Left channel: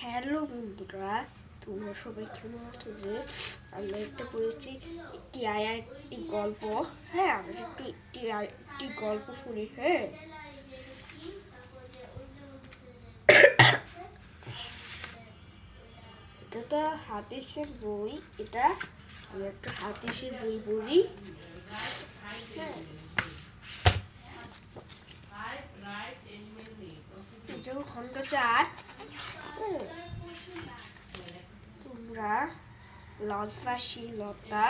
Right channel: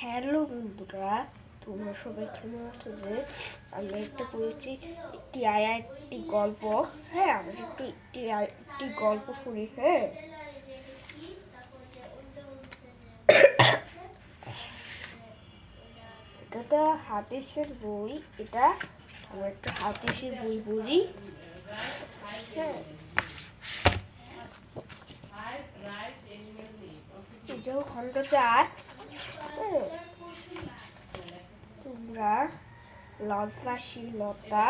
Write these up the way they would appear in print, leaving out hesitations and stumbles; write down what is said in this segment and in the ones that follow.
Hello বন্ধুরা, তোমরা সবাই কেমন আছো? যে আমরা একটা পড়েছি একটি একটি গল্প। হ্যাঁ, আমরা একটি গল্প পড়ি। হ্যাঁ, এটা তো হাতিসের বই। এটা আমরা একটা হাতিসের বই পড়ি। হ্যাঁ, যেমন খণ্ড 4। তোমরা লজ্জাশীলতা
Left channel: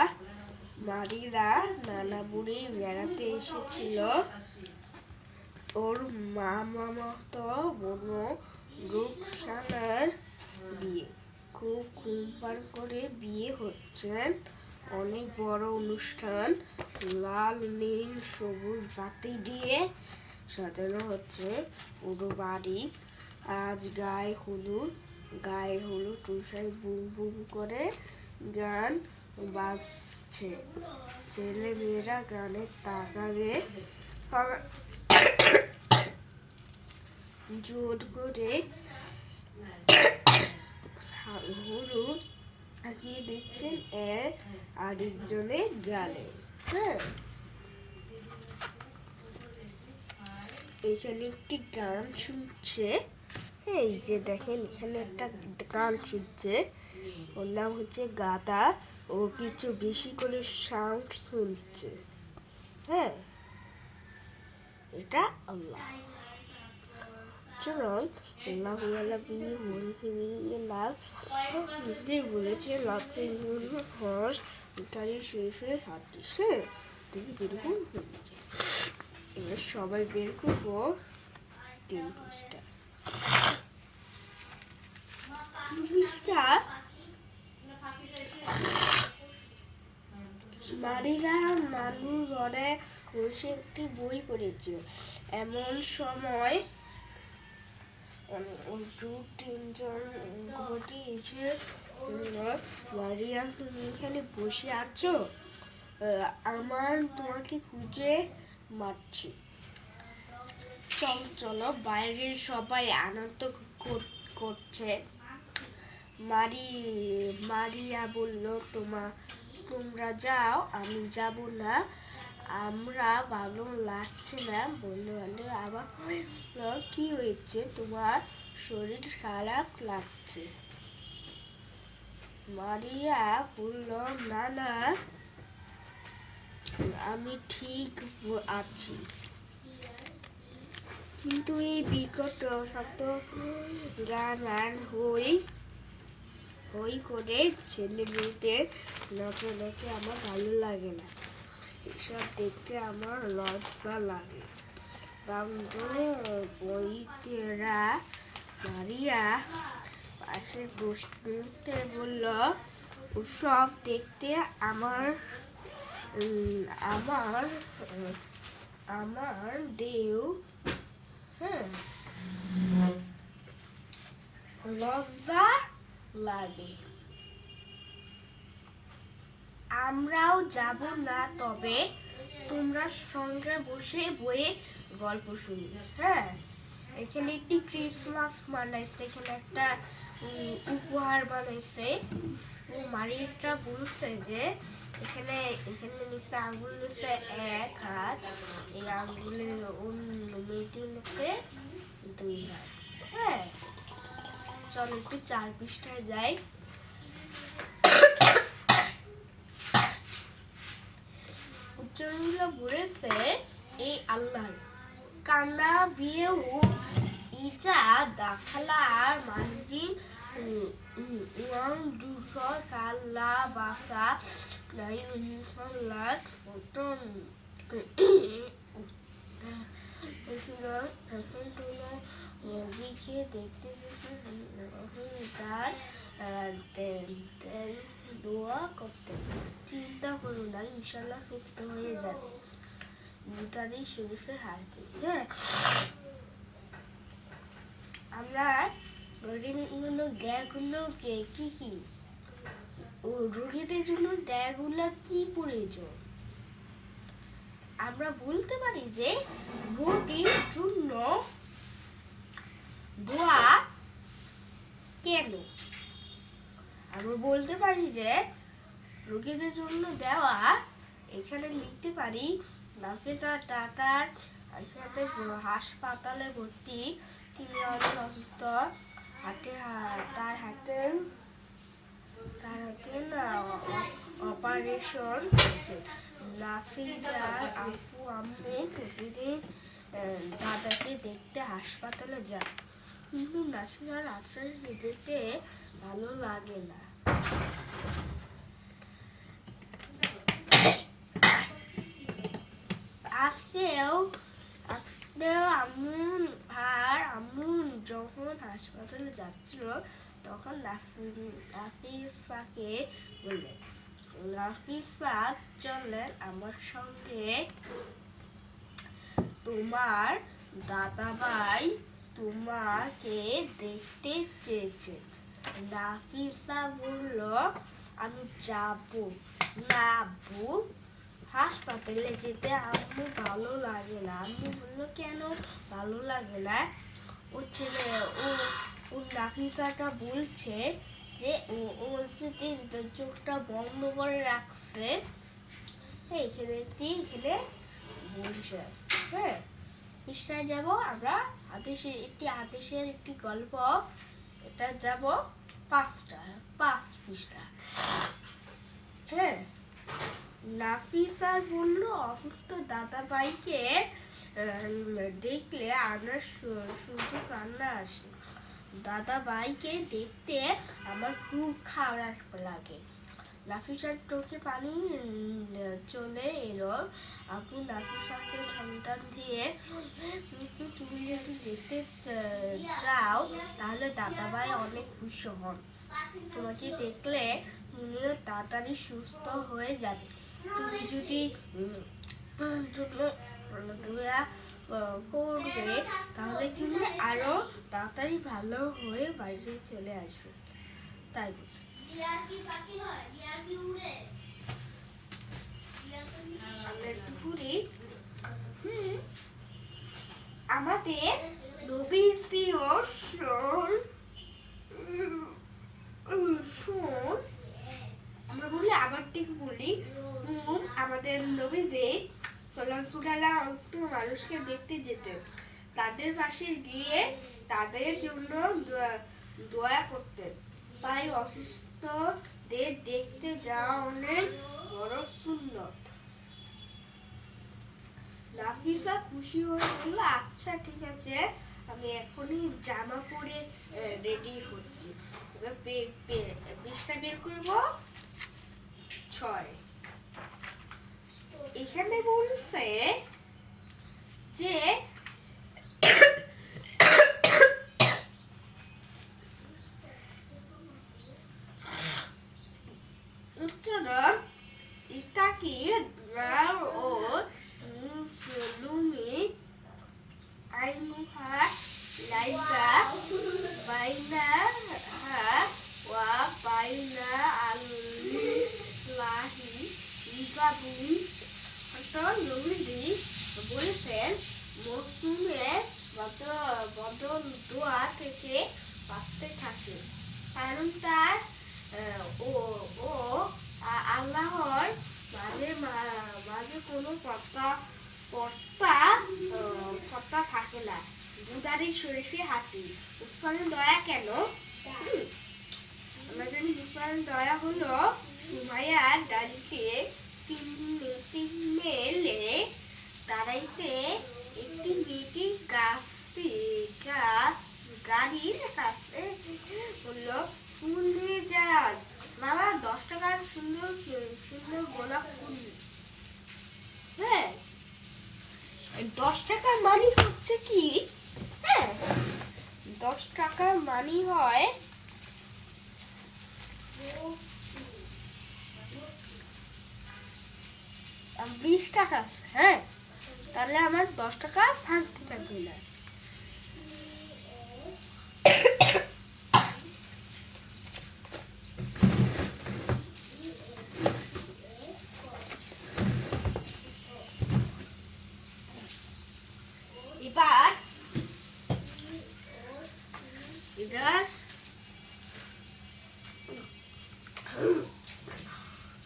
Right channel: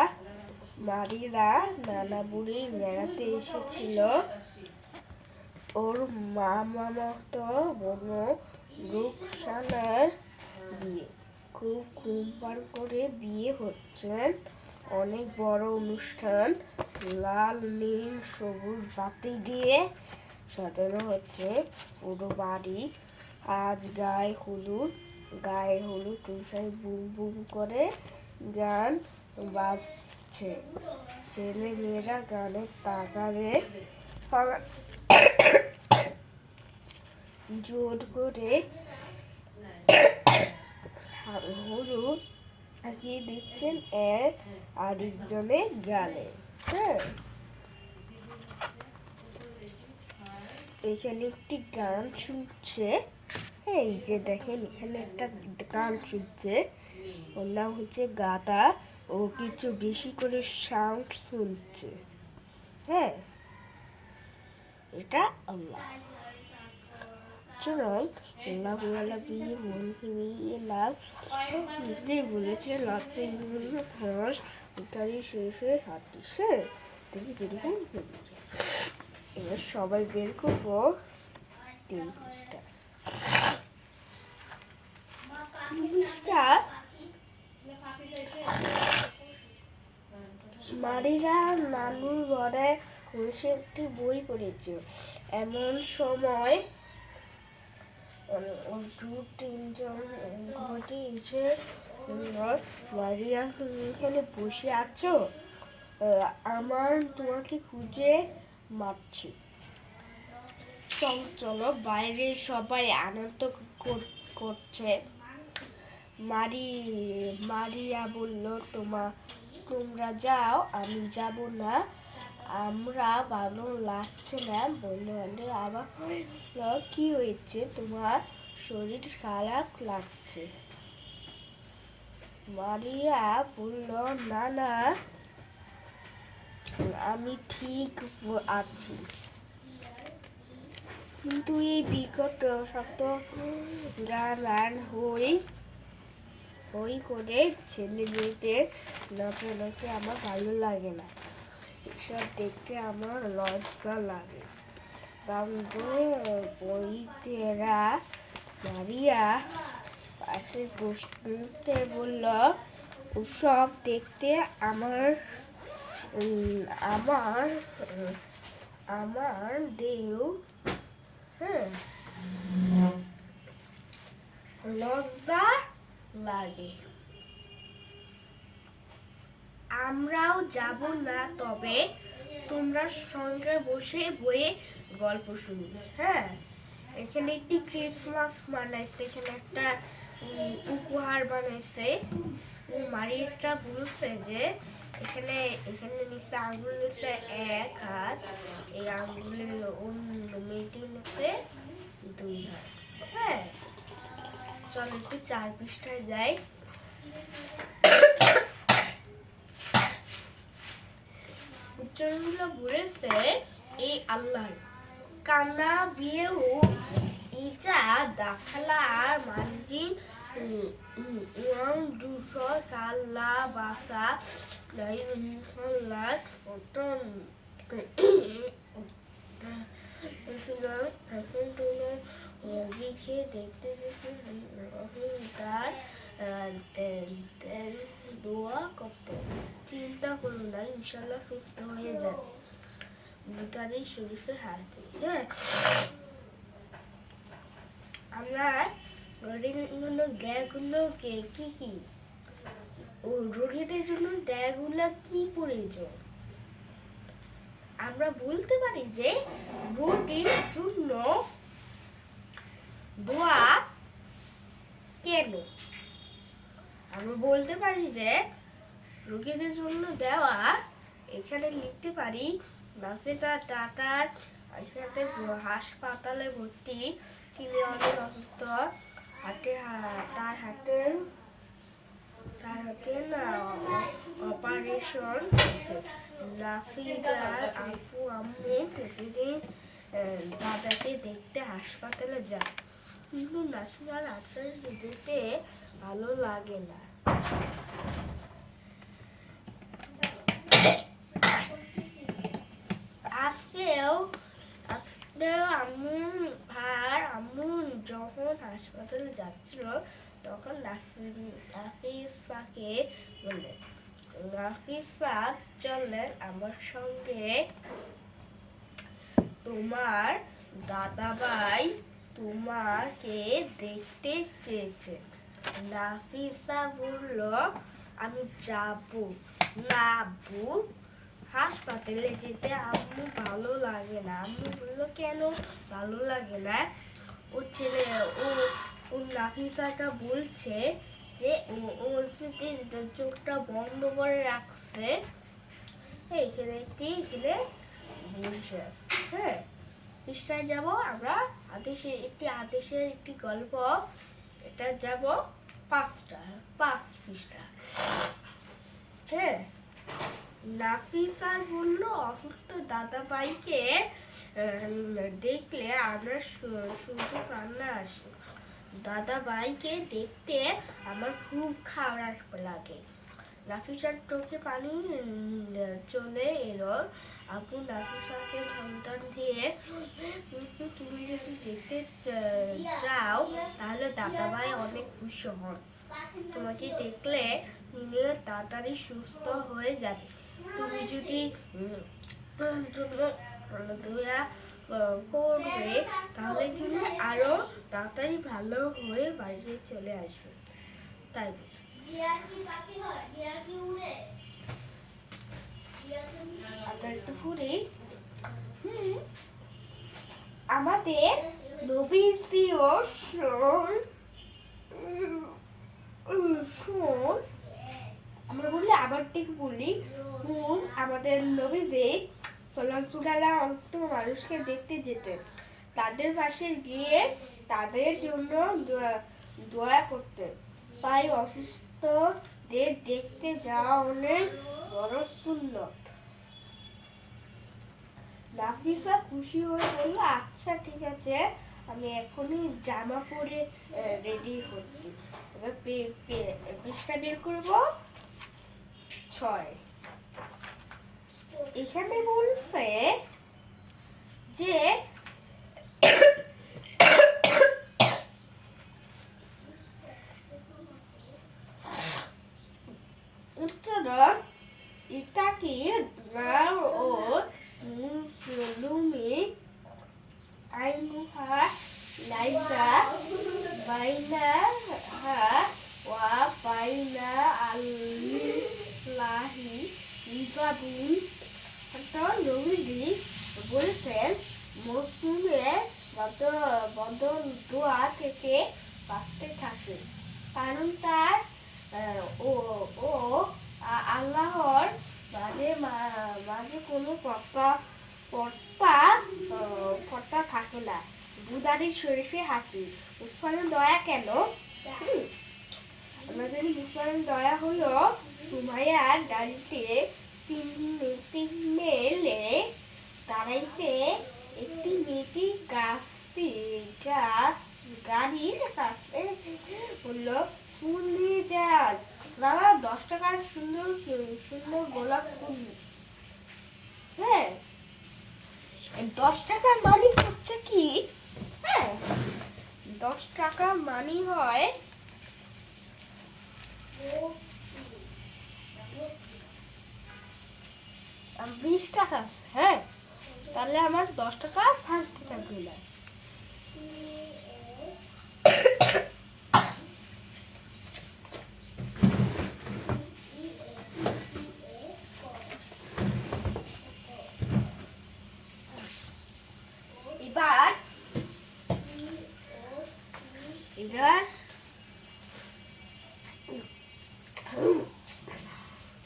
নারীরা নানা বুড়ি বেড়াতে এসেছিল। ওর মামাতো বোন রুকসানার বিয়ে। খুব ধুমধাম করে বিয়ে হচ্ছেন, অনেক বড় অনুষ্ঠান। লাল নীল সবুজ বাতি দিয়ে সাজানো হচ্ছে পুরো বাড়ি। আজ গায়ে হলুদ টুসাই বুম বুম করে গান বাজছে। ছেলে মেয়েরা গানের তাগারে জোর করে হলুদ আঁকিয়ে দিচ্ছেন এক আরেকজনের গালে। হ্যাঁ, এখানে একটি গান শুনছে। এই যে দেখেন, এখানে একটা গান শুনছে। ওর নাম হচ্ছে গাদা। ও কিছু বেশি করে সাউন্ড শুনছে। হ্যাঁ, এটা আল্লাহ। চলুন বলেছে শরীফের হাদিস। হ্যাঁ, তুমি কিরকম এবার সবাই বের করবো 3 পৃষ্ঠা। নারীরা নানুর ঘরে বসে একটি বই পড়েছে। এমন সময় 2-3 ঘটি এসে, মারিয়া তুমি এখানে বসে আছো? আমার তোমাকে খুঁজে মারছি। চলো, বাইরে সবাই আনন্দ করছে। মারিয়া বলল, তোমরা যাও, আমি যাব না। আমরা ভালো লাগছে না। বলল, আবার কি হয়েছে? তোমার শরীর খারাপ লাগছে? মারিয়া বলল, না, আমি ঠিক আছি। কিন্তু এই বিকট শব্দ গান হই করে ছেলে মেয়েদের নাচানাচি আমার ভালো লাগে না। এসব দেখতে আমার লজ্জা লাগে। বইতেরা মারিয়া পাশে বসতে বলল, ওসব দেখতে আমার দেও। হ্যাঁ, লজ্জা লাগে। আমরাও যাব না, তবে তোমরা সঙ্গে বসে বইয়ে গল্প শুনি। হ্যাঁ, এখানে একটি ক্রিসমাস বানাইছে, এখানে একটা উপহার বানাইছে। মারিয়াটা বলছে যে এখানে নিচে আঙুল নিচে 1 হাত, এই আঙুলের মেয়েটি নিচে 2 হাত। হ্যাঁ, চল একটু 4 পৃষ্ঠায় যাই। উচ্চারণগুলো বলেছে এই আল্লাহর কান্না বিয়েও ইজা দাখালার মানজিন ওয়াং দুটো কাল্লা বাসা নাই হল্লার মতন এখন কোনো দিকে দেখতে তার দোয়া করতে। চিন্তা করো না, ইনশাল্লাহ সুস্থ হয়ে যাবে। বুখারী শরীফের হাদিস। হ্যাঁ, আমরা দেহগুলো কি রোগীদের জন্য দেহগুলো কি প্রয়োজন? আমরা বলতে পারি যে রোগীর জন্য দোয়া কেন? আমরা বলতে পারি যে রোগীদের জন্য দেওয়া, এখানে লিখতে পারি নাফিসা টাটার সাথে হাসপাতালে ভর্তি, তিনি অনেক অসুস্থ, তার হাতে না অপারেশন হচ্ছে। নাফিসার আপু আম্মু প্রতিদিন দাদাকে দেখতে হাসপাতালে যায়, কিন্তু নাফিসার আজকাল যেতে ভালো লাগে না। আজকেও আম্মু যখন হাসপাতালে যাচ্ছিল তখন নাফিসাকে বললেন, নাফিসা চললেন আমার সঙ্গে, তোমার দাদাভাই তোমাকে দেখতে চেয়েছে। নাফিসা বলল, আমি যাব না আব্বু, হাসপাতালে যেতে আম্মু ভালো লাগে না। আম্মু বললো, কেন ভালো লাগে না? ও ছেলে ও নাফিসাটা বলছে যে ওর চোখটা বন্ধ করে রাখছে, এখানে বসে আছে। হ্যাঁ, পৃষ্ঠায় যাব আমরা, আদেশের একটি গল্প, এটা যাব 5 পৃষ্ঠা। হ্যাঁ, নাফিসা বলল, অসুস্থ দাদাভাইকে দেখলে আমার শুধু কান্না আসে। দাদাভাইকে দেখতে আমার খুব খারাপ লাগে। নাফিসার চোখে পানি চলে এলো। আপু নাফিসাকে সন্তান দিয়ে, কিন্তু তুমি যদি দেখতে চাও তাহলে দাদাভাই অনেক খুশি হন, তোমাকে দেখলে তিনিও তাড়াতাড়ি সুস্থ হয়ে যাবে। তুমি যদি করবে তাহলে তিনি আরো তাড়াতাড়ি ভালো হয়ে বাড়িতে চলে আসবে। তাই আমরা একটু ঘুরি। আমাদের নবীজিও শোন, আমরা বলি আবার ঠিক বলি, আমাদের নবীজি সাল্লাল্লাহু আলাইহি ওয়াসাল্লাম মানুষকে দেখতে যেতেন, তাদের পাশে গিয়ে তাদের জন্য দোয়া করতেন। তাই অসুস্থদের দেখতে যাওয়া অনেক বড় সুন্নত। নাফিসা খুশি হয়ে বলল, আচ্ছা ঠিক আছে, আমি এখনই জামা পরে রেডি হচ্ছি। এবার পৃষ্ঠা বের করব 6। এখানে বলছে যে উচ্চারণ ইতাকি ও মুসলুমি আইনুহা লাইসা বাইনাহা ওয়া বাইনা আল্লাহি হিজাবুন। নবীজি বলেছেন, মৌসুমে বদল দোয়া থেকে বাঁচতে থাকে, কারণ তার ও আল্লাহর মাঝে কোনো পর্দা থাকে না। বুদারি শরীফে হাতি। মুসলমান দয়া কেন? আমরা জানি মুসলমান দয়া হলো সুমাইয়ার গাড়িতে সিগনেলে দাঁড়াইতে একটি মেয়েটি গাড়ির কাছে বললো, ফুল নিয়ে যান বাবা, 10 টাকার সুন্দর সুন্দর গোলাপ ফুল। হ্যাঁ, 10 টাকার মানি হচ্ছে কি? হ্যাঁ, 10 টাকা মানি হয় 20 টাকা। হ্যাঁ, তাহলে আমার 10 টাকা থাকতে থাকবে না। এবার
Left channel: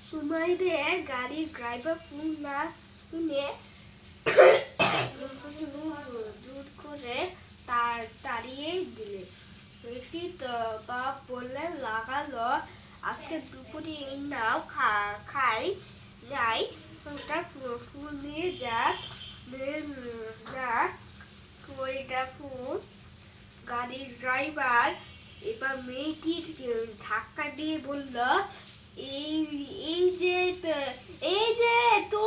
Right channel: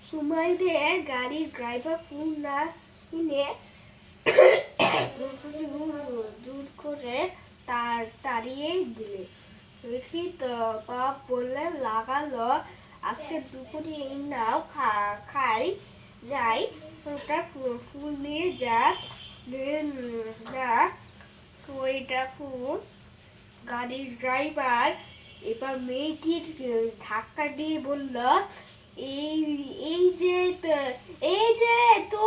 সুমাইদের গাড়ির ড্রাইভার ফোন না কিনে দূর করে তাড়িয়ে দিলে। রিকি তা বললে লাগালো, আজকে দুপুরে নাও খাই যাই, ওটা ফুল নিয়ে যা ওইটা ফুল। গাড়ির ড্রাইভার এবার মেয়েটির ধাক্কা দিয়ে বলল, এই এই যে তো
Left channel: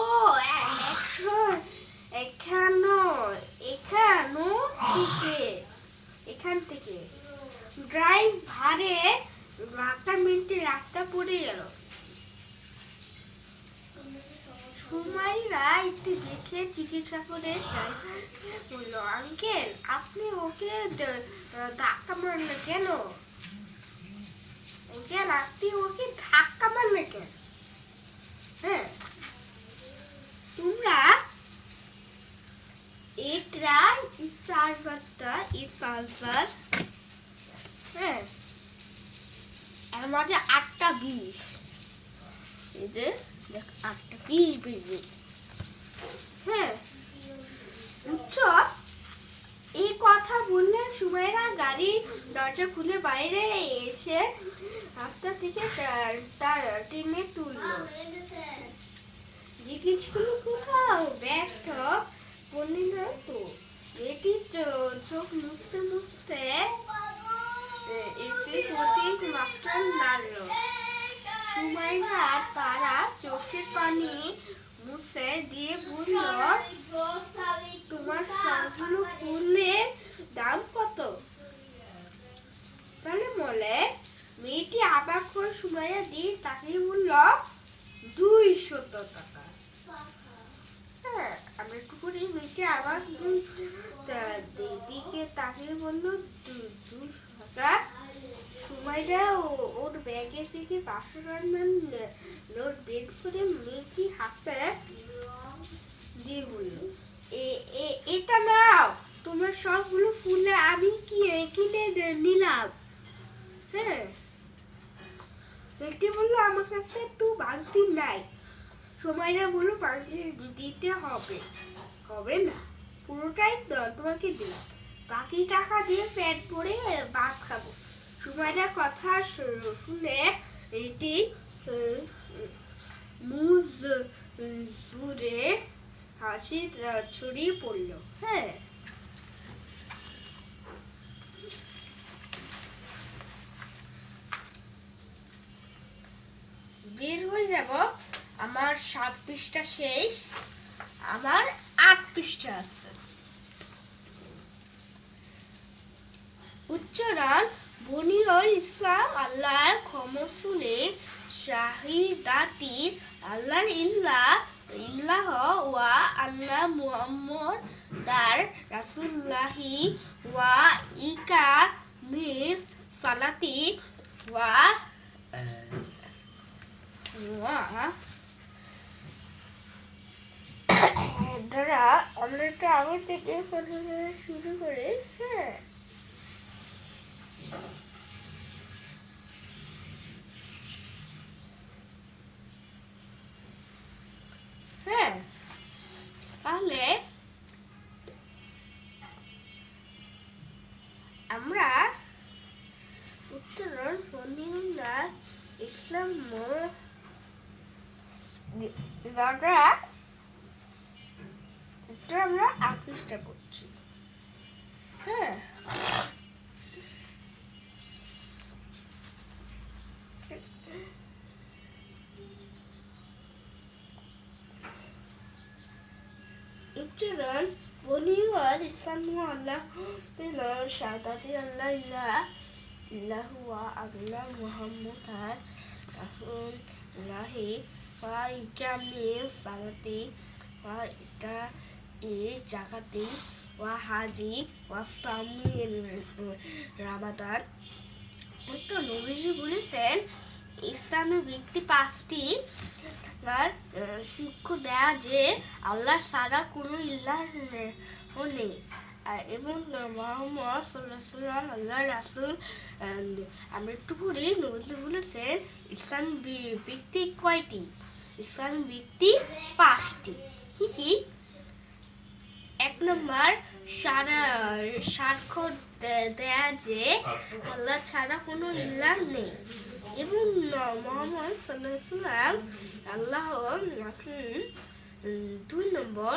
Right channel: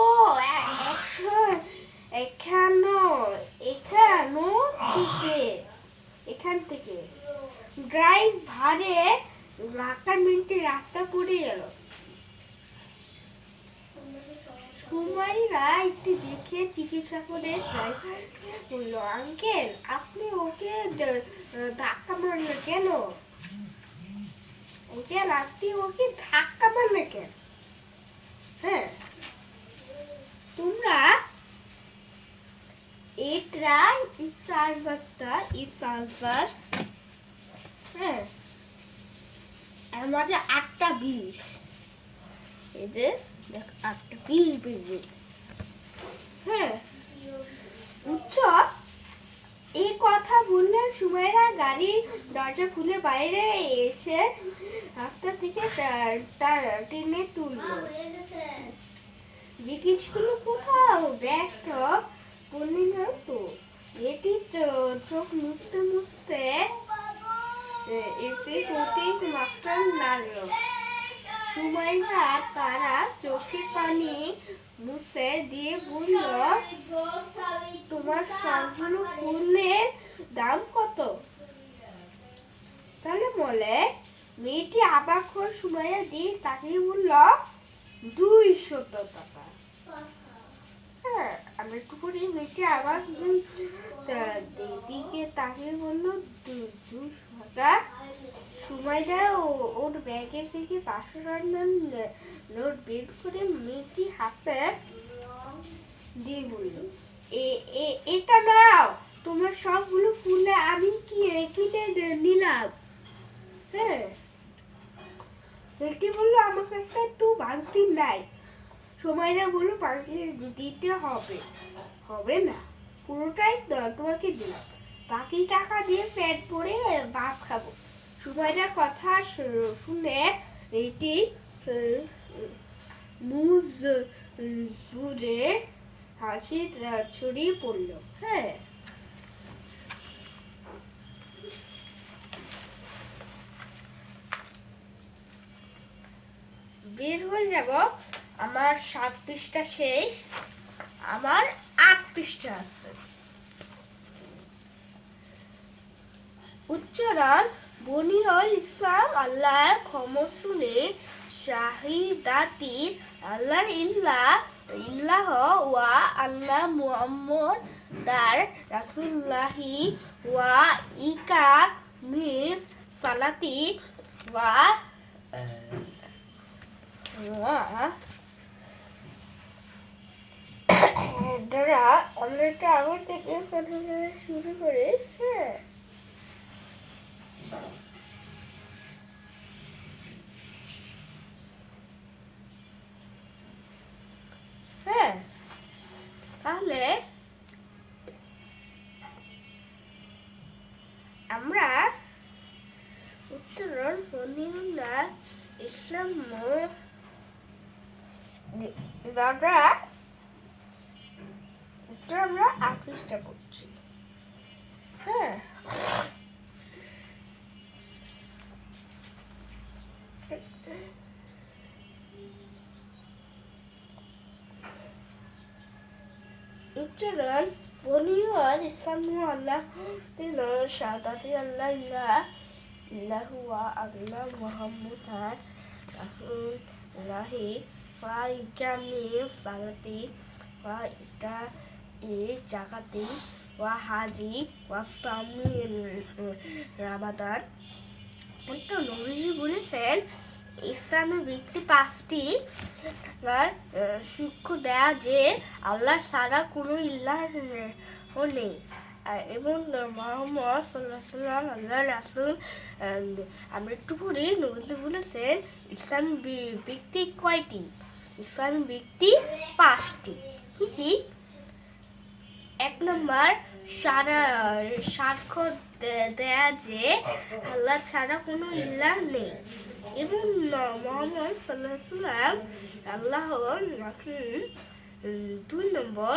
এখান থেকে ড্রাইভারে ধাক্কা মিনিটে রাস্তা পড়ে গেল। সুমাইরা একটু দেখে চিকিৎসা করে ড্রাইভার বলল, আঙ্কেল আপনি ওকে ধাক্কা মারলেন কেন? আঙ্কেল আপনি ওকে ধাক্কা মারলেন কেন? হ্যাঁ, তোমরা এটা 4 বার্তা ইস আনসার। হ্যাঁ, এর মাঝে 8টা 20, এই যে দেখ 8টা 20 বেজে। হ্যাঁ, উচ্চ এই কথা বললেন সুমাইরা গাড়ির দরজা খুলে বাইরে এসে রাস্তা থেকে টেনে তুলল। জিজ্ঞেস করলো, কোথাও ব্যর্থ বললি না তো? এটি চোখ মুছতে মুছতে এসে প্রতীক মাস্টার নাড়ল। সুমাইরা তারা চোখের পানি মুছে দিয়ে বলল, তোমার সবগুলো ফুলের দাম কত? তাহলে বলে মেয়েটি অবাক হয়ে সুমাইয়ার দিকে তাকিয়ে বলল, 200 টাকা। হ্যাঁ, আমি একটু করে মেয়েটি আবার দিকে তাকিয়ে বলল, 200 টাকা। সুমাইয়া ওর ব্যাগে থেকে 500 টাকার নোট বের করে মেয়েটি হাতে দিয়ে বলল, এটা নাও, তোমার সবগুলো ফুলে আমি কিনে নিলাম। হ্যাঁ, মেয়েটি বললো, আমার কাছে তো ভাঙতি নাই। সুমাইয়া বললো, ভাঙতি দিতে হবে না, পুরোটাই তোমাকে দিলাম, বাকি টাকা দিয়ে পেট ভরে ভাত খাবো। সুমাইয়ার কথা শুনে এটি মুখ জুড়ে হাসি ছড়িয়ে পড়ল। হ্যাঁ, বের হয়ে যাব। আমার 7 পৃষ্ঠা শেষ, আমার 8 পৃষ্ঠা আছে। উচ্চারণ বনিউল ইসলাম আল্লাহর ক্ষমা শুনে শাহিদাতি আল্লাহ ইল্লাহ ওয়া আন্না মুহাম্মাদার রাসূলুল্লাহি ওয়া ইকামিস সালাতি ওয়া দ্বারা আমরা আগর থেকে শুরু করে। হ্যাঁ, হ্যাঁ, তাহলে আমরা উচ্চারণ বনিউল ইসলাম দ্বারা আমরা আকৃষ্ট করছি। হ্যাঁ, উচ্চারণ বনিউল ইসলাম আল্লাহ শাহাদাতি আল্লাহ ইল্লাহু ওয়া আন্না মুহাম্মাদার রাসূলুল্লাহি ওয়া ইকামিস সালাতি ওয়া ইতাই যাকাতি ওয়া হাজি ওয়া সাওমি রামাদান। তো নবীজি বলেছেন, ইসলামের ব্যক্তি 5টি সাক্ষ্য দেয়া যে আল্লাহ ছাড়া কোনো ইলাহ নেই, এবং মোহাম্মদ সাল্লাল্লাহু আলাইহি ওয়াসাল্লাম আল্লাহ রাসূল। আমরা একটু পড়ি, নবী বলেছেন ইসলাম ব্যক্তি কয়টি? ইসলাম ব্যক্তি 5টি। কি কি? 1 নম্বর, সাক্ষ্য দেয়া যে আল্লাহ ছাড়া কোনো ইলাহ নেই এবং মুহাম্মদ সাল্লাল্লাহু আলাইহি ওয়াসাল্লাম আল্লাহর রাসূল। 2 নম্বর,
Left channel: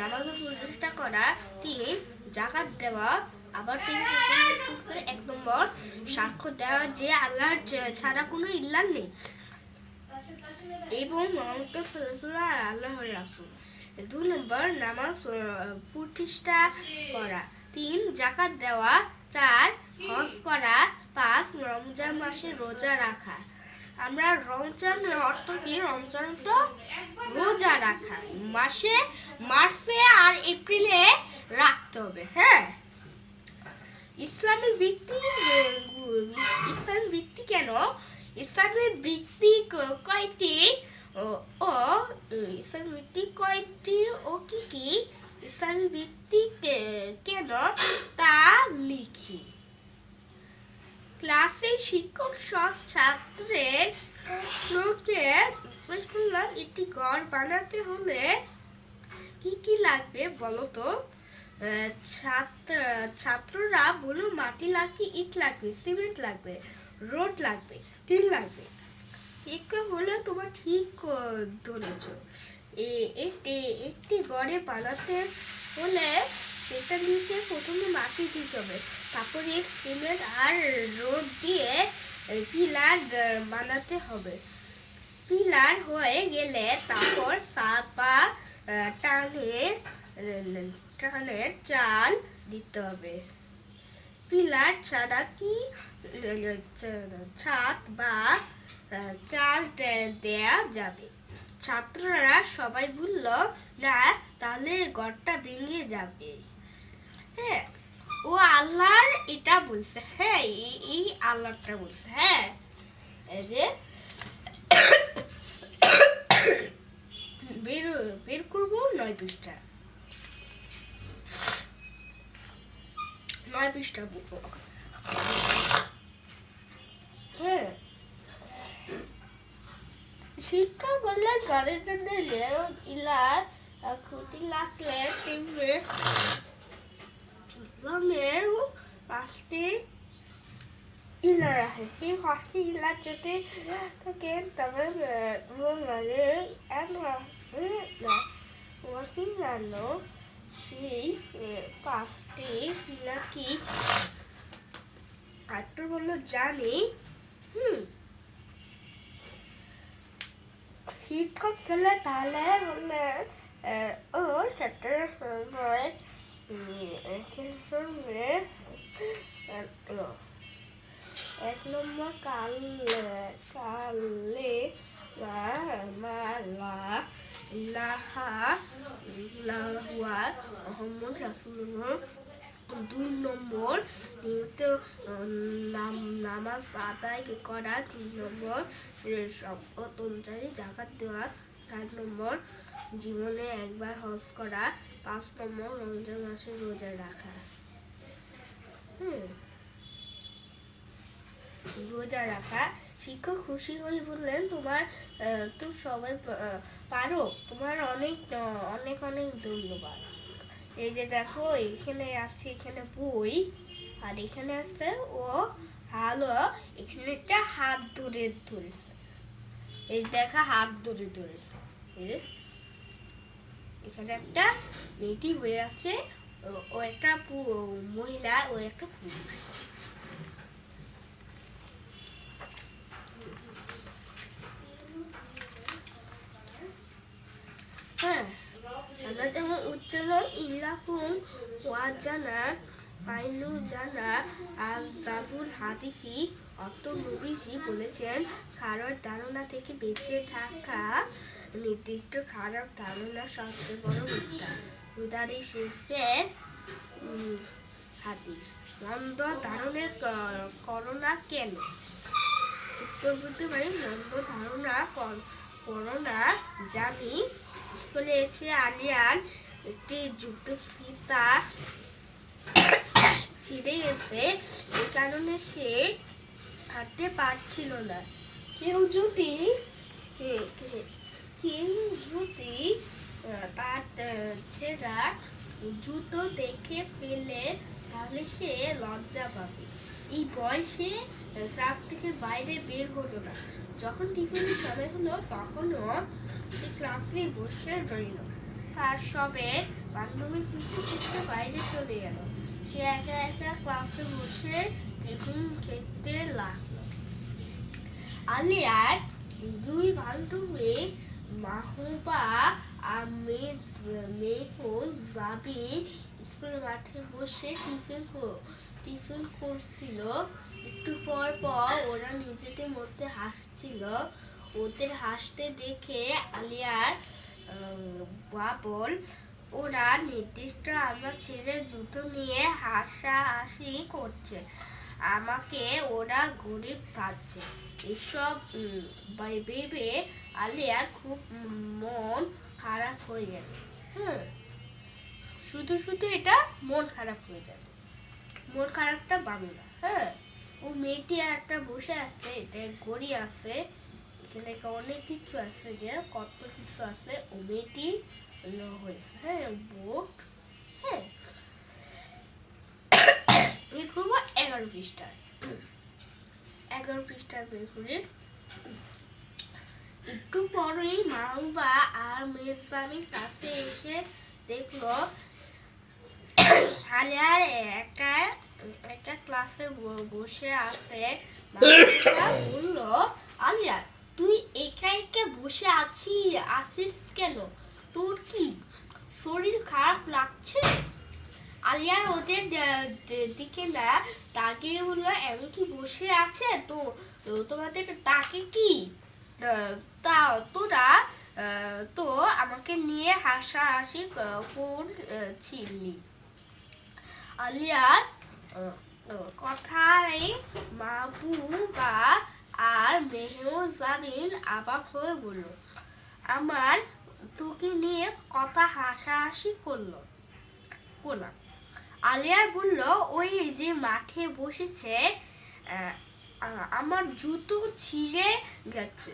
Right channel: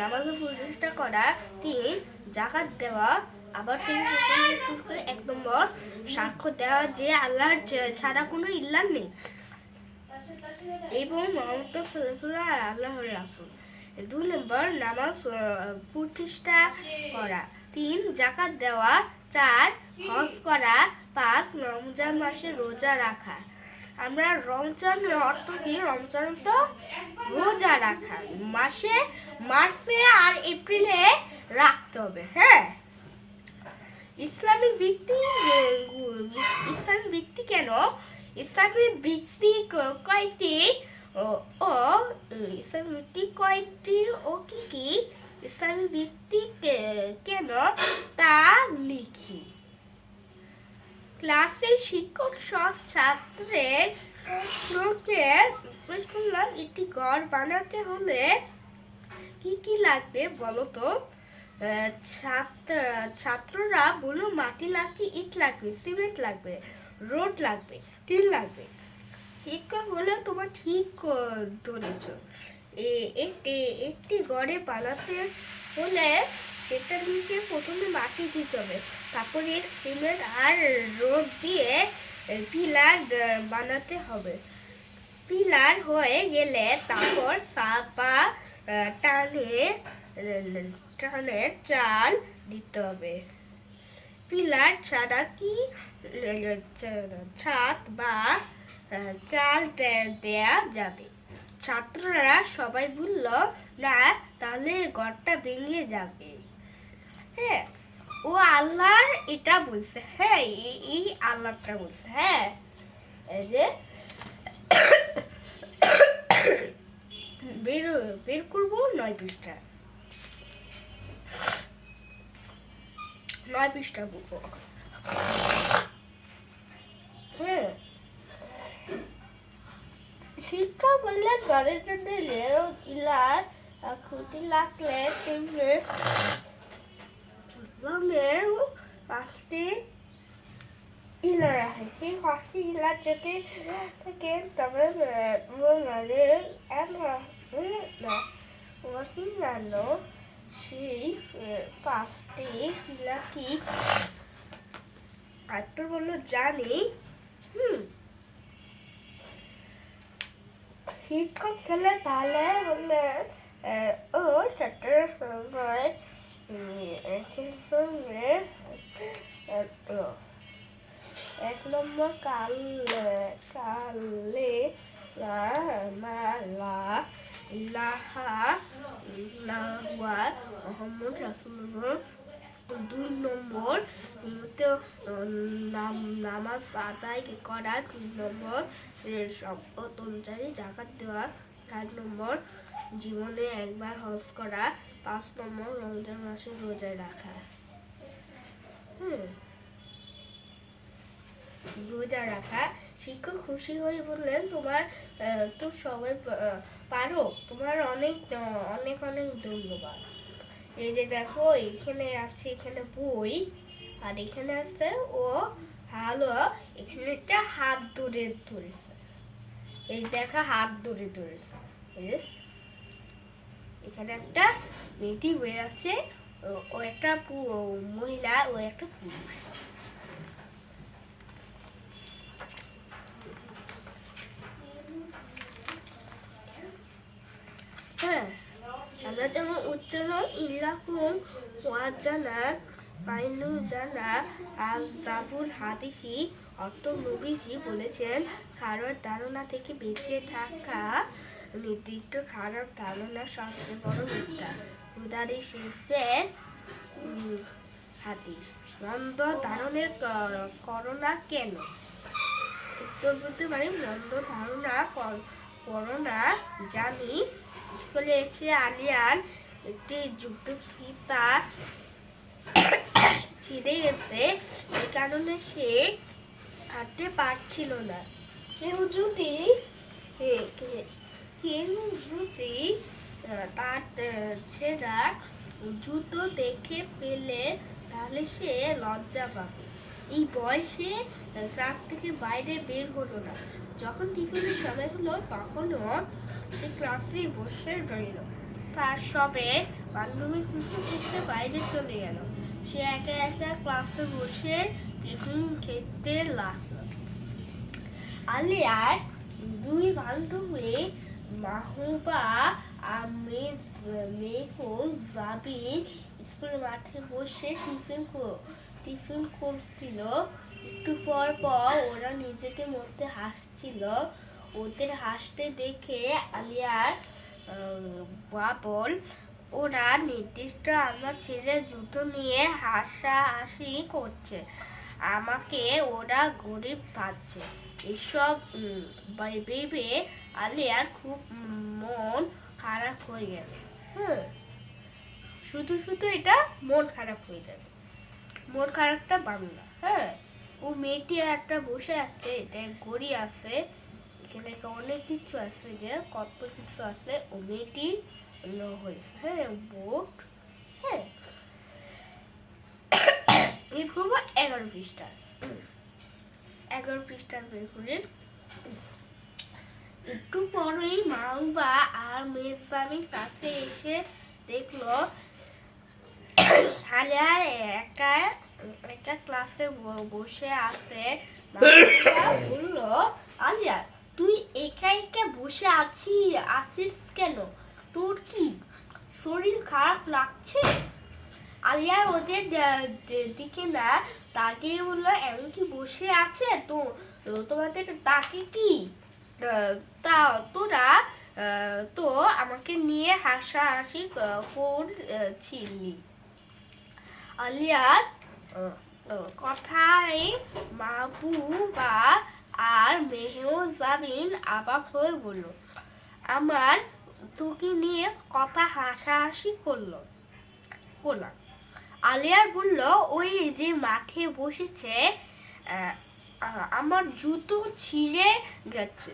নামাজে প্রতিষ্ঠা করা। 3, যাকাত দেওয়া। আবার থেকে শুরু করে 1 নম্বর, সাক্ষ্য দেওয়া যে আল্লাহ ছাড়া কোনো ইলাহ নেই এবং মুহাম্মদ সাল্লাল্লাহু আলাইহি ওয়াসাল্লাম আল্লাহর রাসূল। 2 নম্বর, নামাজ প্রতিষ্ঠা করা। 3, যাকাত দেওয়া। 4, হজ করা। 5, রমজান মাসে রোজা রাখা। আমরা রমজানের অর্থ কি? রমজান তো রোজা রাখা, মার্চে আর এপ্রিলে রাখতে হবে। হ্যাঁ, ইসলামিক ভিত্তি কেন? ইসলামের ভিত্তি কয়টি ও ইসলামের ভিত্তি কয়টি ও কি কি? ইসলামের ভিত্তি কেন তা লিখি। ক্লাসের শিক্ষক সব ছাত্রের একটি ঘর বানাতে হলে কি কি লাগবে বলো তো? ছাত্ররা বলল মাটি লাগবে, ইট লাগবে, সিমেন্ট লাগবে, রোড লাগবে, টিন লাগবে। শিক্ষক বলে তোমার ঠিক ধরেছ। একটি ঘরে বানাতে হলে সেটা নিচে প্রথমে মাটি দিতে হবে, তারপরে সিমেন্ট আর রোড দিয়ে পিলার বানাতে হবে। পিলার হয়ে গেলে তারপর চাপা টানে চাল দিতে হবে। পিলার ছাড়া কি ছাদ বা চাল দেয়া যাবে? ছাত্ররা সবাই বলল না, তাহলে ঘরটা ভেঙে যাবে। হ্যাঁ, ও আল্লাহ এটা বলছে। হ্যাঁ, এই আল্লাহটা বলছে। হ্যাঁ, এই যে বের করবো 9 পৃষ্ঠা। 9 পৃষ্ঠা বুক। হ্যাঁ, শিক্ষা করলে ঘরের জন্য ইলার খুঁটি লাগলে তিনটে 5টি ইলার আছে। সেই 5টি ইলার যদি থাকে তবে সেই 5টি ইলার কি? আরেকটু বললো জানি। শিক্ষক খেলে তাহলে বললে ও ছাত্রের সবাই 1 নম্বর, কালে মালা ইলাহা ইল্লাল্লাহ মুহাম্মদ রাসূলুল্লাহ। 2 নম্বর, নিয়মিত নামাজ আদায় করা। 3 নম্বর, শপথ অনুযায়ী যাকাত দেওয়া। 4 নম্বর, জীবনে একবার হজ করা। 5 নম্বর, রমজান মাসে রোজা রাখা। রোজা রাখা। শিক্ষক খুশি হয়ে বললেন তোমার তো সবাই পারো, তোমার অনেক অনেক অনেক ধন্যবাদ। এই যে দেখো, এখানে আছে, এখানে বই, আর এখানে আছে ও ভালো, এখানে একটা হাত ধরে ধরেছে। এই দেখা, হাত ধরে ধরেছে। এখানে একটা মেয়েটি হয়ে আছে, ও একটা মহিলা, ও একটা পুরুষ। হ্যাঁ, আমরা যেমন উচ্চারণ ইল্লাহুম ওয়াজানা ফাইনু জানা আযাবুল হাদিসি অর্থ নবীজি বলেছেন খারাপ ধারণা থেকে বেঁচে থাকা। নির্দিষ্ট খারাপ ধারণা সবচেয়ে বড় মিথ্যা। বুখারী শরীফের হাদিস। মন্দ ধারণের করোনা কেন? উত্তর বলতে পারি, মন্দ ধারণা করোনা জানি। স্কুলে এসে আলিয়ান একটি জুতো ফিতা ছিঁড়ে গেছে, এই কারণে সে হাঁটতে পারছিল না। কেউ যদি তার ছেঁড়া জুতো দেখে ফেলে তাহলে সে লজ্জা পাবে। এই বয়সে ক্লাস থেকে বাইরে বের হলো না। যখন টিফিনের সময় হলো তখনও ক্লাসে বসে রইল। তার সবে বান্ধবী খুঁজতে বাইরে চলে গেল। সে একা একা ক্লাসে বসে টিফিন খেতে লাগলো। আলিয়ার দুই বান্ধবী মাহবুবা আর জাবিন স্কুলের মাঠে বসে টিফিন করছিল। একটু পর পর ওরা নিজেদের মধ্যে হাসছিল। ওদের হাসতে দেখে আলিয়ার বাবল, ওরা নির্দিষ্ট আমার ছেলের জুতো নিয়ে হাসাহাসি করছে, আমাকে ওরা গরিব ভাবছে। এসব ভেবে আলিয়ার খুব মন খারাপ হয়ে গেল। শুধু শুধু এটা মন খারাপ হয়ে যাবে, মন খারাপটা পাবে না। ও মেয়েটি একটা বসে আছে, এটা গড়ি আছে, এখানে অনেক কিছু আছে, যে কত কিছু আছে। ও মেয়েটি হয়েছে বোট। এই করবো 11 পৃষ্ঠার 11 পৃষ্ঠার বের করে। একটু পরেই মাহবুবা আর মেহজাবিন কাছে এসে দেখলো আলিয়ার একা ক্লাসে বসে আছে। মাহবুবা বলল, আলিয়া তুই একা একা বসে আছিস কেন? তোর কি শরীর খারাপ লাগছে? আলিয়া ওদের দিকে না তাকিয়ে বলল, এমন কি বসে আছে তো তোমাদের তাকে কি? তা তোরা তো আমাকে নিয়ে হাসাহাসি করছিলি। আলিয়ার কথায় মাহবুবা আর মেহজাবিন অবাক হয়ে বলল, আমার তোকে নিয়ে কথা হাসাহাসি করলাম। আলিয়ার বলল, ওই যে মাঠে বসেছে, আমার জুতো ছিঁড়ে গেছে,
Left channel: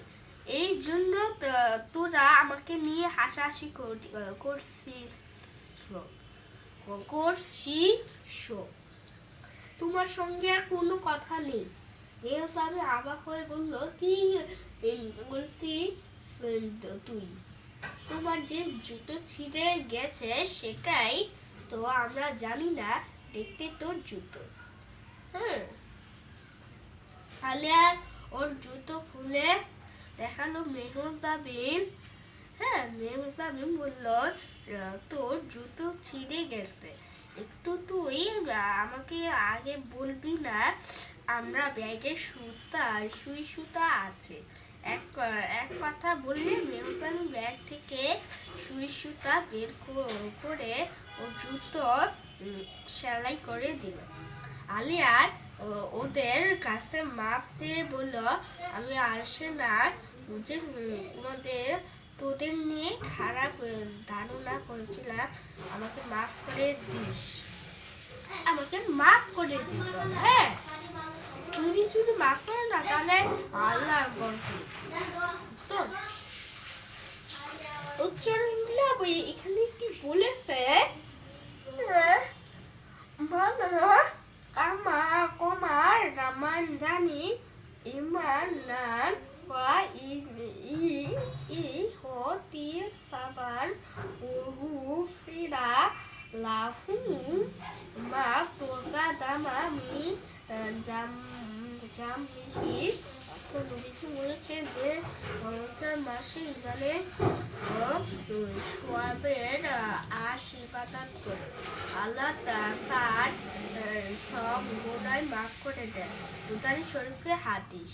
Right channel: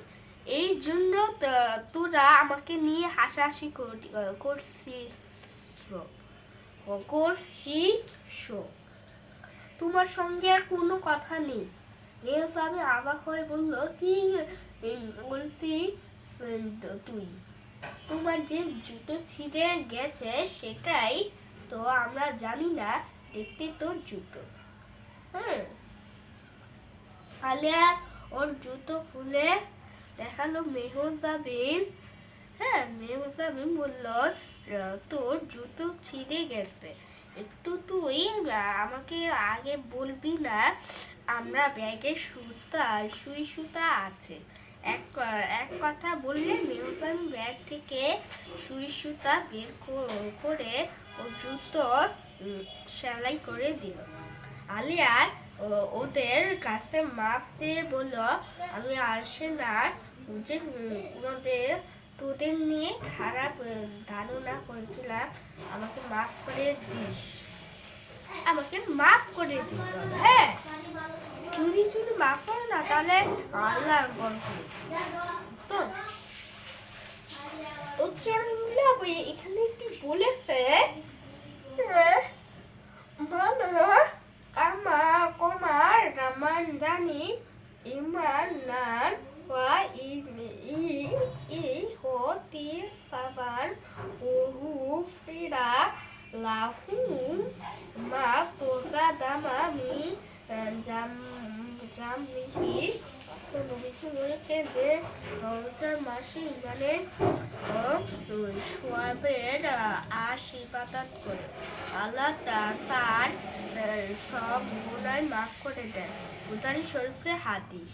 এই জন্য তোরা আমাকে নিয়ে হাসাহাসি করছিস। তোমার সঙ্গে কোনো কথা নেই। মেহজাবিন অবাক হয়ে বলল, কি বলছিস তুই? তোমার যে জুতো ছিঁড়ে গেছে সেটাই তো আমরা জানি না, দেখতে তোর জুতো। আলিয়া ওর জুতো খুলে দেখালো মেহজাবিন। মেহজাবিন বলল, তোর জুতো ছিঁড়ে গেছে, একটু তুই আমাকে আগে বলবি না? আমরা ব্যাগে সুই সুতা আছে। এক কথা বললে মেহজাবিন ব্যাগ থেকে সুই সুতা বের করে ও জুতো সেলাই করে দিল। আলিয়ার ওদের কাছে মাপ চেয়ে বলল, আমি আসে না বুঝে তোদের নিয়ে খারাপ ধারণা করেছিলাম, আমাকে মাফ করে দিস। আমাকে মাফ করে দিস। তুই যদি মাফ করে না তাহলে আল্লাহ উচ্চারণ এখানে কি বলেছে, কমার রামান জানি ইমান নান ওয়া ই হতি সাবান ওহু ফিরা লাহু মা তোগা দামামি জামহি। তো নবীজি বলেছে যে রমজান মাসে ইমানের সোয়াবের আশীর্বাদ করে আল্লাহ তার সব গুনাহ মাফ করে দেন। বুখারী শরীফের হাদিস।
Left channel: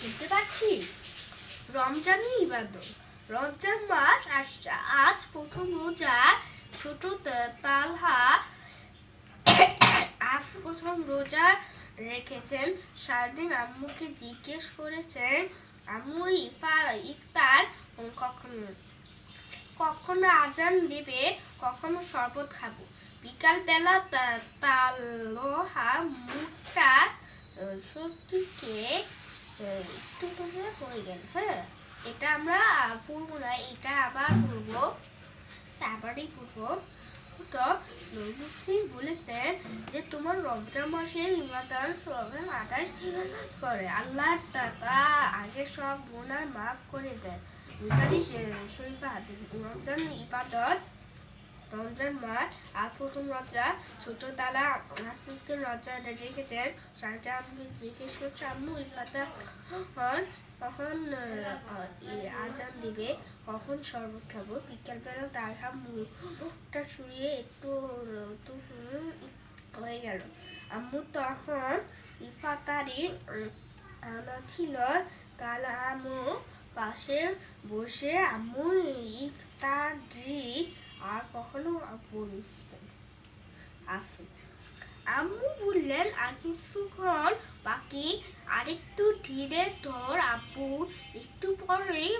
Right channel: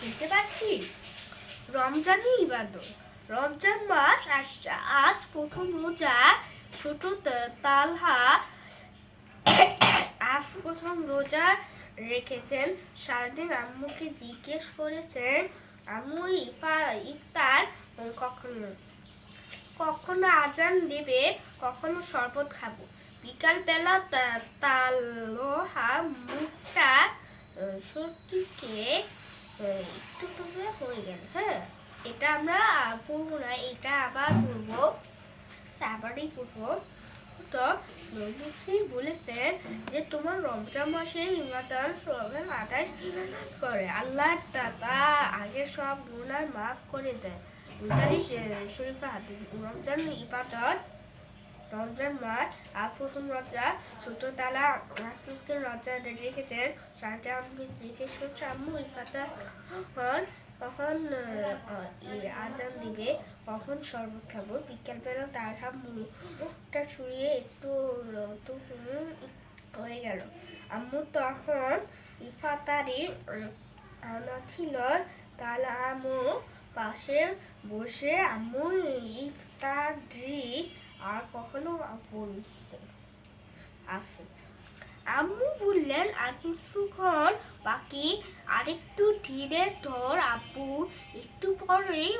বুঝতে পারছি? রমজানের ইবাদত। রমজান মাস আসছে, আজ প্রথম রোজা। ছোট তালহা আজ প্রথম রোজা রেখেছেন। সারাদিন আম্মুকে জিজ্ঞেস করেছেন, আম্মু ইফতার কখন? কখনো আজান দিবে, কখনো শরবত খাবো। বিকালবেলা তালহা মুখটা সত্যিকে একটু করে হয়ে গেল। হ্যাঁ, এটা আমরা পড়বো না, এটা আবার পড়বো, আবারই পড়বো। তো নবী বলেছেন যে তোমার রমজান মাসে ইমাদান সবে 28 করে আল্লাহ তা আগে সব গুনাহ মাফ করে দেয়। বুখারী শরীফে হাদিস। রমজান মাস আর প্রথম রোজা ছোট তালা কিন্তু রোজা রেখেছেন। রাজা আমি জিজ্ঞেস করছি আম্মু ইফাতার কখন আজান দিবে, কখন শরবত খাবো। বিকালবেলা তার মুখটা ছুঁড়িয়ে একটু হয়ে গেল। আম্মু তখন ইফাতারি আনা ছিল, তাহলে আম্মু পাশে বসে আম্মু ইফতারি আর কখনো বলছে আসে। আম্মু বললেন আর কিছুক্ষণ বাকি, আরেকটু ধীরে ধর আব্বু, একটু পরেই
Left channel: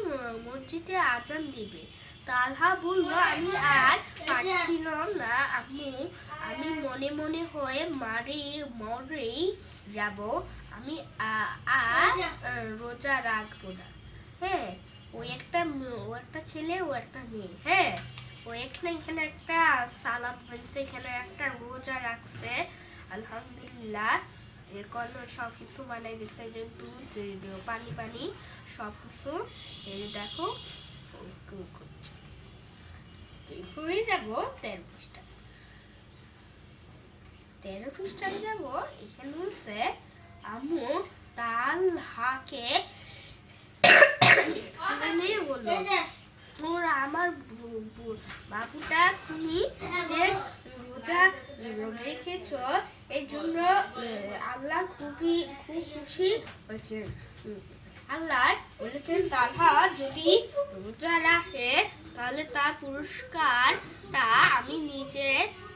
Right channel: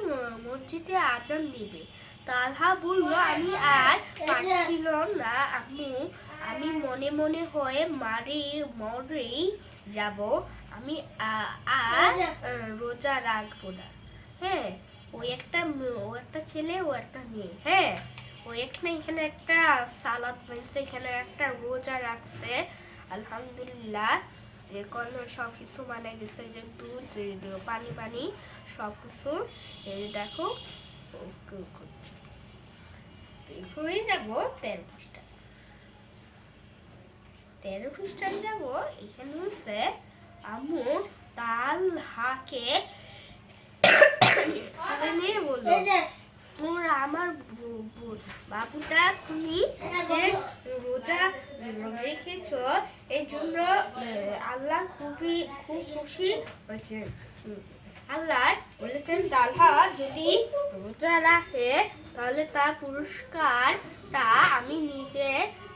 মসজিদে আজান দিবে। তালহা বলল আমি আর পারছিলাম না আম্মু, আমি মনে মনে হয়ে মরেই যাব, আমি আর রোজা রাখবো না। হ্যাঁ, ও একটা ছেলে, ও একটা মেয়ে। হ্যাঁ, ও এখানে একটা সালাদ বানছে, এখানে একটা রোজা রাখছে। আলহামদুলিল্লাহ, সব কিছু বানাই দিচ্ছে, যে দুধ পানি সব কিছু। এই দেখো হয়ে যাবো 13 পৃষ্ঠা। 13 পৃষ্ঠায় যাবো। এখানে হচ্ছে আম্মু তালহাকে বললো ওরা আমার বাবুটা তুমি যে রোজা রেখেছ, এই জন্য আল্লাহ খুব খুশি হয়েছে। আল্লাহ বলেছেন তালহা যদি রোজা রাখে তাহলে তার পুরস্কারটা আমি নিজে,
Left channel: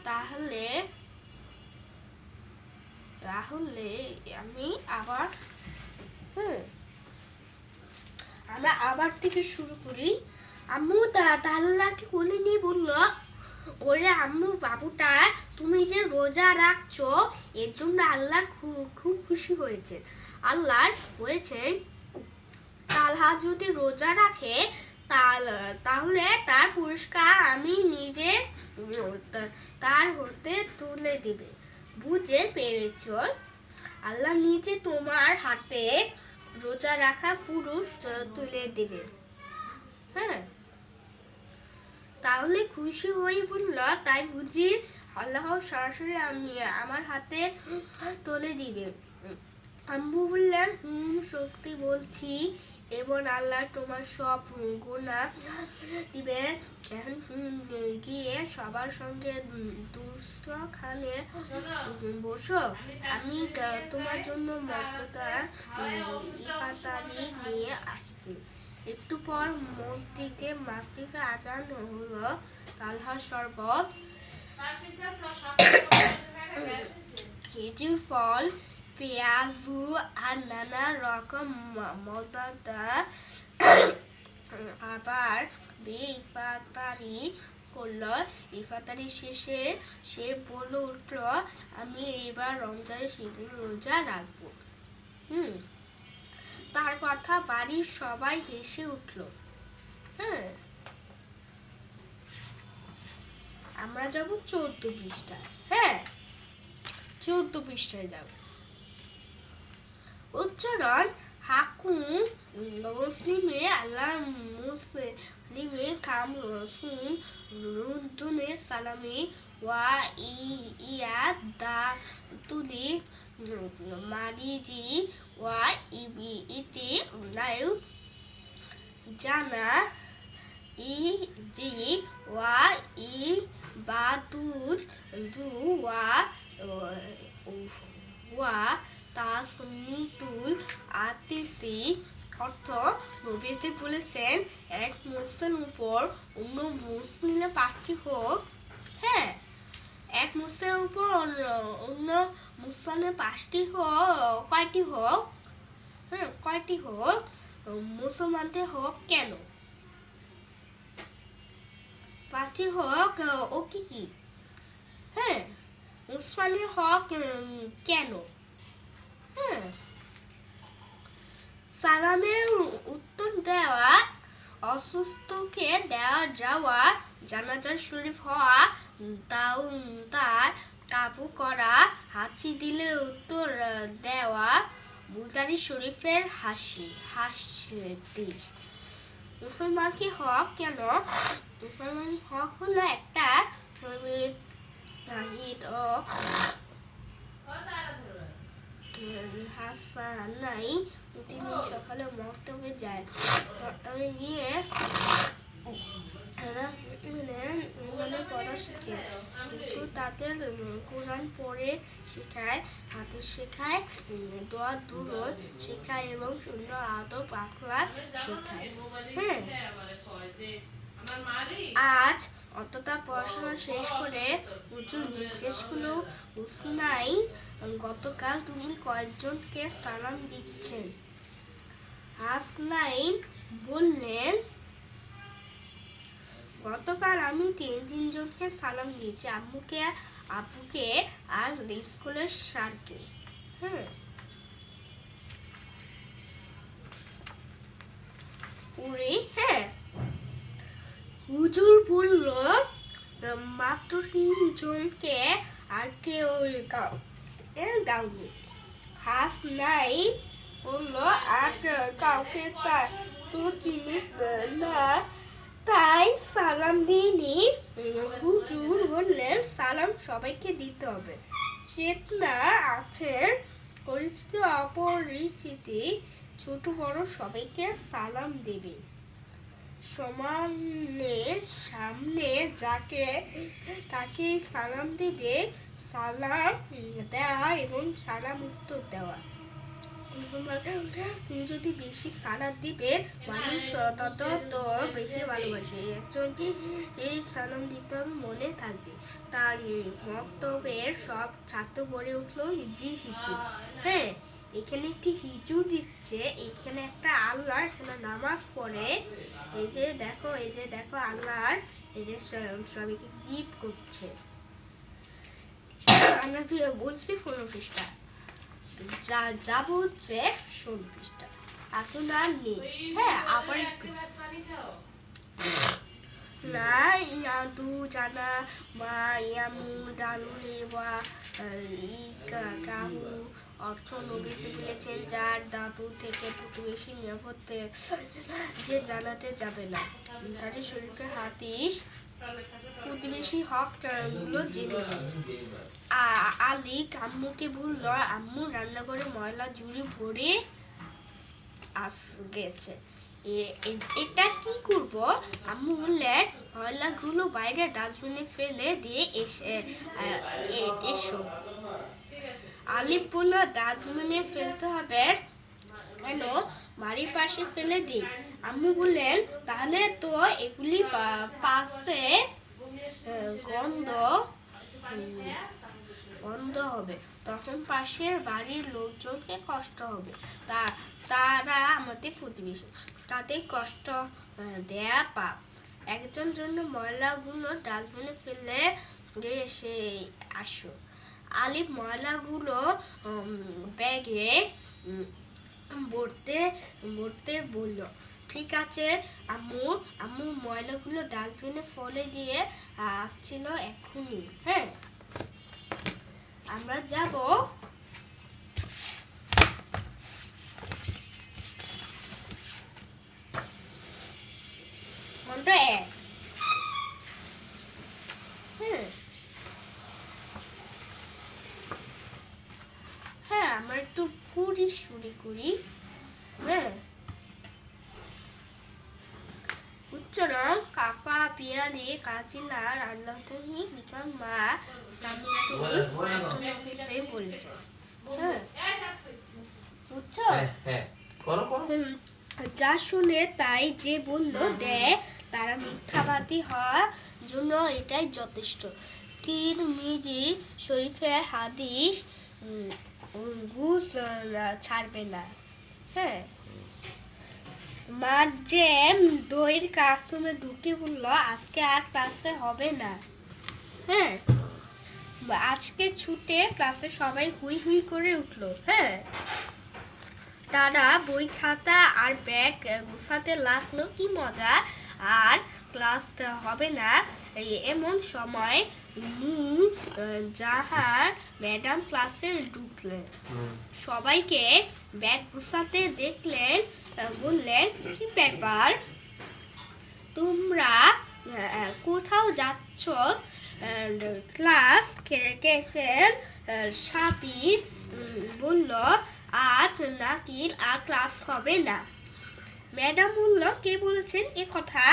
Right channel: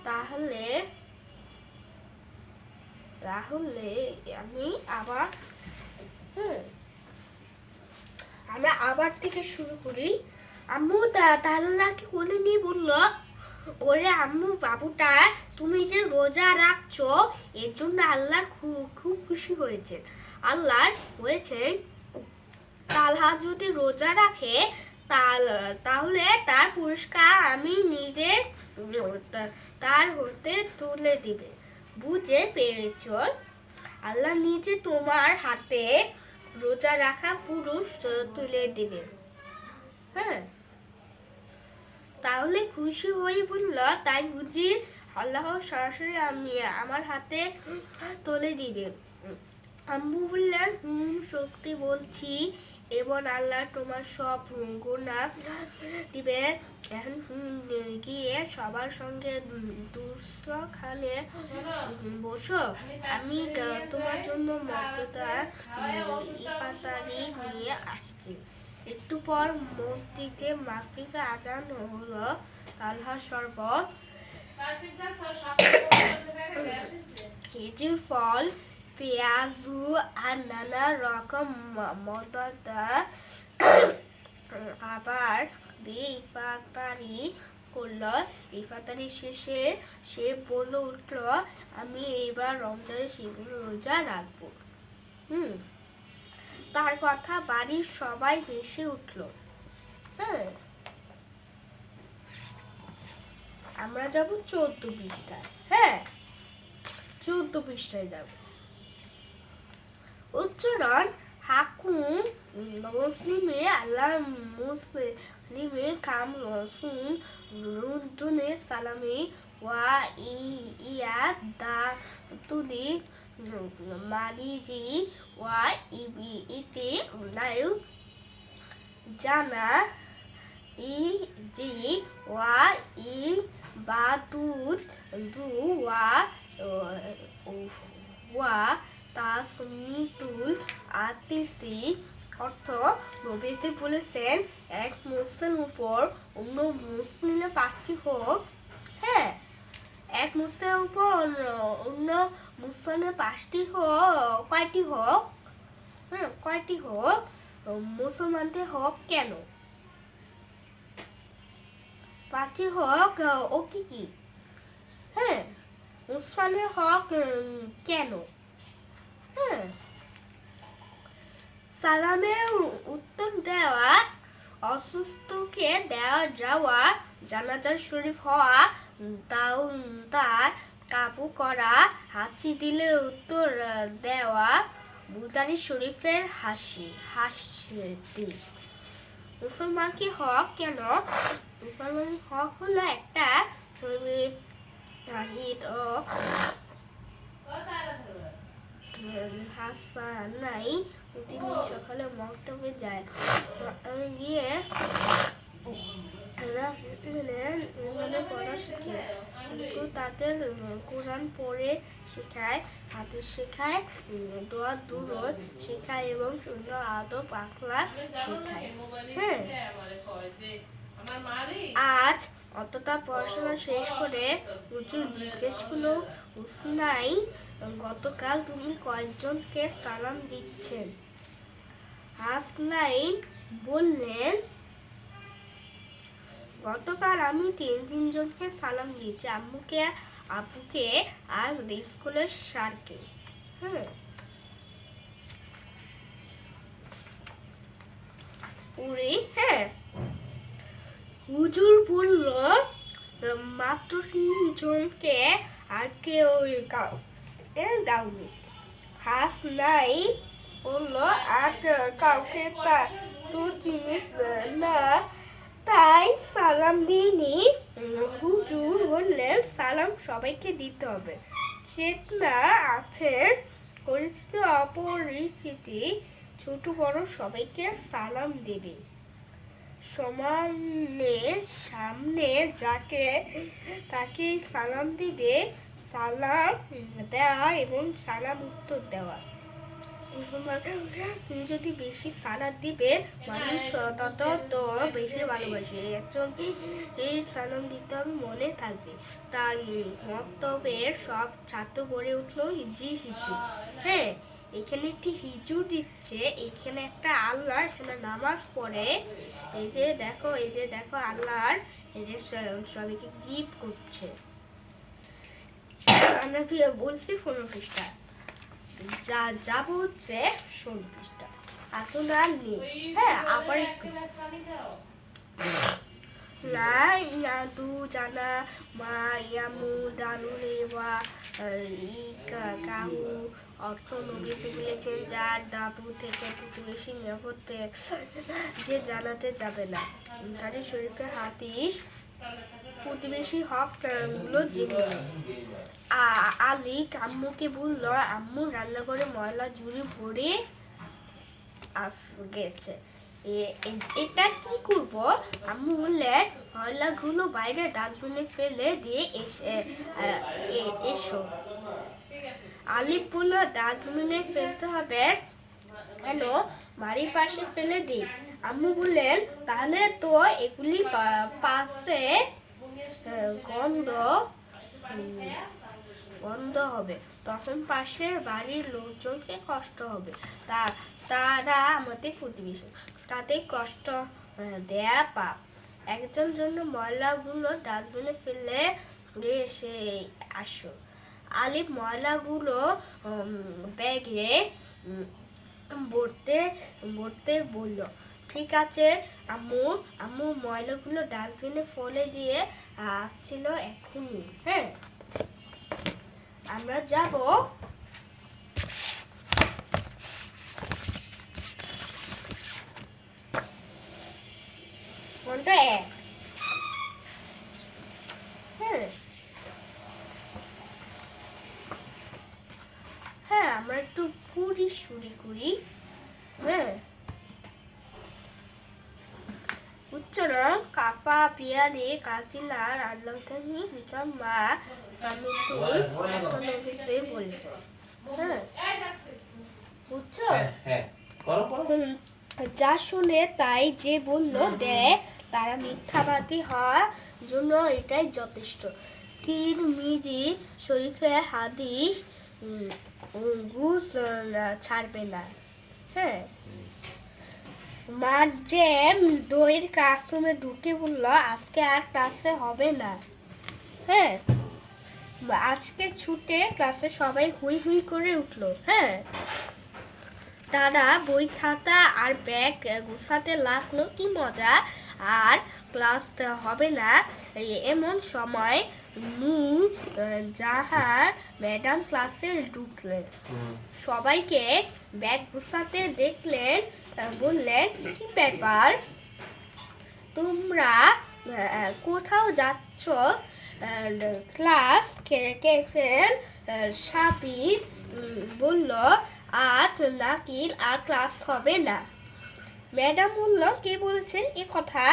তাহলে আমি আবার আমরা আবার থেকে শুরু করি। আম্মু তাল্লাহকে কোলে নিয়ে বলল ওরে আম্মু বাবুটা তুমি যে রোজা রাখছো এর জন্য আল্লাহ খুব খুশি হয়েছে। আল্লাহ বলেছেন তালহা যদি রোজা রাখে তাহলে তার পুরস্কার আমি নিজে তার হতে তুলে দিবে। বুঝে পেরেছ? আল্লাহ নিজে তোমার হাতে রোজা রাখা পুরুষ তুলে দিবে। হ্যাঁ, তাহলে খুশি হয়ে বলল তাই বুঝি আল্লাহ সরাসরি আমার হাতে তুলে দিবে। আম্মু বললেন সত্যি বলছি, এবং আল্লাহ তোমার সব গুনাহ দিবে। এখন গিয়ে সবার সঙ্গে দুস্থখানে বসো, আমি তোমার জন্য মর্যাদা ইফতারি নিয়ে আসছি। একটু পর মসজিদে মাগরিবে আজান হলো। তালহার শরবত, খেজুর ফল, পেঁয়াজু আর নানা রকম মজাদার আবার ইফতারি করলো। ইফতারি শেষে সে বলে উঠল আমি এবার রমজানের সেগুলো রোজা রাখবো। তার কথা বাড়ির সবাই হেসে উঠল। হ্যাঁ, আমরা যাব 14 পৃষ্ঠায়। হ্যাঁ, 14 পৃষ্ঠায় যাব। উচ্চারণ হাকুম মুসলিমে আল্লাহ মুসলিমে কাম রসুল রুদ্দুনে সালামি ওয়া দা তুলি মারিজি ওয়া ইতে লাইউ জানা জি ওয়া বাতুল দু ওয়া তাসমিতুল আতিসি। অর্থ নবীজি বলেছেন এক মুসলিমের উপর অন্য মুসলিমের 5টি হোক। হ্যাঁ, এক মুসলিমের উপর অন্য মুসলিমের 5টি হোক। কয়টি হোক? কয়টি হোক? মুসলমানদের হোক কেন? পাঁচই হক ও কি হ্যাঁ ওসমানের হক কেন হ্যাঁ সালামের উত্তর দেওয়া, অসুস্থকে দেওয়া যাওয়া, জানাজার শরীফ হওয়া, তাও তার কাবু করা, হাঁচি দিলে উত্তর দেওয়া, বুদারি শরীফের হাসির মুসলমান কি হক কেন? মুসলমান হক হলো একটা হাসান নাই তিনি সকালে মক্তবে যায় আমি গিয়ে পড়া শিখে তাদের কোরআন পড়ে শেখায়, হাদিস শেখায়, দোয়া দুরূদ শেখায় এবং সুন্দর আদব আখলাক শেখায়। হ্যাঁ আজ অতটা পড়াশোনা শেষ করে হুজুর জিজ্ঞেস করলো, উসনাই গতকাল তুমি কয়েকজনকে সালাম দিচ্ছেন? হাসনাইন বললেন, গতকাল আমি তিনজনকে সালাম দিয়েছি, আম্মুকে, আব্বুকে আর স্কুলের স্যারকে। হ্যাঁ হুজুর বলল, মাত্র তিনজনকে, আর কেউ দাওনি। হাসনাই বলল, আর কাউকে তো চিনি না, তাই সালাম দিইনি। হুজুর বললেন, সালাম সবাইকে দিতে হবে, চেতনা আছে, পরিচিত অপরিচিত ছোট বড় সবাইকে সালাম দেবে। সামনে যাকে তাকে সালাম দিবে, সালাম দেওয়া এবং সালাম উত্তর দেওয়া। যদি বেশি সালাদ দিবে মানুষ তত বেশি ভালোবাসে, একজন সালাম দিতে হবে মনে থাকবে। তার মক্তবের সব ছাত্র গড়ে উঠলো জি হিজু। হ্যাঁ এখানে একটি হিজু দিচ্ছে, এখানে একটা আল্লাহ এখানে নামাজ পড়ে, এই যে দেখো আল্লাহর এদের সবাইকে গিফট করছে। আমরা বলছি 15 পৃষ্ঠা, যাব হচ্ছে 16 পৃষ্ঠা। এখন আর নেই। হ্যাঁ আবার একটু না ইয়াদু জানা মা ইয়ামু দারুলেওয়া কাহু অর্থ নবী শিখিয়েছেন, যার দাবু থেকে প্রতিবেশী নিরাপদ যে জানাতে যাবে না। তাদের শরীফে হাদিস প্রতিবেশী হক গুলো জেনে। আলী আম্মুকে বলল, আম্মু রান্নাঘরে ময়লা ঝুড়ি ভরে গেছে, এটা কি করব? আম্মু বললেন, ময়লাগুলো বাইরে ডাস্টবিনে ফেলে দিয়ে এসো। আলী বলল, ডাস্টবিনে ফেলতে হবে কেন? বাড়ির পাশে ফেলে দিই। আম্মু বললেন, তাহলে তো এগুলি পাশে গন্ধ হবে, তখন পাশের বাড়ির লোকজনকে কষ্ট হবে, তারা আমাদের প্রতিবেশী, তাদের কষ্ট দেয়া পাপ। একজন জন্য ময়লাগুলো ডাস্টবিনে ফেলে এসে আসো। আলিফ ময়লাগুলো ব্যাগে ভরতে বলল, ঠিক আছে আম্মু ময়লাগুলো ডাস্টবিনে ফেলে দিয়ে আসছিল এক্ষুনি। হ্যাঁ আমরা যাব ঘন্টা 1। হ্যাঁ আমরা একটু পুরি শুরি করি। হ্যাঁ উচ্চারণ কাফা পিয়ারি কাসিনার আল্লাহতানি বিকাম মা সামিতুল অটোনমিতে বলেছে। হ্যাঁ বুঝছো? যা শুনে তাই যে বলল দেয়, তারা মিথ্যাবাদী হওয়ার জন্য এটাই যথেষ্ট। তিরমিজি শরীফের হাদিস ঘুষ ছাড়বে না। হ্যাঁ মার যে দইয়ের ক্লাসরুমে ঢুকে বললো আজকে আর ক্লাসে হবে না। হ্যাঁ, আজকে ছুটে ক্লাসে সবাই হুই হুই করে উঠলো। হ্যাঁ, তারা বই খাতা আর ব্যাগ গুছাতে লাগলো, কি মজা, আর ক্লাস হবে না। এমন সময় জাহার ম্যাডাম ক্লাসে ঢুকলেন, সবাইকে ব্যাগ গুছাতে দেখলেন, বললেন কি ব্যাপার, তোমরা কোথাও যাচ্ছ? ক্লাস কেফের সাবির বলল আজ নাকি আর ক্লাস হবে না। ম্যাডাম বলল কে বলেছেন এ কথা?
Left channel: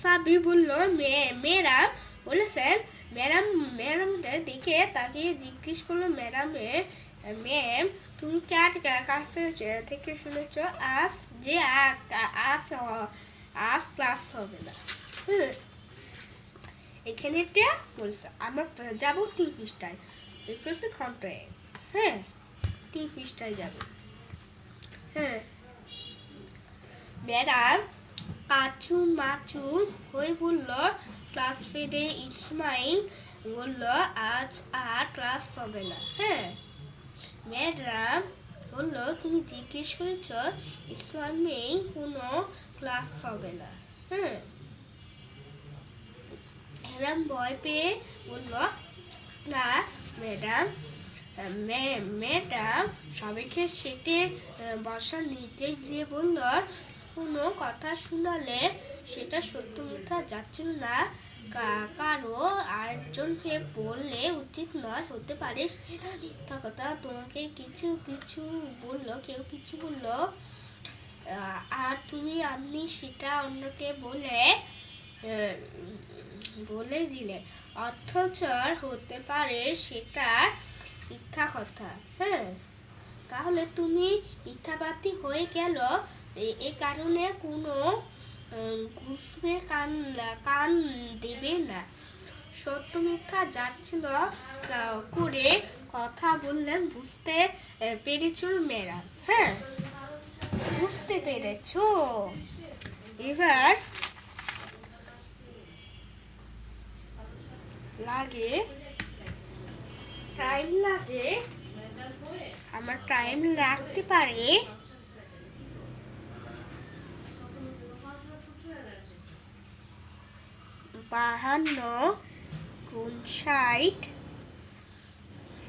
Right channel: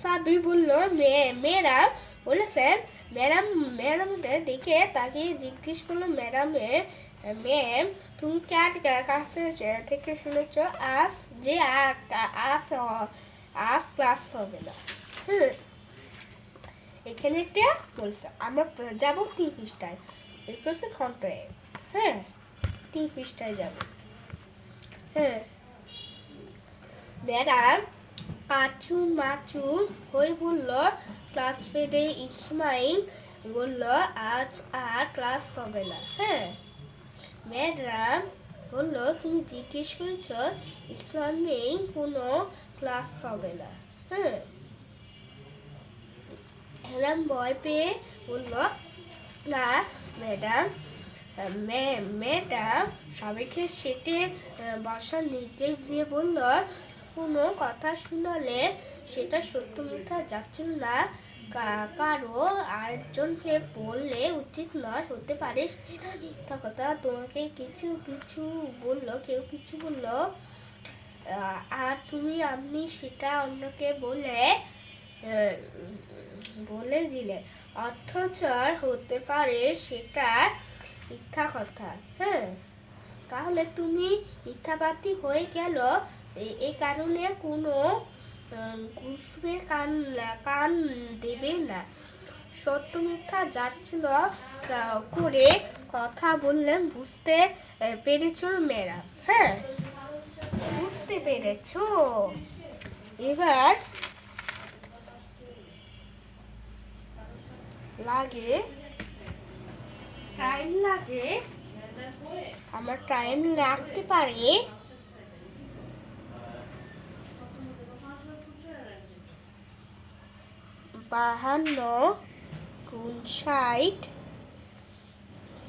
সাবির বলল ম্যাডাম বলেছেন। ম্যাডামদের দেখে তাকে জিজ্ঞেস করলো ম্যাম তুমি কার কাছে থেকে শুনেছ আজ যে আজ ক্লাস হবে না? এখানে একটা বলছে আমরা যাব 3 পৃষ্ঠায়, এই করছে কন্ট্রাক্ট। হ্যাঁ, 3 পৃষ্ঠায় যাব। হ্যাঁ, ম্যাডাম কাচু মাচু হয়ে বলল, ক্লাস ফেডে ইসমাইল বলল আজ আর ক্লাস হবে না। হ্যাঁ, ম্যাডাম বলল তুমি জিজ্ঞেস করেছ ইসলামেই কোনো ক্লাস হবে না। হ্যাঁ, ম্যাডাম ভয় পেয়ে বলল না ম্যাডাম। ম্যাডাম সবাইকে সেটে বসার নির্দেশ দিয়ে বলল কোনো কথা শোনালে সেটা সত্য মিথ্যা যাচ্ছিল না, কারো আরেকজনকে বললে উচিত নয়, হতে পারে সেটা মিথ্যা কথা। তোমাকে কিছু কিছু বললো, কেউ কিছু বললো, আর তুমি আপনি সেটা অন্যকে বলে দিলে, অথচ হতে পারে সেটা মিথ্যা কথা। হ্যাঁ, তাহলে তুমি মিথ্যাবাদী হয়ে গেল। এই কারণে কোনো ঘুষবে কান দেবে না। সত্য মিথ্যা যাচ্ছিল করে কথা বললেন, বুঝতে পেরেছ ম্যাডাম? হ্যাঁ, বুঝতে পেরেছ? এবার টাইম লাগে, আমার টাইম লাগতে পারে 52 গুণ 60,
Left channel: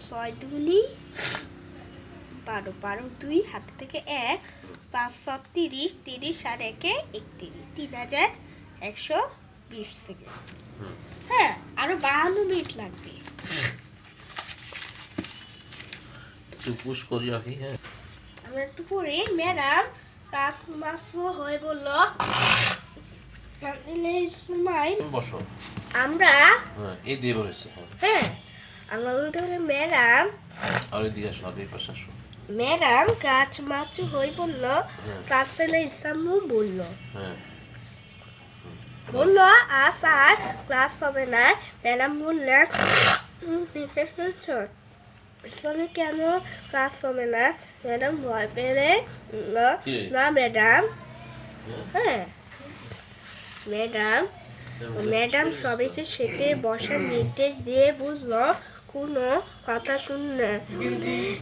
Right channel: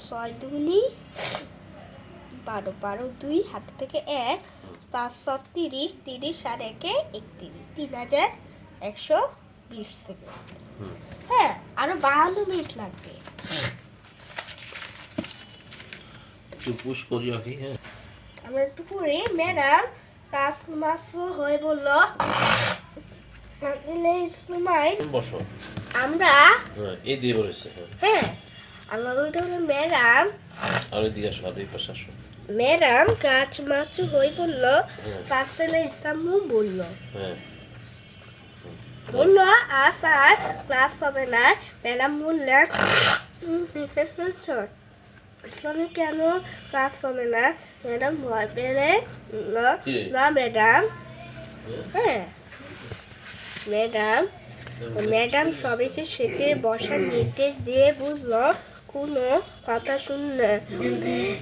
6 দুগুনি 12, 12 2 হাত থেকে 1, 5 30, 30 আর 1 31, 3120 সেকেন্ড। হ্যাঁ, আরো 52 মিনিট লাগবে। পুশ করি রাখি। হ্যাঁ, আমরা একটু পরে ম্যাডাম কাজ মাস হয়ে বলল বসো। আমরা এই দিয়ে বলেছে। হ্যাঁ, আমরা বলতে বলে ম্যাডাম আরে দিয়ে আসো, আরে পাশে আসো। ম্যাডাম কাজ মাছ হয়ে বলল, রাসেল ইসলামু বলল, বললো আজ আর ক্লাস হবে না। ম্যাডাম বললেন ইসলামে কেন ক্লাস হবে না? ম্যাডাম ভয় পেলে না ম্যাডাম। হ্যাঁ, ম্যাডাম সবাইকে সেটে বসার নির্দেশ দিয়ে বুঝলো কোনো কথা শুনলে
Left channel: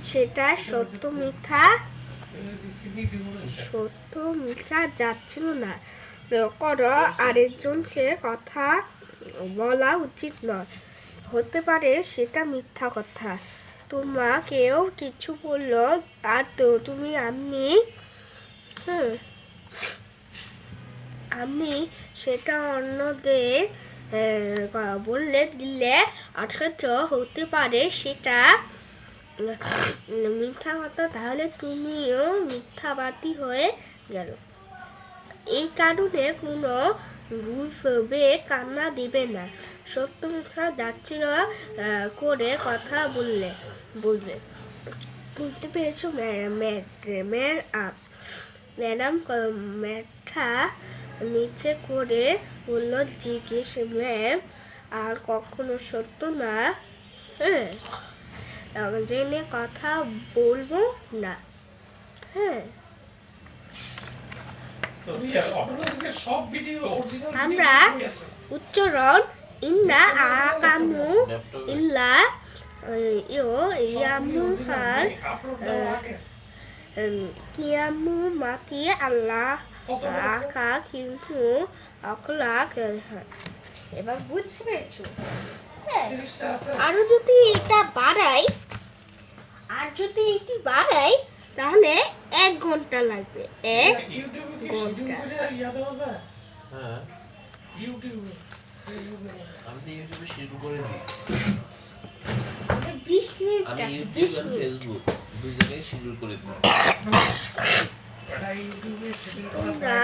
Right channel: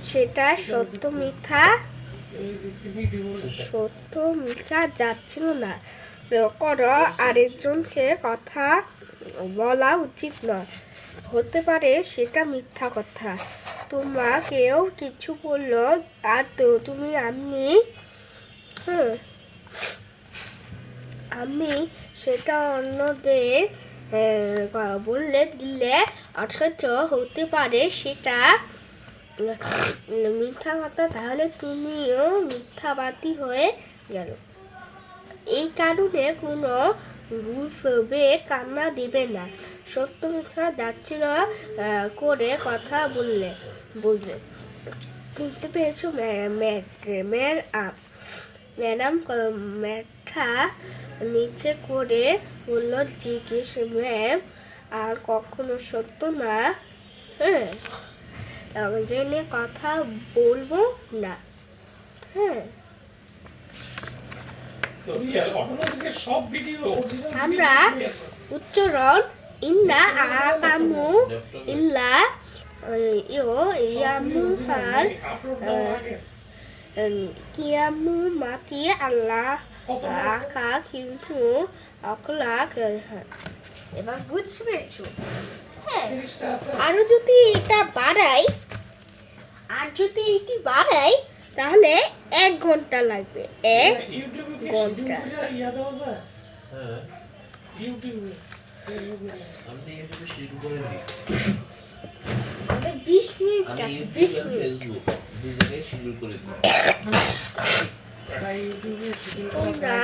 সেটা সত্য মিথ্যা যাচ্ছিল না, করো আরেকজনকে কথা বলা উচিত নয়, হতে পারে সেটা মিথ্যা কথা। তোমাকেও কিছু বললো আর তুমি আমি সেটা অন্যদের বললে দিলে, অথচ হতে পারে সেটা মিথ্যা কথা, তাহলে তুমিও মিথ্যাবাদী হয়ে গেল। এই কারণে কোনো বুঝবে কান্না দিবে না, সত্য মিথ্যা যাচ্ছিল করে কথা বলবে। বুঝতে পেরেছো ম্যাডাম? ম্যাথা নিচে করে বলল জিজ্ঞেস ম্যাম, আর কখনো সত্য না জেনে কথা বলবো না। হ্যাঁ, আমরা উচ্চারণ ইন্না আকামু ইল্লা ইয়ামুহার কিয়ামু মাতি আল্লাহ আকা কিন্তু অকলাক। এবার বুঝতে পেরেছো? হ্যাঁ, আরো যদি এটা বাড়াই তাহলে 1 ঘন্টা লাগবে। 1 ঘন্টা। হ্যাঁ, আমি তো ইউটিউবে শুরু করে দিই। আমাদের 20 মিনিট আমি আছে, ইউটিউব 20 আর মিনিট। ফেসবুক দুই জায়গায় শুরু করে দিই। তোমরা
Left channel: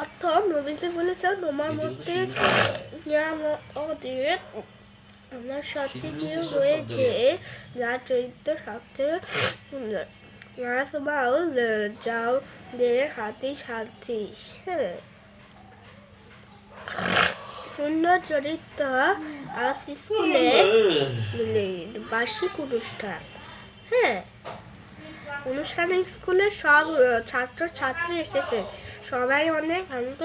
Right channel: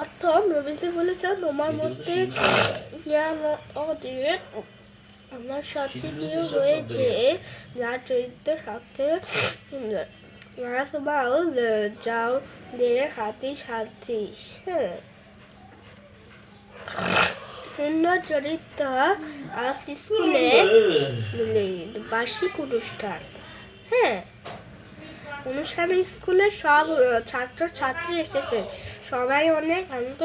অর্থ নবীজি বলেছে তোমার মধ্যে আমার সবচেয়ে প্রিয় হয়েছে যার চরিত্র সবচেয়ে সুন্দর। যাও হাতি সাথিস। হ্যাঁ, সুন্দর চরিত্র আজ স্কুলে বার্ষিক অনুষ্ঠান। হ্যাঁ, অনুষ্ঠানে স্কুলে সব ছাত্র ছাত্রী এসেছে, সবাই অনেক আনন্দ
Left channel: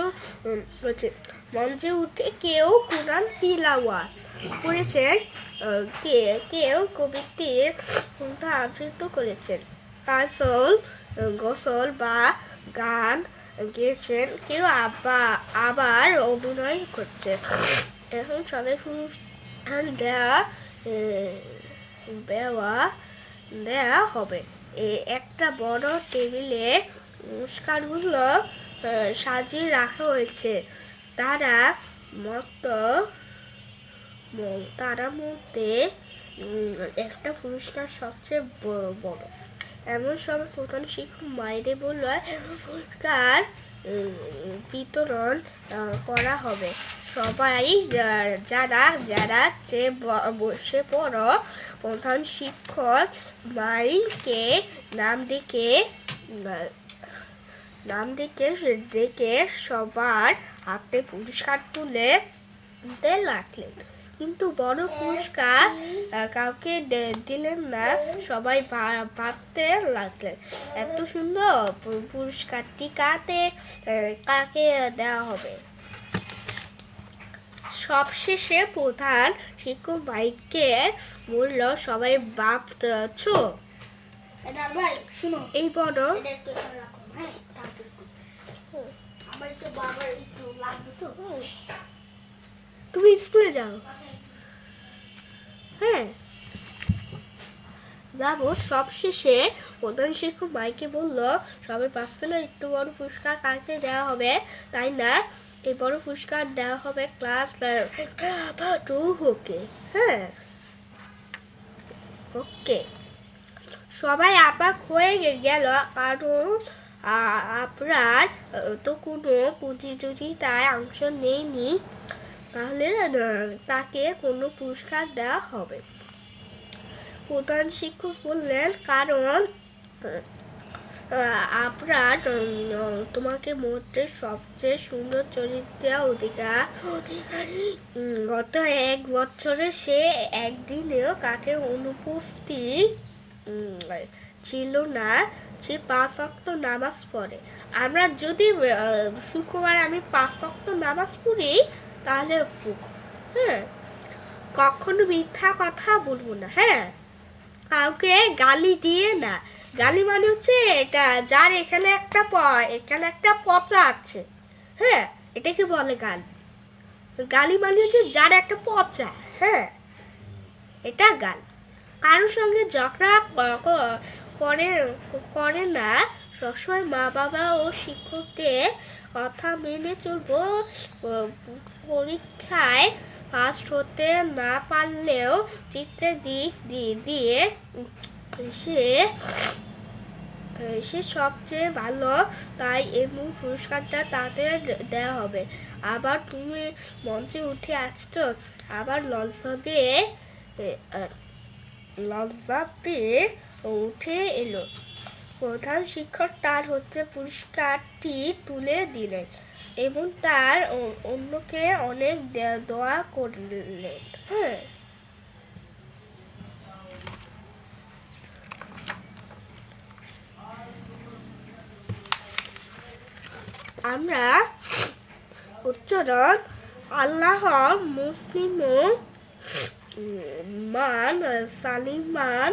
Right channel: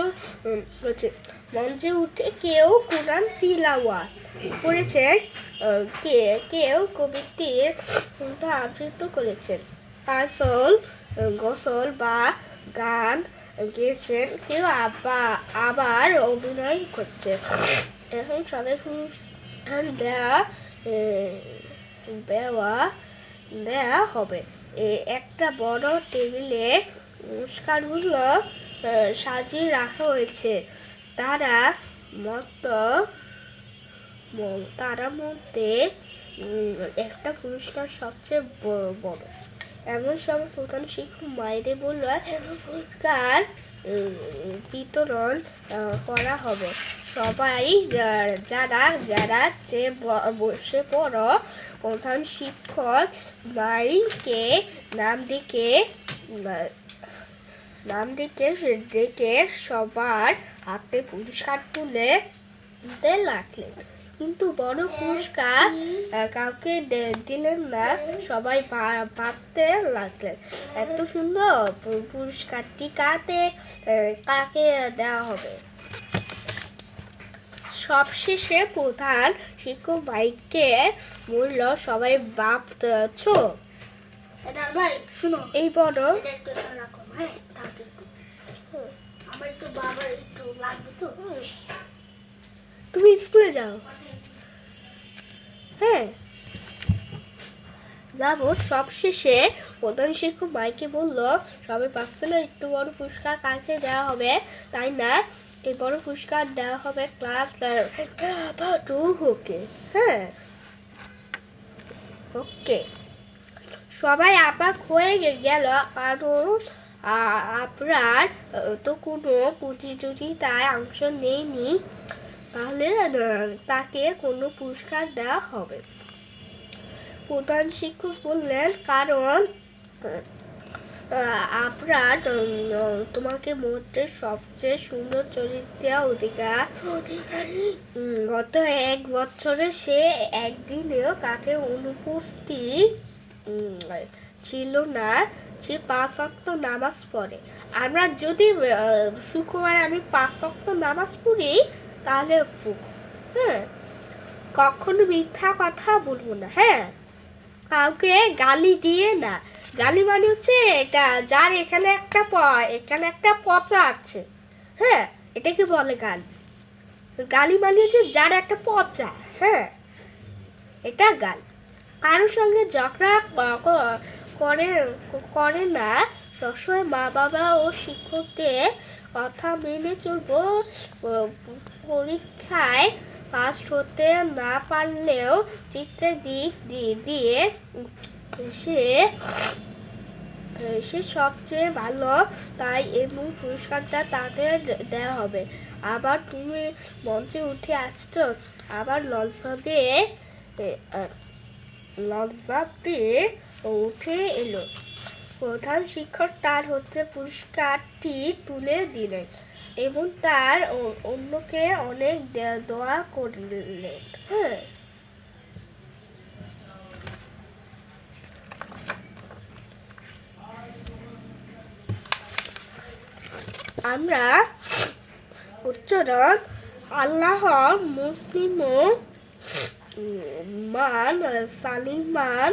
হয়েছে। মঞ্চে উঠে কেউ কোরআন তিলাওয়াত করেছেন, কেউ কবিতা আবৃত্তি করেছেন, গজল বা গান গেয়েছেন, কেউ আবার অভিনয় করছে। এখন সবাই অনুষ্ঠান দেওয়া হবে। একটা বড় টেবিলে পুরস্কারগুলো সাজিয়ে রাখা হয়েছে। তারা মধ্যে একটা পুরস্কার সবচেয়ে বড়। এমন সময় প্রধান শিক্ষক মাইরে বলল, পুরস্কার বিতরণ করা হবে। সবাই যারা চেয়ে বসে পড়ো। প্রধান শিক্ষক মাইকে নাম ডেকে সবার হাতে পুরস্কার তুলে দিতে লাগলেন। কিন্তু বড় পুরস্কার কাউকে দিলেন না। সবাই ভাবতে লাগলেন, এত সুন্দর পুরস্কারটি কাকে দেওয়া হবে। সবশেষে প্রধান শিক্ষক মাইকে বলল, সবাই ভাবছো এই বড় তুমি স্কুলে যাও। হ্যাঁ, যাবো। সবশেষে প্রধান শিক্ষক মাইকে বলল, সবাই ভাবছিল একটু বড় পুরস্কার কাকে দেওয়া হবে, তাই না? এই বড় পুরস্কার দেওয়া হবে ক্লাস 2 হ্যাঁ, ওকে। সবাই অবাক হয়ে গেল, কারণ আপনার তো কোনো প্রতিযোগিতায় অংশ নেয়নি, তাহলে তাকে কোনো পুরস্কার দেওয়া হবে। প্রধান শিক্ষক বললেন, কারণ আপনার তোমাকে মধ্যে সবচেয়ে সুন্দর চরিত্রের অধিকারী। গত 1 বছরে সে একদিনেও কাছে অনুপস্থিত ছিল না। সে 5 ওয়াক্ত নামাজ পড়ে। আমরা যদি শুক্রবার আমি 5 ওয়াক্ত নামাজ পড়ি, তাহলে হ্যাঁ, কখনো মিথ্যা কথা বলবো না। হ্যাঁ, কাউকে গালি দিয়ে না। গালি মানে হচ্ছে এটা, যার এখানে একটা পচা আছে। হ্যাঁ, এটাকে বলে গালি। গালি মানে হচ্ছে যার একটা পচা। হ্যাঁ, এটা গালি। কারোর সঙ্গে ঝগড়া করে না। সবসময় মা বাবা ও শিক্ষকদের কথা মেনে চলবো। পরীক্ষায় ফার্স্ট হতে না পারলেও চিত্রের দিক দিয়ে সে সবচেয়ে ভালো, তাই এমন পুরস্কারটা তাদের দেওয়া হবে। আবার তুমি মঞ্চে উঠে আসছো, আবার লজ্জা পেয়ে উঠে এলো। প্রধান শিক্ষক তার হতে পুরস্কারটি তুলে দিলেন এবং তার অন্যকে অনেক দোয়া করলেন। হ্যাঁ, আমরা উচ্চারণ আল্লাহ মুসলিম মান সালিমান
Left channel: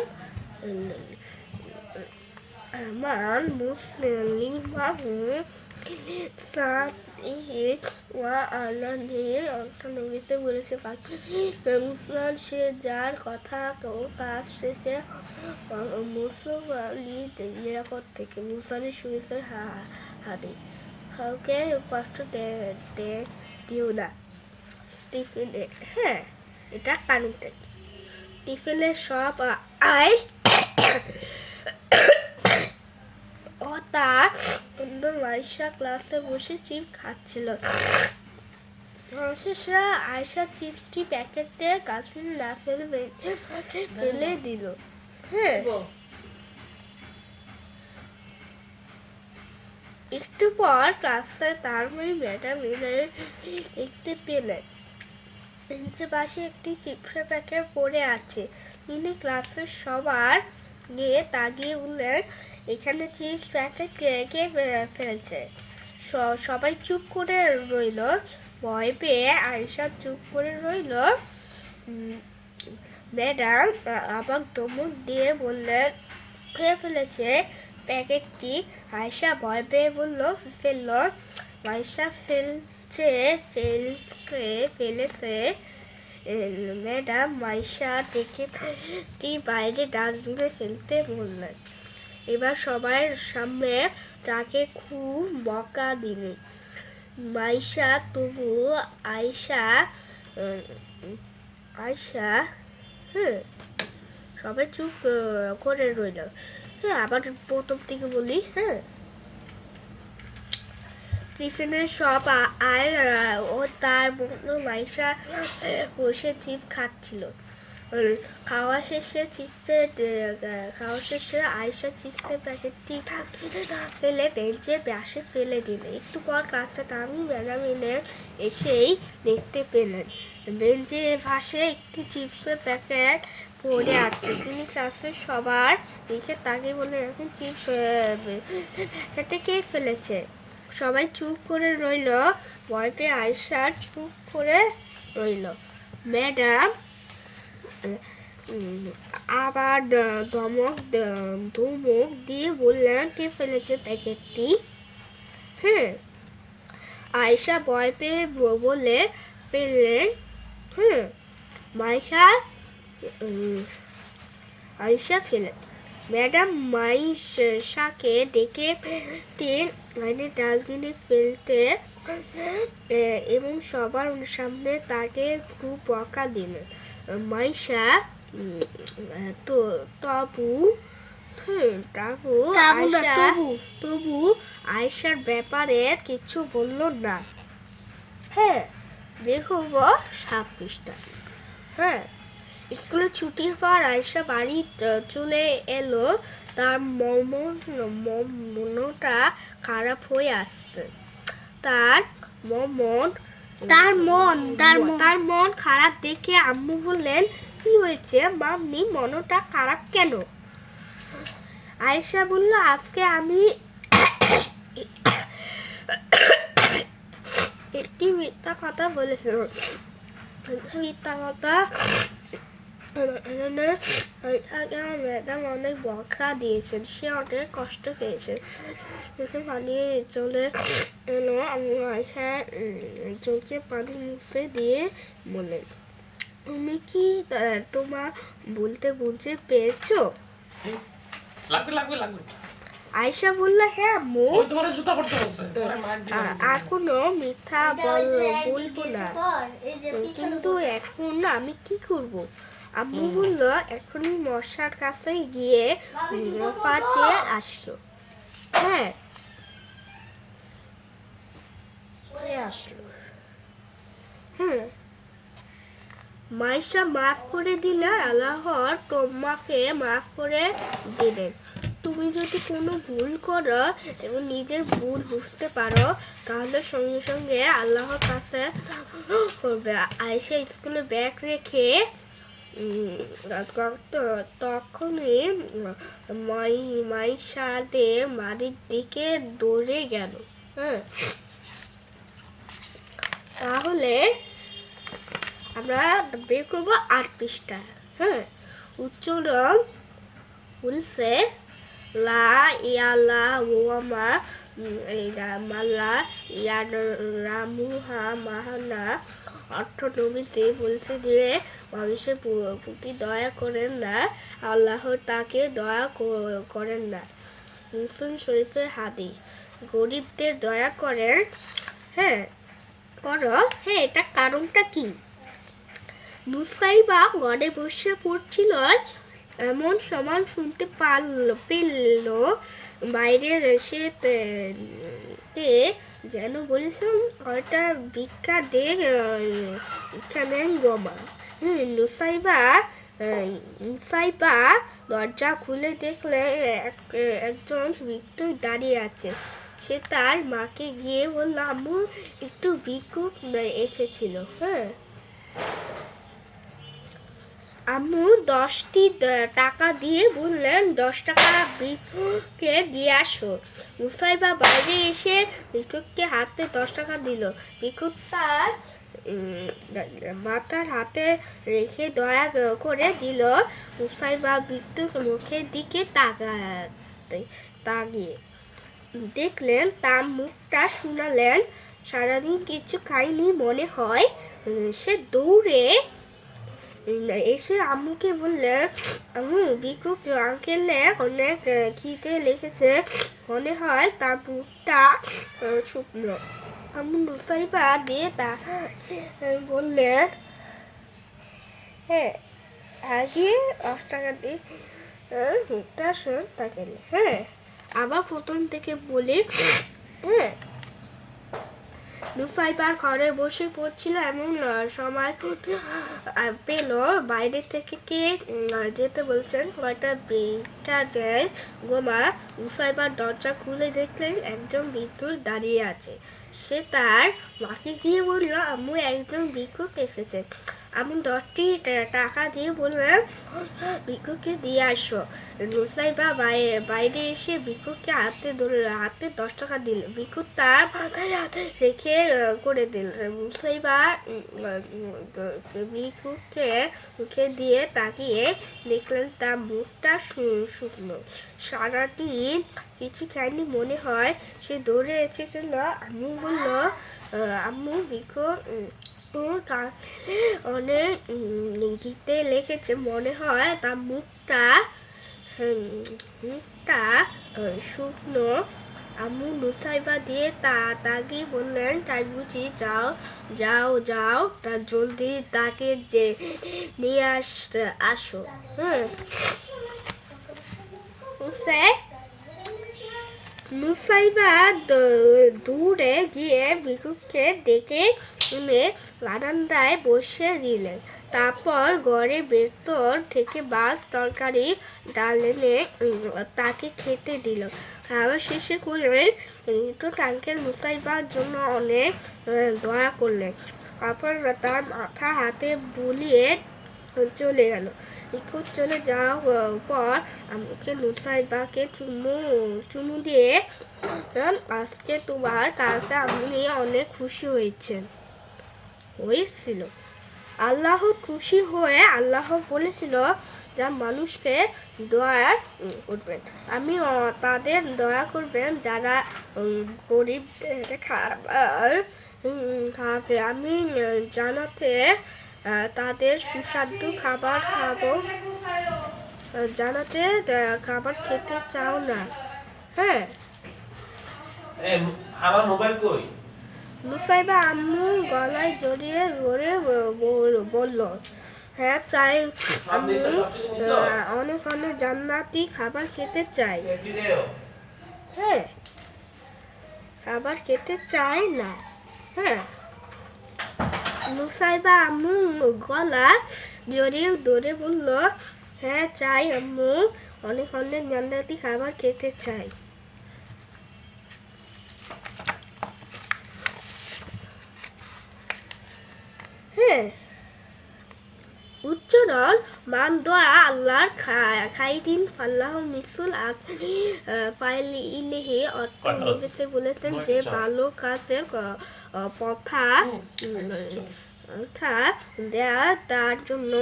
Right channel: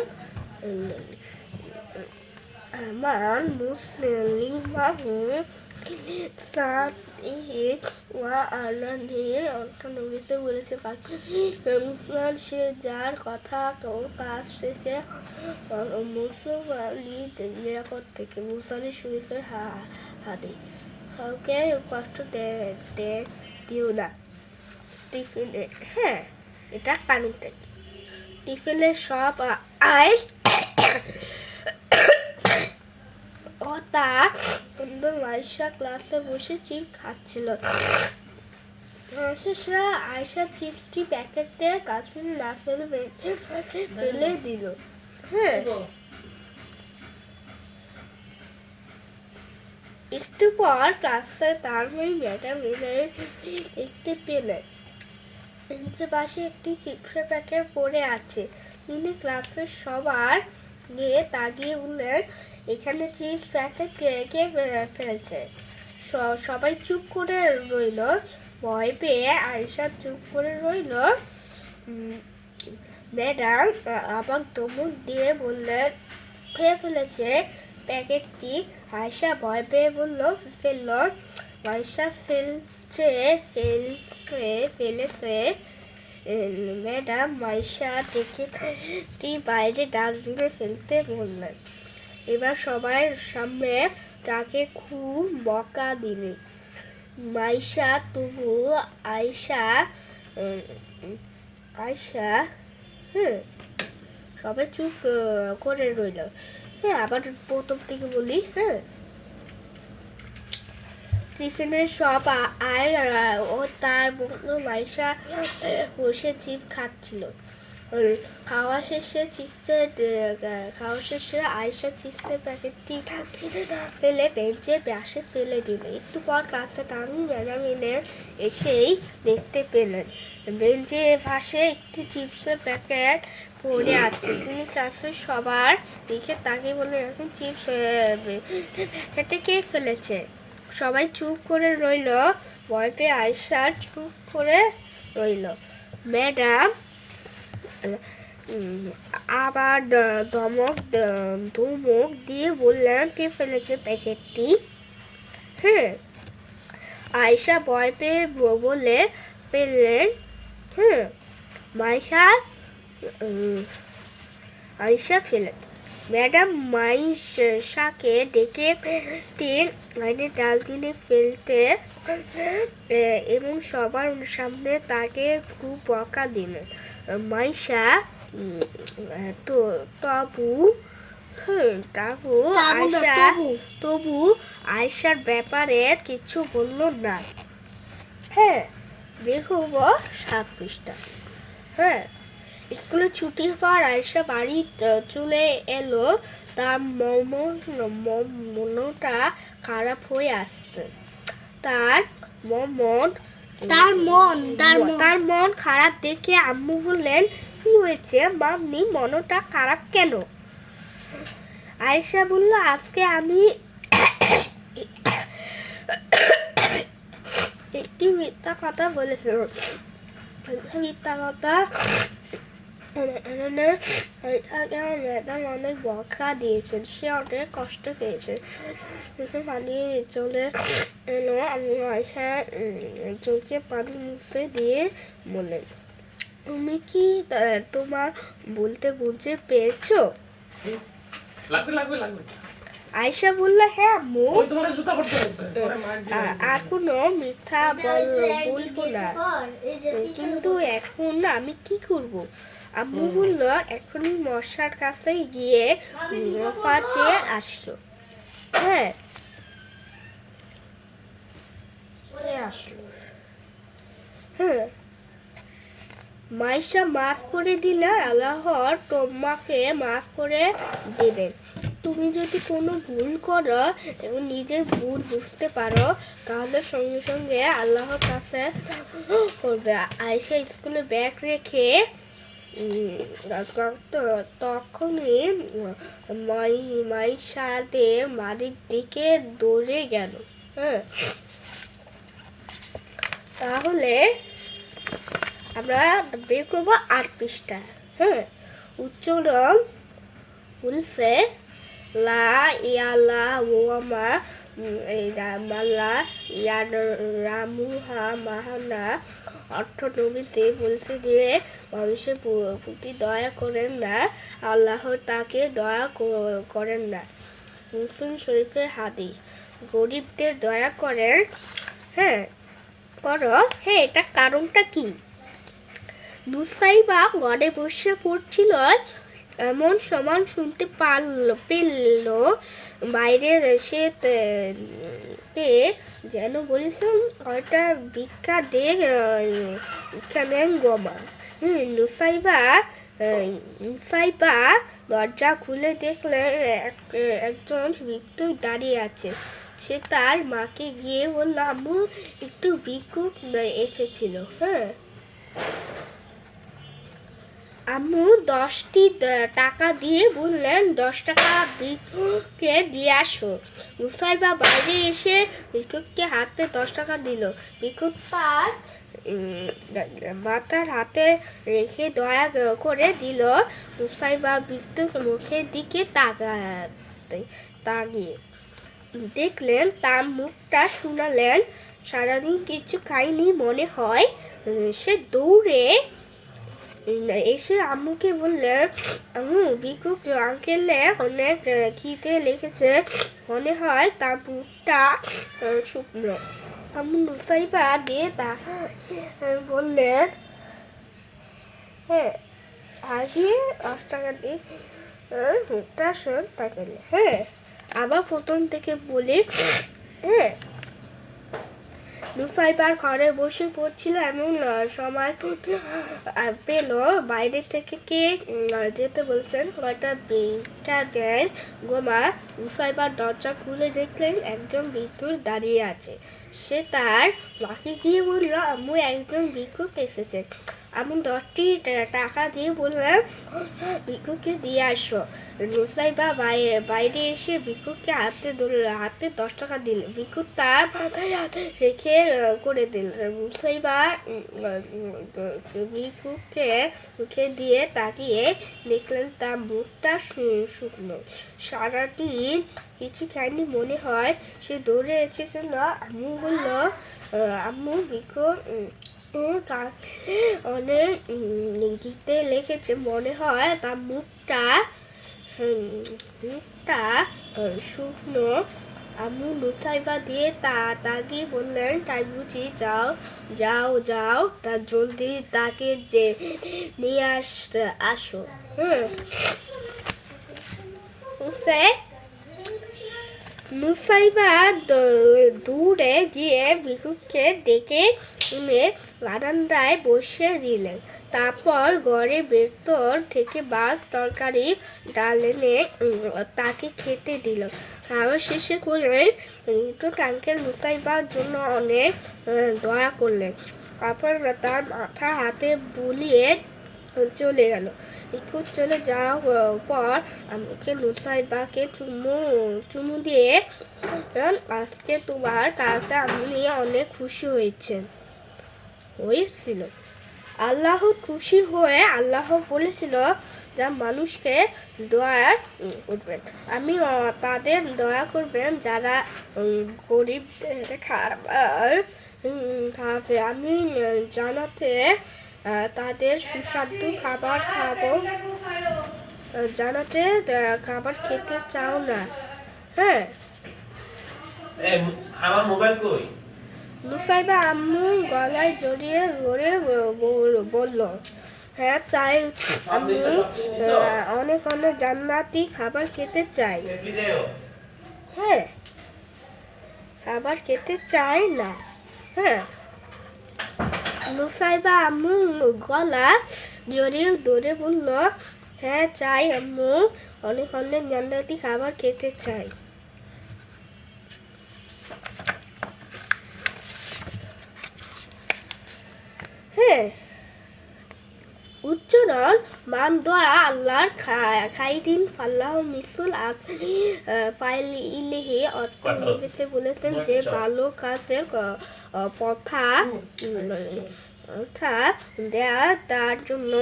মান মুসলিমাহু বলেছে মুসলমান সে যার কথা তো কাজ শেষে মুসলমানের নিরাপদ থেকে মুসলিম শরীফের হাতে কাউকে কষ্ট দিও না টিফিনে। হ্যাঁ, এটা কানুনটা। টিফিনের সব আইস ও তার আয়সা ক্লাসে বসে চিপ খাচ্ছিল। আয়সা চিপসটি প্যাকেটে কাশ্মীর না ফেলে ফেলে দিল। হ্যাঁ, একটু পর ক্লাসে তার ম্যাডাম দেখতে পেলেন বেঞ্চের পাশে একটি চিপসের প্যাকেট পড়ে আছে। তিনি ক্লাসের সবার গিয়ে তাকিয়ে উঠলেন, এখানে চিপস প্যাকেট কে ফেলেছে? সবাই চুপ করে রইল। ভয় পেয়ে আয়সা চুপ করে রইল। ম্যাডাম আবার ধমক দিয়ে বললেন, কে ফেলেছে প্যাকেটটি? আয়সা ভয় পেয়ে বলল, ফেললো। আয়সা ফেলেছে। ম্যাডাম মাইশা ডেকে বাইরে ডাস্টবিনে ফেলতে বললেন। এবার সবার সামনে তাকে খুব বকা দিলেন। মাইশা তবু আয়সা সবাই চুপ করে রইল। হ্যাঁ, আবার প্রথম থেকে বলি। হ্যাঁ, টিফিনের সব ও তার বন্ধু মাইশা বসে চিপ খাচ্ছিল। খাওয়া শেষে আয়সা চিপসের প্যাকেটটি ফেলে বেঞ্চের পাশে ফেলে দিল। একটু পর ক্লাসে তামি ম্যাডাম এসেই দেখতে পেলেন বেঞ্চের পাশে একটি চিপসের প্যাকেট পড়ে আছে। তিনি ক্লাসের সবার দিকে তাকিয়ে বললেন, এখন চিপস প্যাকেটে কে ফেলেছে? সবাই চুপ করে রইল। ভয় পেয়ে আয়সা চুপ করে রইল। ম্যাডাম আবার ধমক দিয়ে বললেন, কে ফেলেছে প্যাকেটটি? হ্যাঁ, আয়সা ভয় পেয়ে বলে ফেললেন। হ্যাঁ, আয়সা ফেলেছে। ম্যাডাম মাইশাকে ডেকে ডাস্টবিনে ফেলতে এবং সবার সামনে তাকে খুব বকা দিলেন। মাইশা তবু আয়সার ব্যাপারে কিছু বলল না। হ্যাঁ, দেখব 7 পৃষ্ঠা। হ্যাঁ, স্কুলে ছুটির পর আয়সা বাড়ি চলে এলো। তার মনটা খারাপ হয়ে আসছে। তার মন খারাপ দেখে আম্মু বললেন, কি হয়েছে মাম্মি, মনটা খারাপ কেন? আয়সা বলল, আজকে আমি একটি মিথ্যা কথা বলেছিলাম। মিথ্যা কথা ম্যাডাম অনেক বকা দিয়েছেন, সে অনেক কষ্ট পেয়েছে। পালিয়ে চলে এলো। আমি আয়সা চোখে পানি মুছে দিয়ে বললেন, তুমি কি তোমার বলতে বুঝে পেয়েছো? আয়সা বলল, হ্যাঁ আম্মু, আর কোনো মিথ্যা বলবো না। কিন্তু এখন আমি কি করব? আম্মু বলল, এখনই মশার কাছে গিয়ে চেয়ে আসলো। হ্যাঁ, হ্যাঁ, মাইশা মাফ করে দিলে আল্লাহর তোমাকে মাফ করে দিলেন। তুমি যদি কোনো ভুল করো এবং নিজের ভুল বুঝতে পারো তাহলে সঙ্গে সঙ্গে আল্লাহর কাছে করবে। আয়সা স্কুলে ব্যাগ রেখে তখনই মাইশাদের বাড়ির দিকে দৌড়ে গেল। হ্যাঁ, তাহলে আমরা বের করবো 8 পৃষ্ঠা। হ্যাঁ, উচ্চারণ বলছে লা ইয়ালা ওয়ামা রামালা রামুহা মাহানা। অর্থ নবীজি বলছে যে মানুষের প্রতি দয়া করেন না, আল্লাহ তাকে দয়া করেন না। মুসলিম শরীফের হাদিস। গরিবদের দয়া করেন, হ্যাঁ করো। হ্যাঁ, এটা কারণটা কি? নুসাইবা ঘরে বসে পড়ছিল, এমন সমান শুনতে পেল বাইরে এসে পেয়ে যেন বলেছিলাম ওটা ভিক্ষা দে এখানে গোমা। নুসাইবা দরজা খুলে দেখলেন একজন ভিক্ষুক দাঁড়িয়ে আছে। সে তার মাকে গিয়ে বলল, আম্মু একটু ভিক্ষুক এসেছিল। হ্যাঁ, আম্মু 10টি টাকা দিয়ে বললেন 10 টাকা ভিক্ষুককে দিয়ে আসো। মুসাইবা বাইরে এসে ভিক্ষুককে হাতে 10 টাকা দিল। ভিক্ষুক তার মাথার হাতে রেখে দয়া করে দিল। মুসাইবা ভিক্ষুক মুখের দিকে তাকিয়ে দেখলেন তার মুখটা শুনালেন সারাদিন কিছু খাইনি মনে হয়। সে দৌড়ে এসে আম্মুকে বললেন, আম্মু ভিক্ষুক আঙ্কেলে অনেক খিদে লেগেছে মনে হয়, তার মুখটা শুকনো। আম্মু নুসাইবা দিয়ে তা বললেন, হ্যাঁ আগে 10 টাকা দিয়ে মুখটা শোন তাকে। হ্যাঁ, আবার প্রথম থেকে বলি। হ্যাঁ, নুসাইবার ঘরে বসে পড়ছিল, এমন সময় পেল বাইরে থেকে কে যেতে বলছেন, কয়টা ভিক্ষা দেয় গোমা। নুসাইবার দরজা খুলে দেখলেন একজন ভিক্ষুক দাঁড়িয়ে আছে। সে তার মাকে গিয়ে বলল, আম্মু একজন ভিক্ষুক এসেছে। আমি 10টি টাকা দিয়ে বললাম ভিক্ষুককে দিয়ে আসো। নুসাইবা বাইরে এসে ভিক্ষুককে হাতে 10 টাকা দিল। ভিক্ষুক তার মাথায় হাতে রেখে করে দিল। নুসাইবা ভিক্ষুককে মুখে দিয়ে তাকিয়ে দেখলেন তার মুখটা শুকনো। সারাদিন কিছু খায়নি মনে হয়। সে দৌড়ে এসেছিল। আম্মু বলল, আম্মু ভিক্ষুক অনেক গীতে লিখেছে মনে হয়, তার মুখটা শুকনো। আম্মু নুসাইবা দিয়ে তাকিয়ে বললেন, তাই বুঝি, যাও যাও যাও তা জলদি তাকে যে নিয়ে আসো। নুসাইবা দূরে গিয়ে ভিক্ষুককে ডেকে এনে বারান্দায় বসে দিলেন। তারপর ঘরের ভেতর থেকে ভাত তরকারি ডাল এনে তাকে খেতে দিল। খাওয়া শেষে করলেন আঙ্কেল নুসাইবার জন্য অনেক দয়া করলেন। তারপর তার মাথা হাতে বুলিয়ে চলে গেল। ভিক্ষুক চলে যাওয়ার পর আমাকে নুসাইবাকে চুমু দিয়ে, আজকে তোমার কাছে আপনি অনেক খুশি হয়েছিল। আল্লাহ খুশি হয়ে আল্লাহ বলেছিল যা মানুষকে দয়া করবেন, আমি তাদের দয়া করবেন যারা গরিবদের খাবার খাবে। আমি জানাতে তাদের সুস্বাদু খাবার খাবো, জানাতে খাবার খেতে চাও না। হ্যাঁ, আমার মোবাইল কই? নুসাইবা আম্মু গলায় জড়িয়ে ধরে বলল, হ্যাঁ চাই আম্মু, অনেক অনেক জান্নাতি খাবার খেতে চাই। হ্যাঁ, খাবার খেতে চাই না। হ্যাঁ, নুসাইবা আম্মু গলা জড়িয়ে ধরে বলল, হ্যাঁ চাই আম্মু, অনেক অনেক জান্নাতি খাবার খেতে চাই। হ্যাঁ, উচ্চারণ মান দোয়া আল্লাহর খাইরিন ফাল্লাহ মিসুল আতনি ফাইলিহি অর্থ নবীজি বলেছেন যে ভালো কাজের কথা দেয়া তার জন্য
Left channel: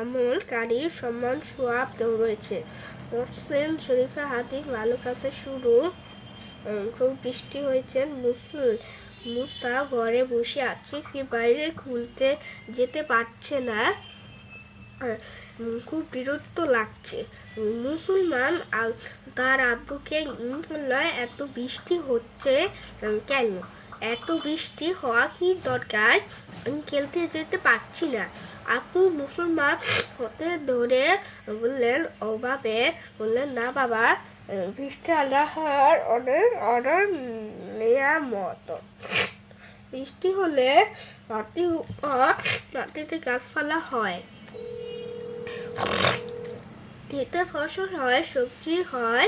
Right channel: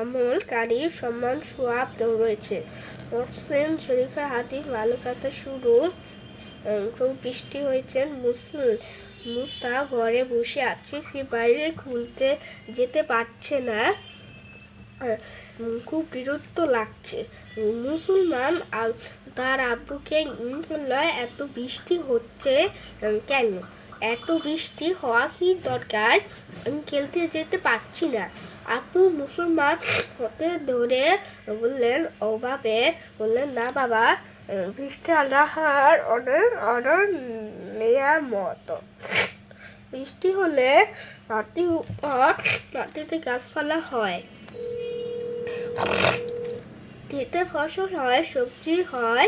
আমলকারীর সম্মান সোয়াব রয়েছে। মুসলিম শরীফে হাদিস ভালো কাজের শুরু। খুব বৃষ্টি হয়েছে, মুসা ঘরে বসে আছে, সে বাইরে খুলতে যেতে পারছে না, খুব বিরক্ত লাগছে। মুসলমান তার আব্বুকে বলল, এত বৃষ্টি হচ্ছে কেন? এত বৃষ্টি হওয়া কি দরকার? আমি খেলতে যেতে পারছি না। আপু মুসলমান হতে ধরে বললেন, ওভাবে বললেন না বাবা, বৃষ্টি আল্লাহর অর্ডার নিয়ামত। বৃষ্টি হলে মাটিতে গাছপালা হয়, এতে ফসল হয়, সবজি হয়,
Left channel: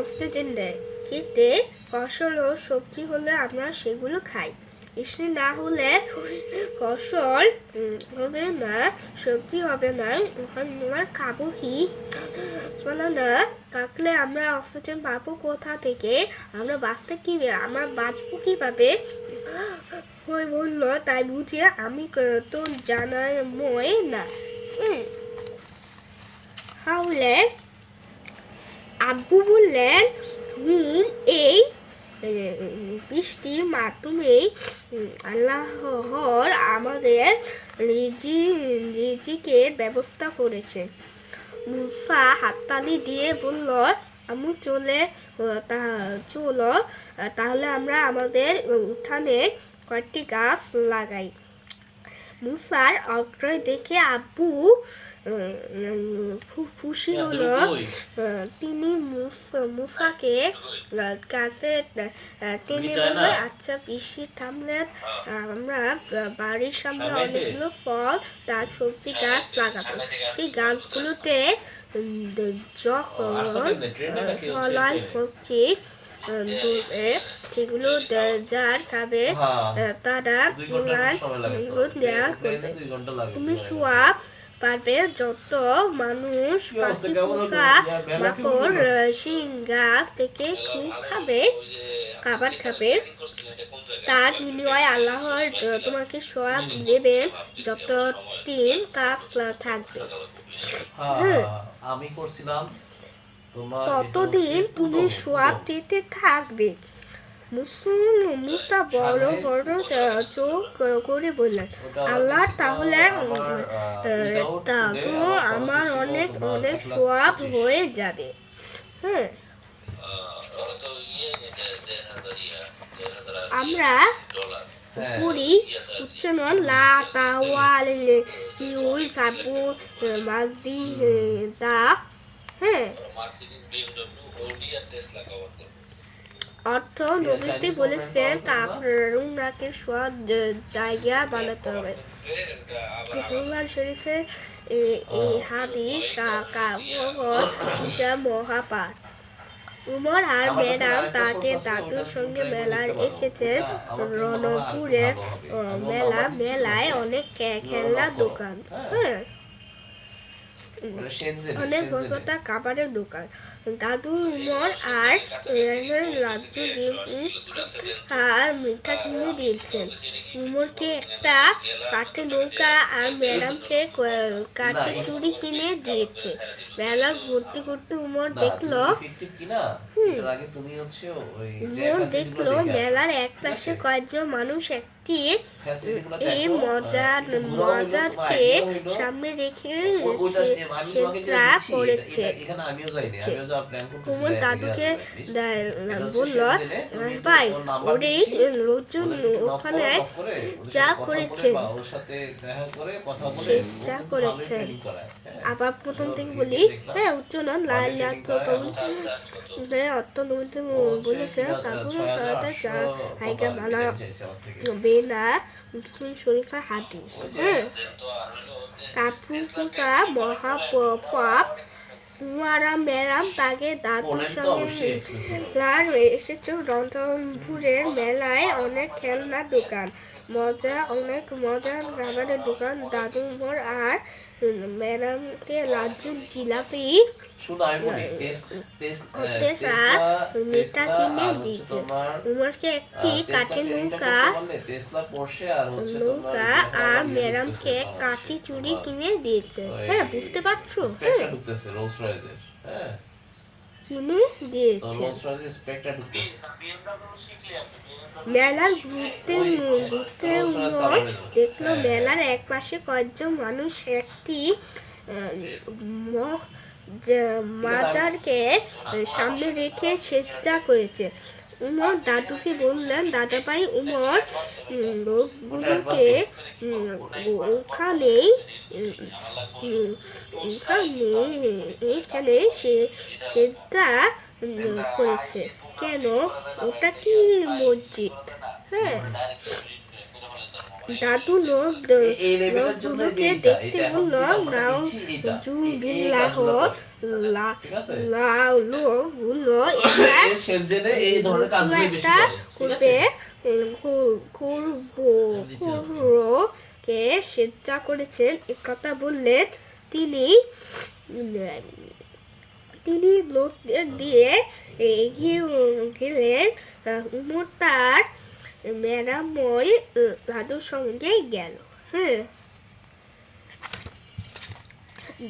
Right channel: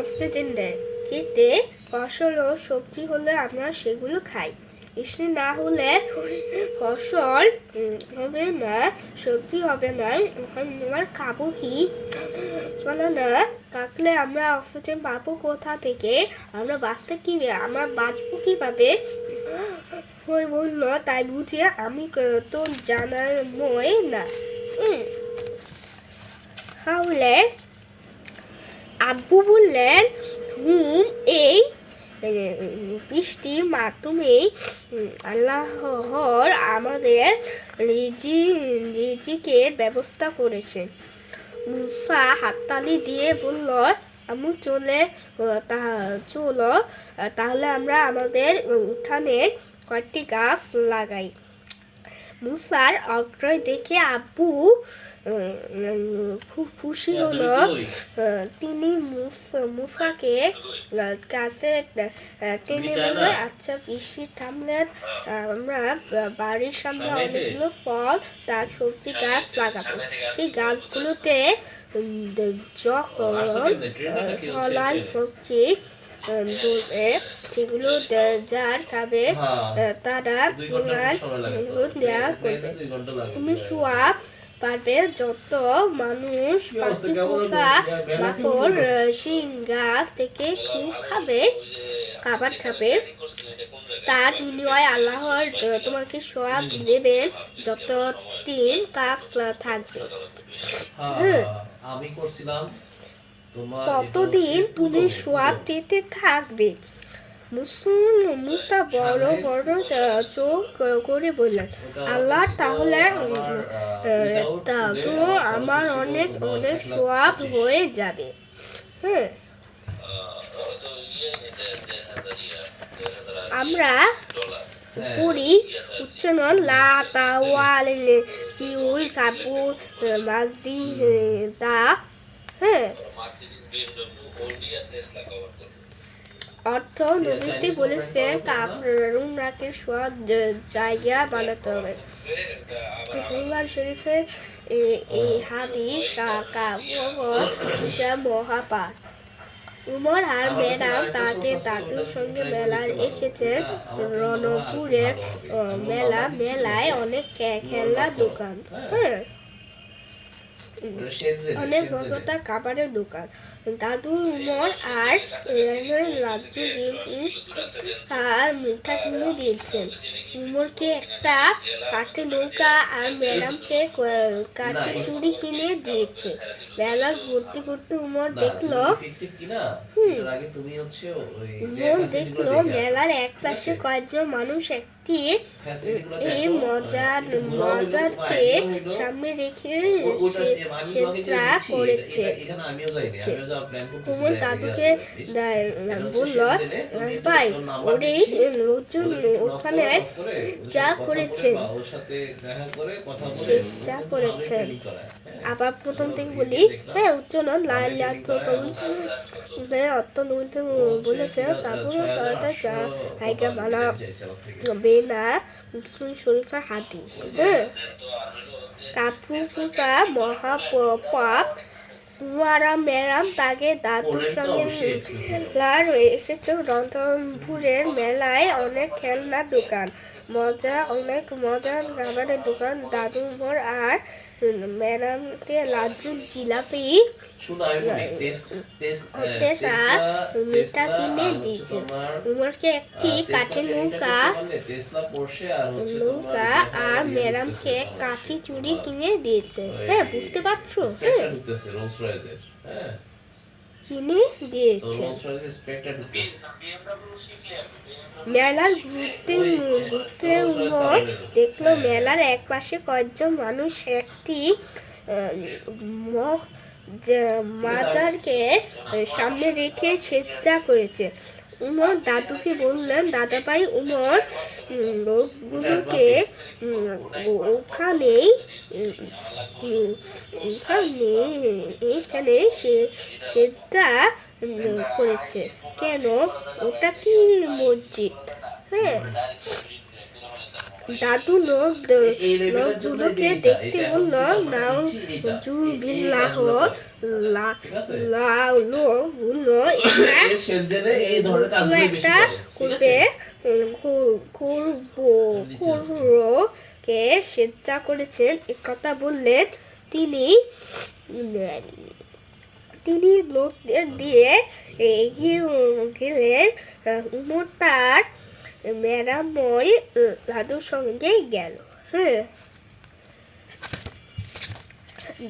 অক্সিজেন দেয়। এতে ফসল ও সবজি হলে আমরা সেগুলো খাই। বৃষ্টি না হলে ফসল হবে না, সবজি হবে না, আমরা খাবো কি? না থাকলে আমরা অক্সিজেন পাবো কোথা থেকে? আমরা বাঁচতে আমরা বাঁচবো কিভাবে? ওই বলল, তাই বুঝে আমি তো জানার মই না। তাহলে আব্বু বললেন, এই বৃষ্টির মাধ্যমেই আল্লাহর আমাদের রিজিকের ব্যবস্থা করেছে। মুসা হাততালি দিয়ে বলল, আমি চলো, তাহলে আমরা আমাদের উঠানে কয়েকটি গাছ লাগাই। মুসার আগ্রহ দেখে আব্বু খুব খুশি হলো। তিনি মুসাকে কাছে টেনে বলল, আচ্ছা বৃষ্টি থামলে আমরা বাড়ির সামনে অনেকগুলো ফল তার সবজি গাছ লাগাবো। সেই গাছগুলোতে যখন ফলার সবজি সেগুলো যার খাবে তারা দেওয়া করবে। তুমি সোয়াব পাবে। যত মানুষ পাখি পোকা মাকড় সেই গাছ থেকে খাবার খাবে, তার বিনিময়ে আল্লাহর তোমাকে সোয়াব দেবেন যতদিন কাজ থাকবে। আমি করছিলাম, ততদিন তুমি সোয়াব দিতে থাকবে। মুসা বড় বড় চোখ করে বললেন, আল্লাহ, তাহলে তো আমার অনেক অনেক সোয়াব হয়ে যাবে। আমরা করি উচ্চারণ লা তাওয়াল কিউল কাবু মাজি দা। অর্থ নবীজি বলেছেন কামরাকে সোয়াব জায়গা বানাতে হবে। বুখারী শরীফে এই হাদিস যা মহাপাঠ। উমর আর ম্যাডাম তাদের দাদুর সঙ্গে মেলায় এসেছেন। রণপুরের মেলায় অনেক খেলনার দোকান, অনেক বছরতার খাবারের দোকান। দাদু উমর আর লাড্ডু আর মিঠা কিনে দিয়েছেন। উমরকে একটা কাঠের নৌকা আর ম্যাডামকে কাঠের চুড়ি কিনে দিয়েছে। মেলা ঘুরতে ঘুরতে উমর দেখলো মেলার এক পাশে কয়েকজন মানুষ এই মজারকে সামনে রেখে করেছে। উমর দাদুকে বলল, ভাই, লোকজন ওখানে যা করেছেন আবার প্রথম থেকে বলি। উচ্চারণ অর্থ বলেছে না। মুসলিম শরীফা হাদিস। কাপুকা মহাপাপ। উমারা মেরাম তাকে দাদুর সঙ্গে এসেছে। রংপুরের মেলায় অনেক খেলনার দোকান। অনেক মজার খাবারের দোকান দাদু মোর আর ম্যাডামকে লাজুক জিলাপি শুনো আমি বলি টেসা মিঠা কিনে দিয়েছে উমরকে একটি কাঠের নৌকা আর ম্যাডামকে কাঠি চুড়ি কিনে দিয়েছে। হ্যাঁ, বুঝতে পারছো? স্পেকটা ঢুকতেছে রোলস রয়েসের। হ্যাঁ, কিনে দিয়েছে। রোলস রয়েসের স্পেকটা ঢুকতেছে। মেলার ঘুরতে উমর দেখলো মেলার একপাশে কয়েকজন মানুষ একটি মাজারকে সামনে রেখে সেজদা করেছে। উমর দাদুকে বললেন, দাদা ভাই উমর লোকগুলোকে এখানে সেজদা করেছে কেন? ওটা কি মসজিদ? হ্যাঁ, দাদু লোকগুলোকে দেখতে বলল, নাউজুবিল্লাহ, লোকগুলো একটা কে সেজদা করেছেন একথা বললেন। তিনি লোকদের দিয়ে এগিয়ে গেলেন। উমর তার ম্যাডাময় দাদুর সঙ্গে গেল। হ্যাঁ,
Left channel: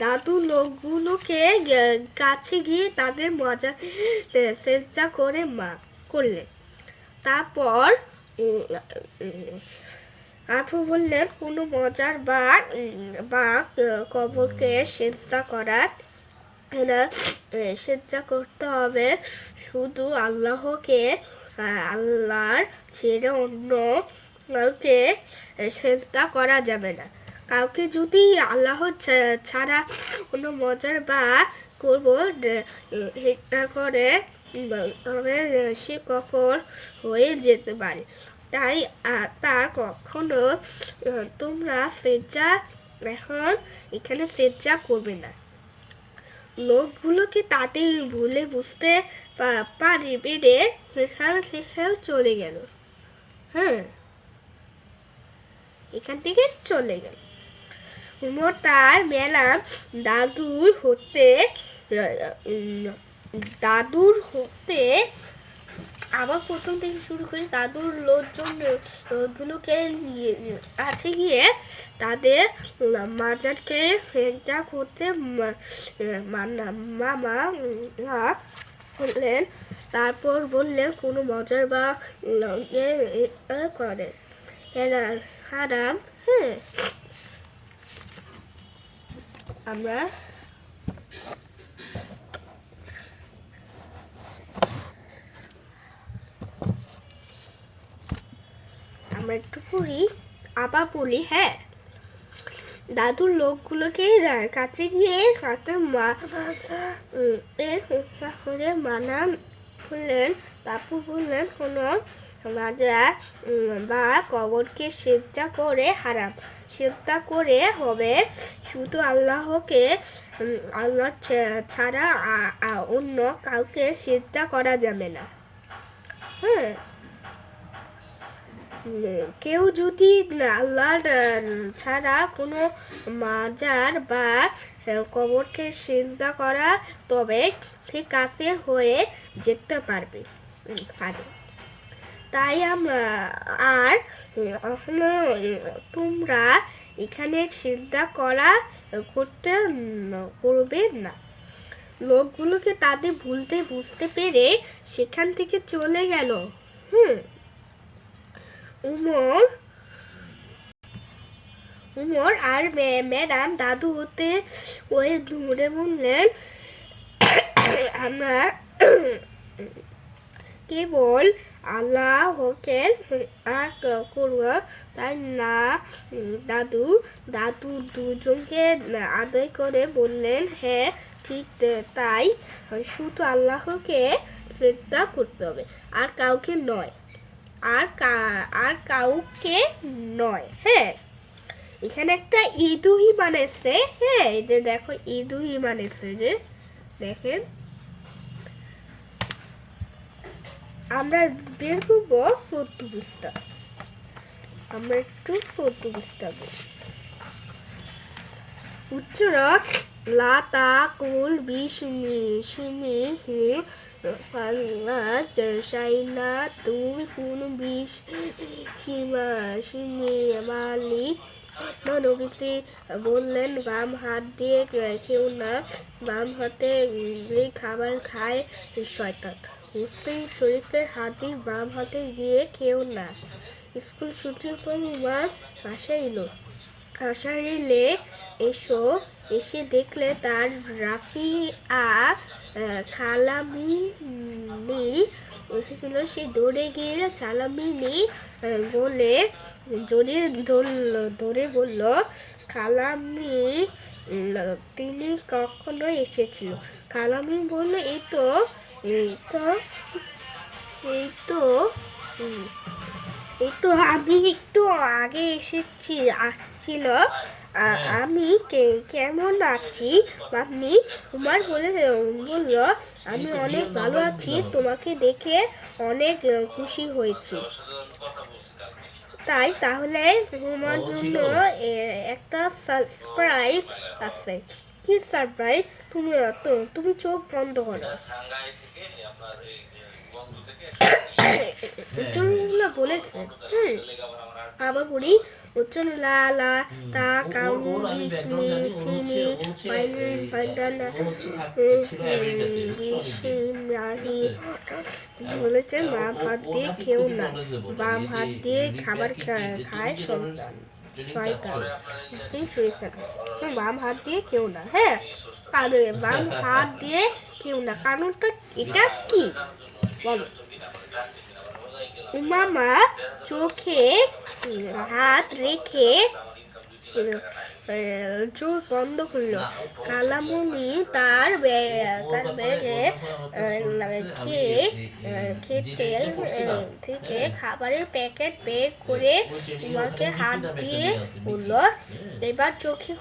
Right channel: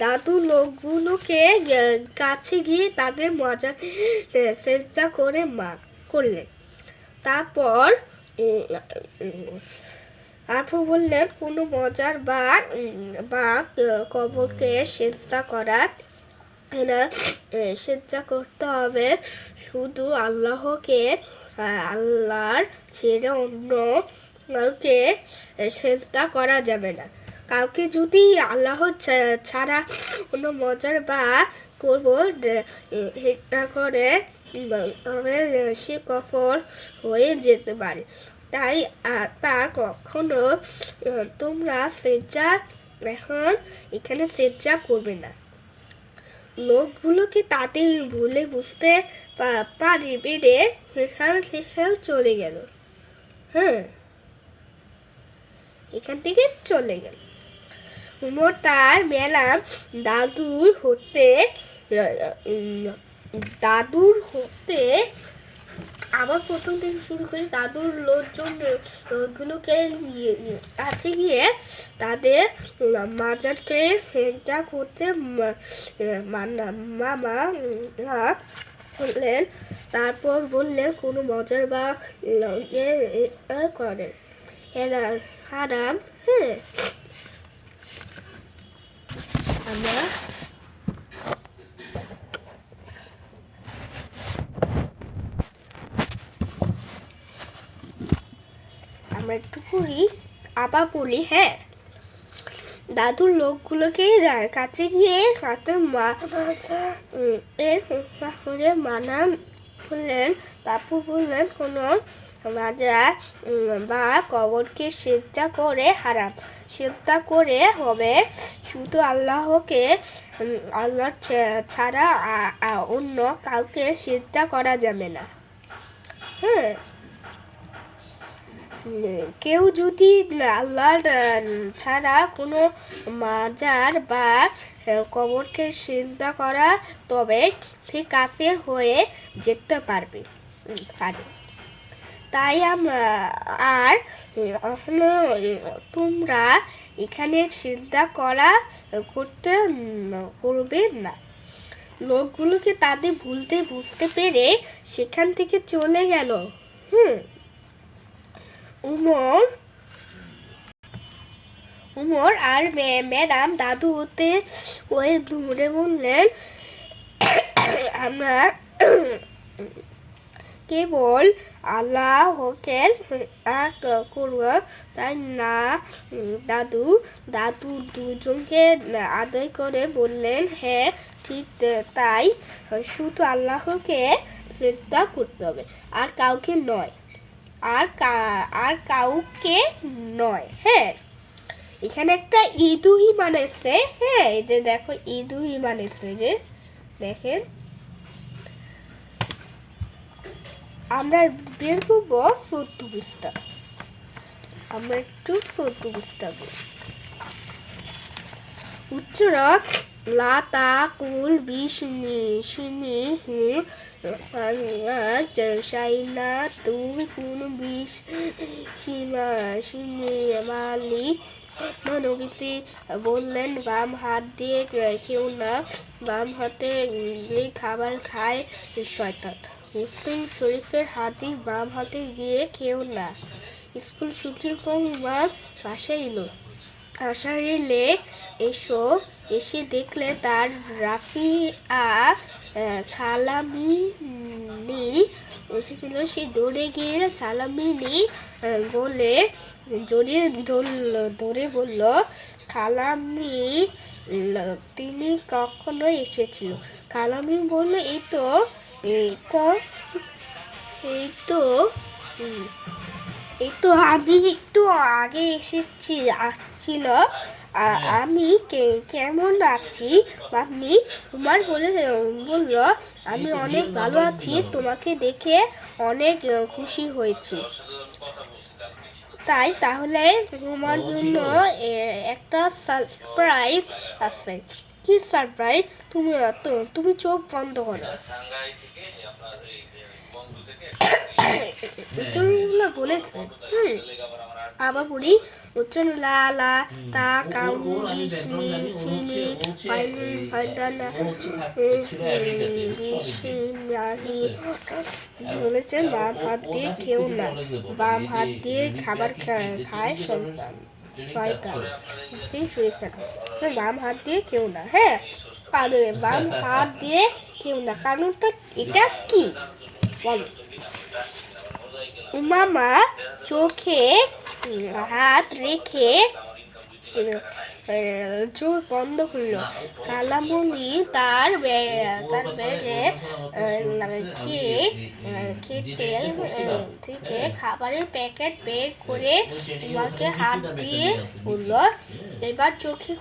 দাদু লোকগুলোকে কাছে গিয়ে তাদের মজা সেজদা করে করলেন। তারপর বললেন, কোনো মজার বা কবরকে সেজদা করা না, সেজদা করতে হবে শুধু আল্লাহকে। আল্লাহর ছেড়ে অন্য কাউকে সেজদা করা যাবে না। কাউকে যদি আল্লাহ ছাড়া কোনো মজার বা কবর করে তবে সে কফর হয়ে যেতে পারে। তাই তার কখনো তোমরা এখানে সেজদা করবে না। লোকগুলোকে তাতে ভুলে বুঝতে পারি বেড়ে সেখানে চলে গেল। হ্যাঁ, এখান থেকে চলে গেল। উমর তার ম্যাডাম দাদুর হতে আবার প্রথম থেকে শুরু করে দাদুর লোকগুলোকে কাছে গিয়ে তাদের মাজারকে সেজদা করতে মামা বললেন। তারপর বললেন, কোনো মজার বা করে এরা হারাম। হ্যাঁ, আমরা একটু আবার বলি। হ্যাঁ, দাদুর লোকগুলোকে কাছে গিয়ে মানা করলেন। বাপু বললেন, কোনো মাজার বা কবরকে সেজদা করে হারাম। সেজদা করে হবে শুধু আল্লাহকে। আল্লাহ ছাড়া অন্য কাউকে সেজদা করা যাবে না। হ্যাঁ, কেউ যদি আল্লাহ ছাড়া কোনো মাজার বা কবরকে সিজদা করা তবে ঠিক কাফের হয়ে যেতে পারে। তাই আর তোমরা এখানে সিজদা করবে না। লোকগুলোকে তাদের বুঝতে পেরে সেখান থেকে চলে গেল। উমর আর ম্যাডাম দাদু হতে ওই দূরে বললেন, আমরা কেবল আল্লাহকে করব তাই না। দাদু দুজনকে আদায় করে বললেন, হ্যাঁ ঠিক তাই, শুধু আল্লাহকে সিজদা করতে হবে, আর কাউকে নয়। হ্যাঁ, এখানে একটা ঈদুহিমান এসছে। হ্যাঁ, এই যে দেখো ঈদুহিমান এসছে, যে দেখেন আমরা বের করবো 14 পৃষ্ঠা। আমরা একটু সত্য বুঝতে হবে। উচ্চরা লাতা কুল বিষ্ণু সিমি হি সাইনা তুই কোন বিষ সীমা সিমি মালি নবীজি বললেন, বাম হাত দিয়ে খেও না, বাম হাতে খাবার খায় শয়তান। মুসলিম শরীফের হাদিস, বাম হাতে গিয়ে খেও না। স্কুল ছুটির পর উমার বাসায় এলো। বাসায় এলে এসে দেখলে তার রাফিয়া খালামিনী এসেছিল। সে দৌড়ে গিয়ে খালামিনী বলে জড়িয়ে ধরে বলল, খালামি তিনি কখনো এসেছিল? খালামি বলল, এই তো আমি একটু আগে আসছিল। আমি কেমন আছি আপনি? উমার বলল, আমি অনেক ভালো আছি, তোমাকে দেখে অনেক খুশি হয়েছি। তাহলে তোমার জন্য একটা সারপ্রাইজ আছে। কি সারপ্রাইজ? তুমি চোখ বন্ধ করো। উচ্চারণগুলো বলেছেন। আবার পড়ি। উচ্চারণ লালা তা কাউনি বিস্মি সিমি ফাইদানা বিসমিল্লাহি বলেছেন, বাম হাত দিয়ে খেও না, বাম হাত দিয়ে খাবার খায় শয়তান। বাম হাত দিয়ে খেও না। হ্যাঁ, বাম হাত দিয়ে খেও না, কারণটা এটা কি বলো? উমামা চোখে হাত রেখে চোখ বন্ধ করলো। খালামণি তার ব্যাগে খেতে থেকে খাবারের প্যাকেট বের করে উমাকে হাত দিয়ে বলল, এবার চোখে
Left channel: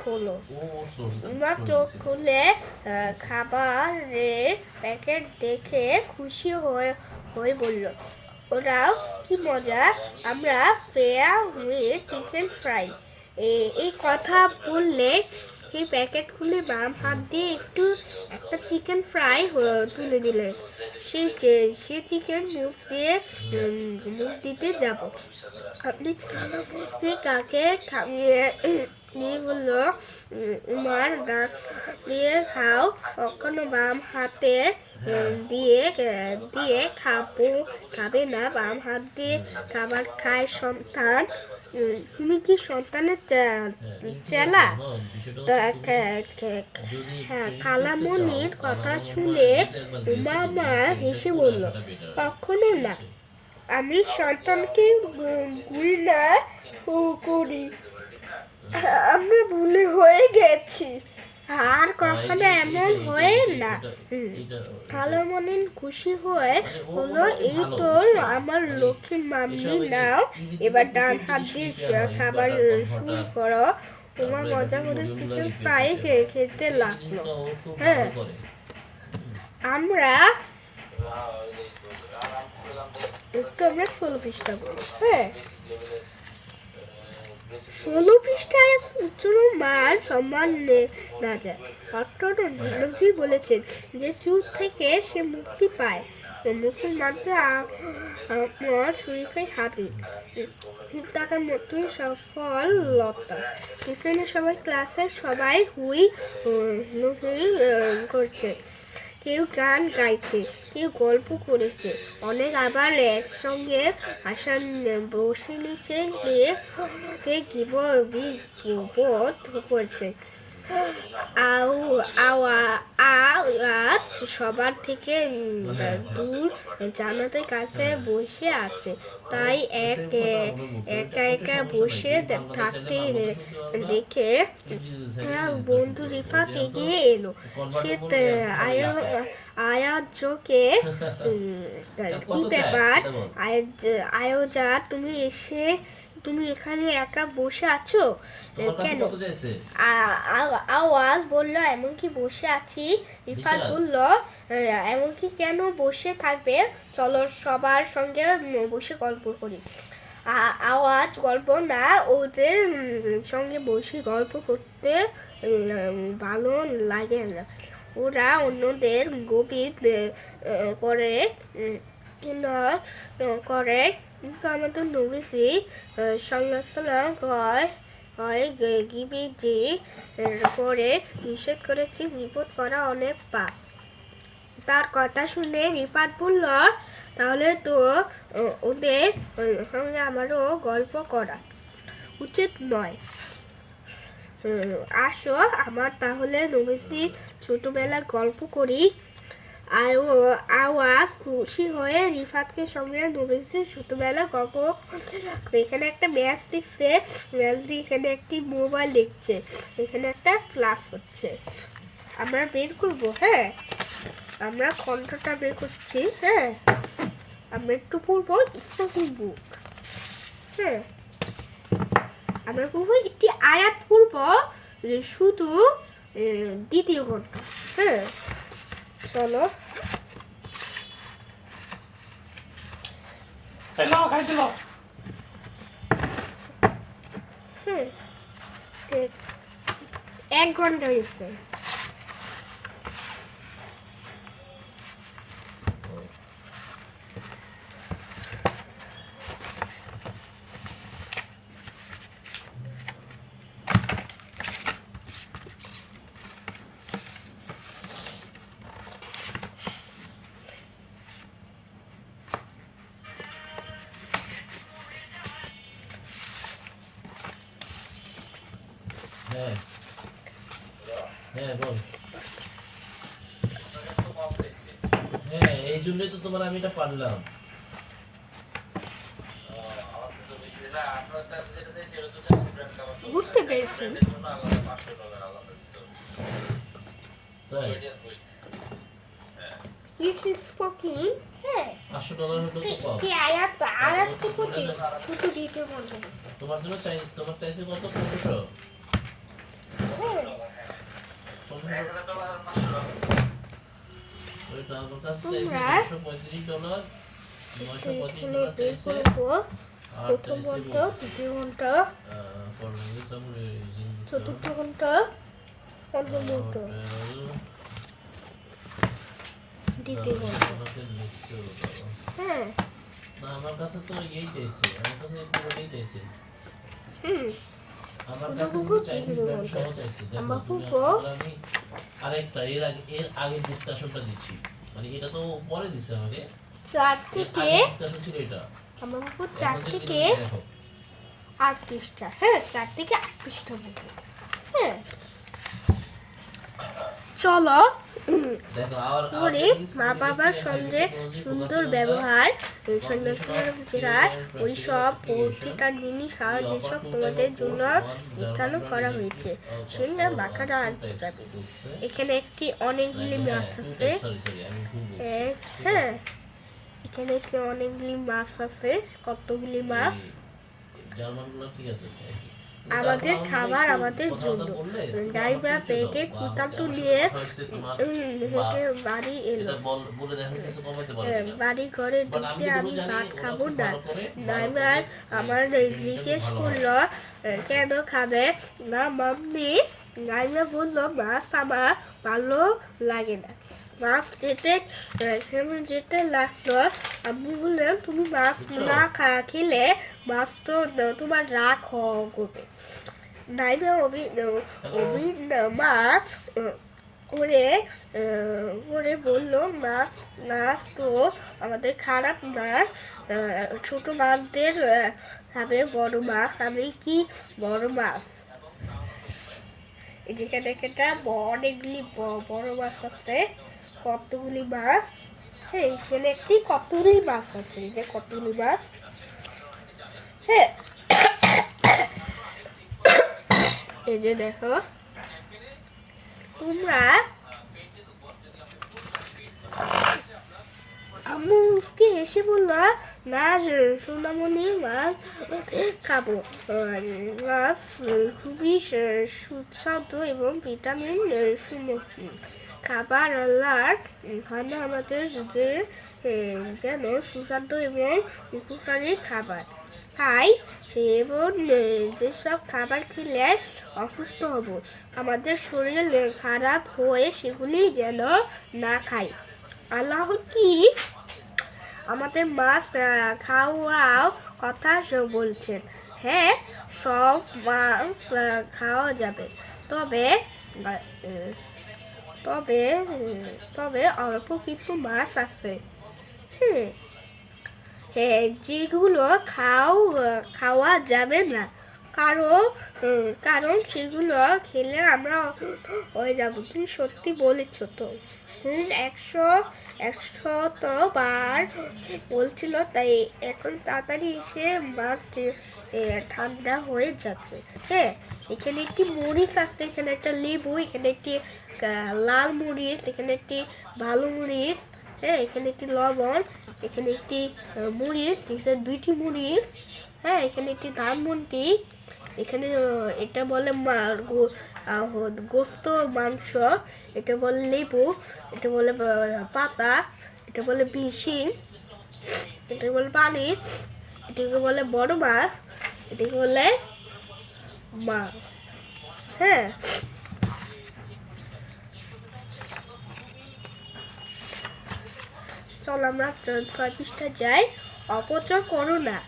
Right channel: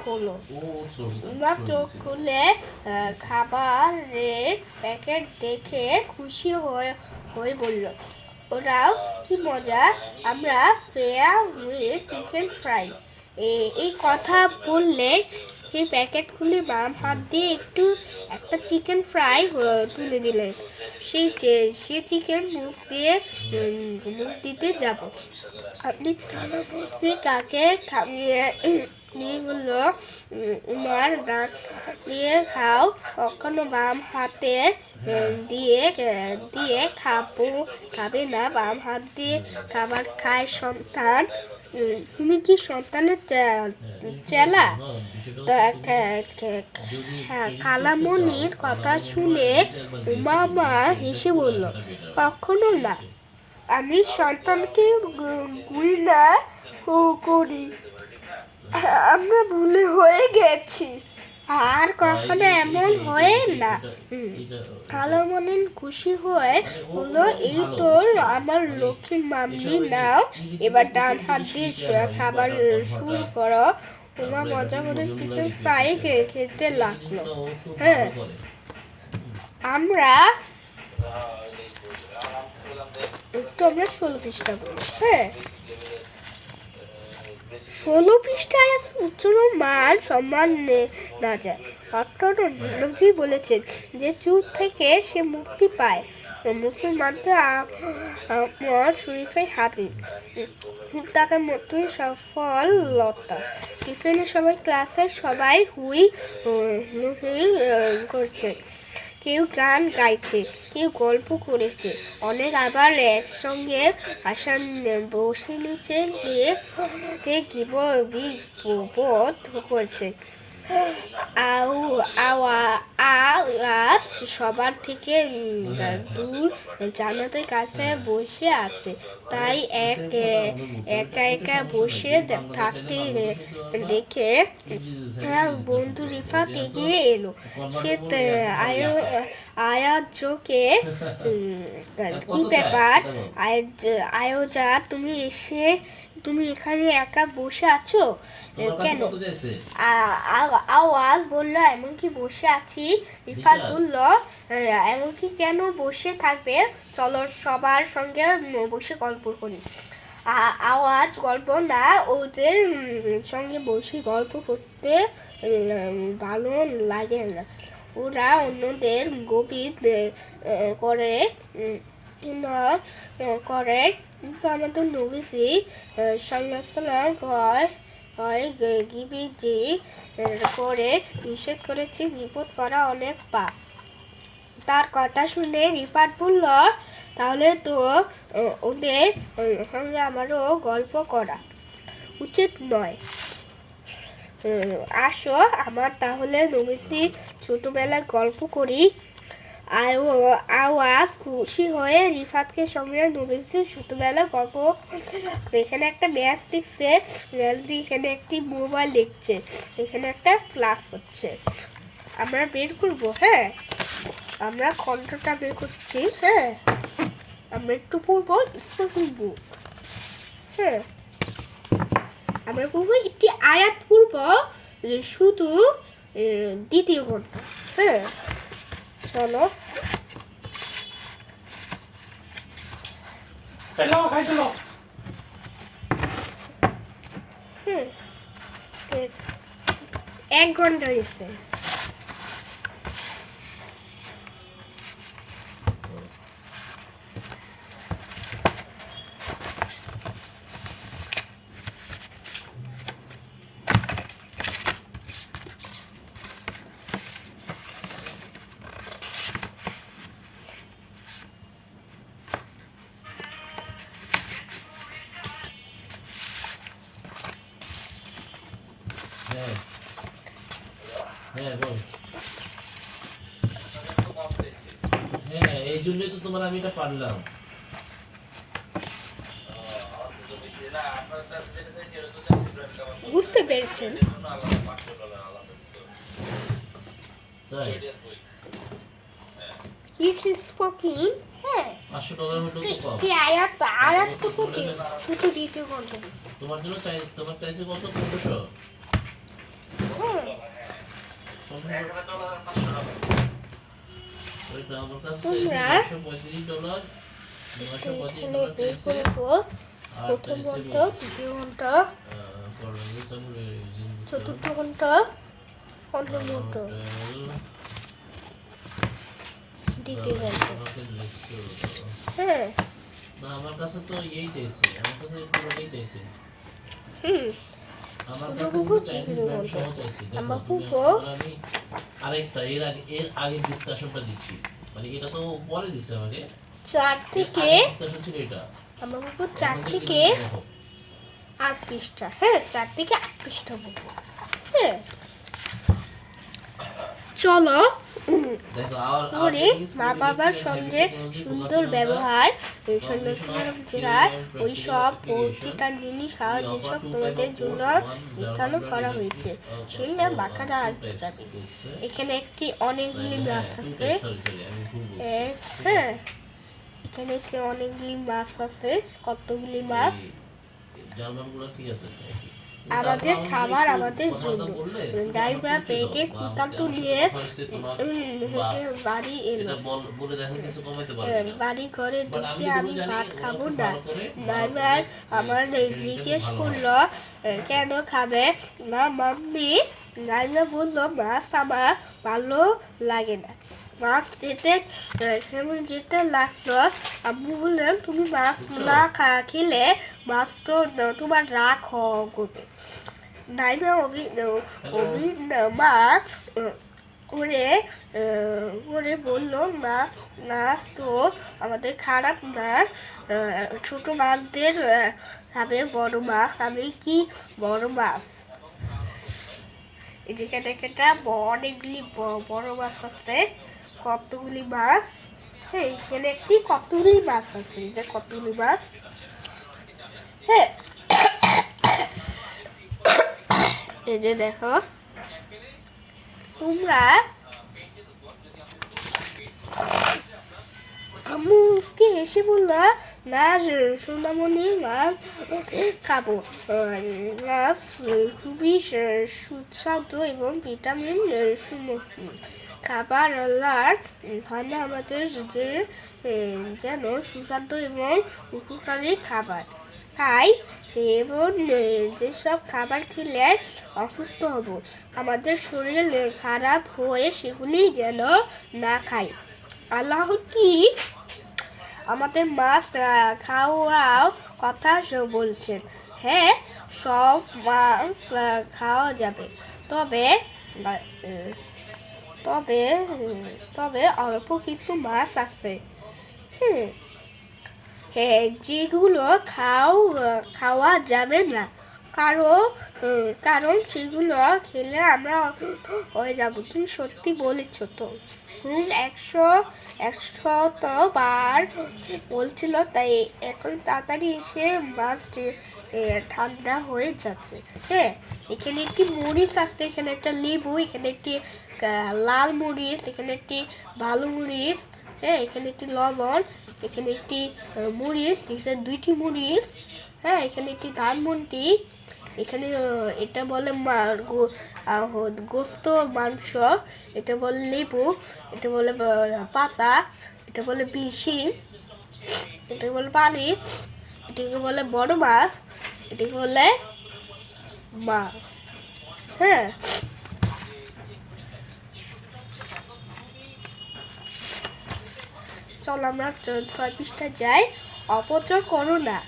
খোলো। উমা চোখ খুলে খাবারের প্যাকেট দেখে খুশি হয়ে বলল, ওরাও কি মজা, আমরা ফেয়া উইথ চিকেন ফ্রাই। এই কথা বললে এই প্যাকেট খুলে বাম হাত দিয়ে একটা চিকেন ফ্রাই তুলে দিলেন। সে চিকেন মুখ দিতে যাব। আপনি কাকে খাইয়ে নিয়ে বলল, উমার ডাক দিয়ে খাও, কখনো বাম হাতে দিয়ে খাবে না, বাম হাত দিয়ে খাবার খায় শয়তান। তুমি কি সন্তানের চেলা? খালামণির কথা শুনে উমামা হেসে বলল, কখনো না, আমি সন্তানকে ঘৃণা করি, আমরা ভুলে হয়ে গেছি, আর কখনো এমন হয় না। খালামণি খুশি হয়ে বলল, এই তো আমার লক্ষ্মী মাম্মি, নাও এবার ডান হাত দিয়ে খাবার শুরু করো। উমা মজা করে চিকেন ফ্রাই খেতে লাগলো। হ্যাঁ, আমরা 16 পৃষ্ঠা পড়ি। হ্যাঁ, 16 পৃষ্ঠায় উচ্চারণ মান সম্মান না যায়। অর্থনবজি বলেছেন যে চুপ থেকে সে মুক্তি পায়। মুসলমানদের আমার শরীফের হাদিস। তার মতোই সফলতা। টিফিনের সময় ক্লাসের সবাই হুই করছে, কেউ গান গাইছে, কেউ গল্প করেছে, অনেক আবার একসঙ্গে বসে নিচে বোধ করছে। আওয়াজ সবার থেকে দূর জান্নাতের কাছে বসে আছে, তাই একা বসে থাকতে দেখে বন্ধু রিফাত এগিয়ে এলো। সে আয়াজকে, কি ব্যাপার আয়োজা, তুমি এখানে একা বসে আছো কেন? আওয়াজ বলল, এমনকি বসে আছি। রিফাত বলল, এমনকি কেন বসে থাকবে, চলো সবার সঙ্গে বসে গল্প করি। আওয়াজ গল্প না, ওদের সঙ্গে বসে গল্প করতে ভালো লাগে না। ওরা অন্যদের গভীর করে করে, কিন্তু আমাদের নবীজি সাল্লাল্লাহু গিবিজি করে নিষেধ করেছে, বিপদ করা অনেক পাপ। তার কথা শুনে রিফাত বলল, তাহলে তো ওদের সঙ্গে আমারও গল্প করা উচিত নয়। আসো আমার তাহলে নবীজি ছোটবেলায় গল্প করি। আর আওয়াজ খুশি হয়ে রিফাতকে সঙ্গে নবীজি ছোটবেলায় গল্প। এখানে একটা ম্যাচ দেখছে, ম্যাচ দিয়ে এখানে একটি মোবাইল দেখছে, এখানে একটা ক্লাস হচ্ছে। আমরা বের করবো, হ্যাঁ আমরা কণ্ঠটা বের করছি। হ্যাঁ আমরা একটু পড়বো স্পোকেন বুক। হ্যাঁ আমরা পড়বো একটি আয়াত পড়বো, শুধু দ্বিতীয় ঘন্টা। হ্যাঁ চলো। হ্যাঁ 1 ঘন্টা হয়েছে। হ্যাঁ হ্যাঁ বল। হ্যাঁ এই জন্যই তো তোমার আমি এটা পারলাম। বুঝতে পেরেছেন? তাই This is spoken. হ্যাঁ $500 হলো তো পাও। কি আয়াত তো পড়তে শুধু দ্বিতীয় ঘন্টা। তোমার জন্য তোমার চাইছে কত? 1500। হ্যাঁ ওইটা আমার কাছে তোমরা চাইছে $935, $935 চাইছে। আর প্রথম চাইছে ঘন্টা, দ্বিতীয় ঘন্টা, চতুর্থ ঘন্টা, পঞ্চম ঘন্টা, দ্বিতীয় ঘন্টা। হ্যাঁ না আমার কাছে তো এই চাইছে, আমার কাছে পুরোটাই চাইছে। আমার শুধু কাছে বুবু কিন্তু চাইনিজ দ্বিতীয় ব্যাংক ঘন্টা। সহ চাইছে। আমার দেখো তুমি বুবু আমি আরেকটা এর আগে ডিসকাশনটা দিচ্ছি, মানে এটা তো পরে দিছে আমাকে। 4 থেকে ডিসকাশন ছিল এটা। আমার বুবু 4 থেকে 8 পৃষ্ঠা। হ্যাঁ 4 থেকে 8 পৃষ্ঠা বুবু। হ্যাঁ চলো দেখো আর করি মা বাবার সঙ্গে সুন্দর ব্যবহার, যেটা ওই সব প্রতিটা জিনিস খাওয়া যেসব তোমাদের জন্য নির্ধারণ করা হয়েছে, সেটা বাঁকাটা যাবে। এখানে একটি অনেকগুলি মাছ আছে। হ্যাঁ এখানে একটি অনেকগুলি মাছ আছে। কতগুলি মাছ? জার্মানগুলো ঠিক আছে। আমাদের খাবার আমাদের জন্য। ড্রাইভার পেটে কুটামটু নিয়ে হেঁটে বাড়ি এলো। বাড়ি ঘরে ঢুকে আমি ভাত খাবো না। ড্রাইভার আমার জিজ্ঞেস করলো কেন খাবে না মাম্মি? ড্রাইভার বললো মাছ আমার ভালো লাগে না। মাছ কেমন যেতে লাগলো। আম্মু বললেন তুমি মাছ না খেলে মাছ তো তোমার রাগ করবে। নাইমা মা ওরে বললো মাছ তো আমাদের খারাপ না, ছোট মাছদের খাবে বড় মাছ। আমি কি বড় মাছ? যেখানে একটা অনেকগুলি বড় মাছ আছে। কতগুলি মাছ? হ্যাঁ এখানে একটি কতগুলি মাছ আছে। যে কতগুলি মাছ? হ্যাঁ এই যে দেখো তোমরা। আম্মুকে এসে বললো না সোনামণি মাছ খাবো। মাছ খুবই সুস্বাদু এবং ভিটামিন সমৃদ্ধ খাবার। আল্লাহর খানা আমাদের যেন সুস্বাদু এবং উপকারী খাবার। খাই এবং যেসব খাবার খেলে অসুস্থ হব, আমাদের শরীর খারাপ হয়ে সেগুলি যেন না খাই। আল্লাহ কি আমাদের মাছ খাওয়াও কথা বলছেন। হ্যাঁ, সব মাছ খাওয়া যাবে, তবে আহ, তবে তবে অল্প কিছু মাছ আছে, হ্যাঁ হ্যাঁ, যেগুলো খাওয়া যাবে না, কারণ সেগুলো খেলে আমরা অসুস্থ হয়ে যাব। তুমি সত্যি বলেছ তো। 100বার বলছিল, তাই এখন তাড়াতাড়ি এসে মাছটি ঠান্ডা হয়ে যাচ্ছে। হ্যাঁ, এখানে একটি মরিচ আছে, এখানে একটা লেবু, এখানে একটি লাল মরিচ, এখানে একটি ভালো মরিচ, হ্যাঁ এখানে একটি লবণ, এখানে একটি মরিচ, এখানে 2টি মরিচ, হ্যাঁ এখানে একটি ধানমন্ডি, এখানে এটা বলে গোস্ত মাংস, এটা বলে লেবু, এটা বলে পাতা, এটা বলে বিশি, এটাকে বলে পানি, এটাকে বলে বড় মাছ, এটাকে বলে মাছ। হ্যাঁ, চলো আমরা 6 পৃষ্ঠা যাই। অপচয় করো না।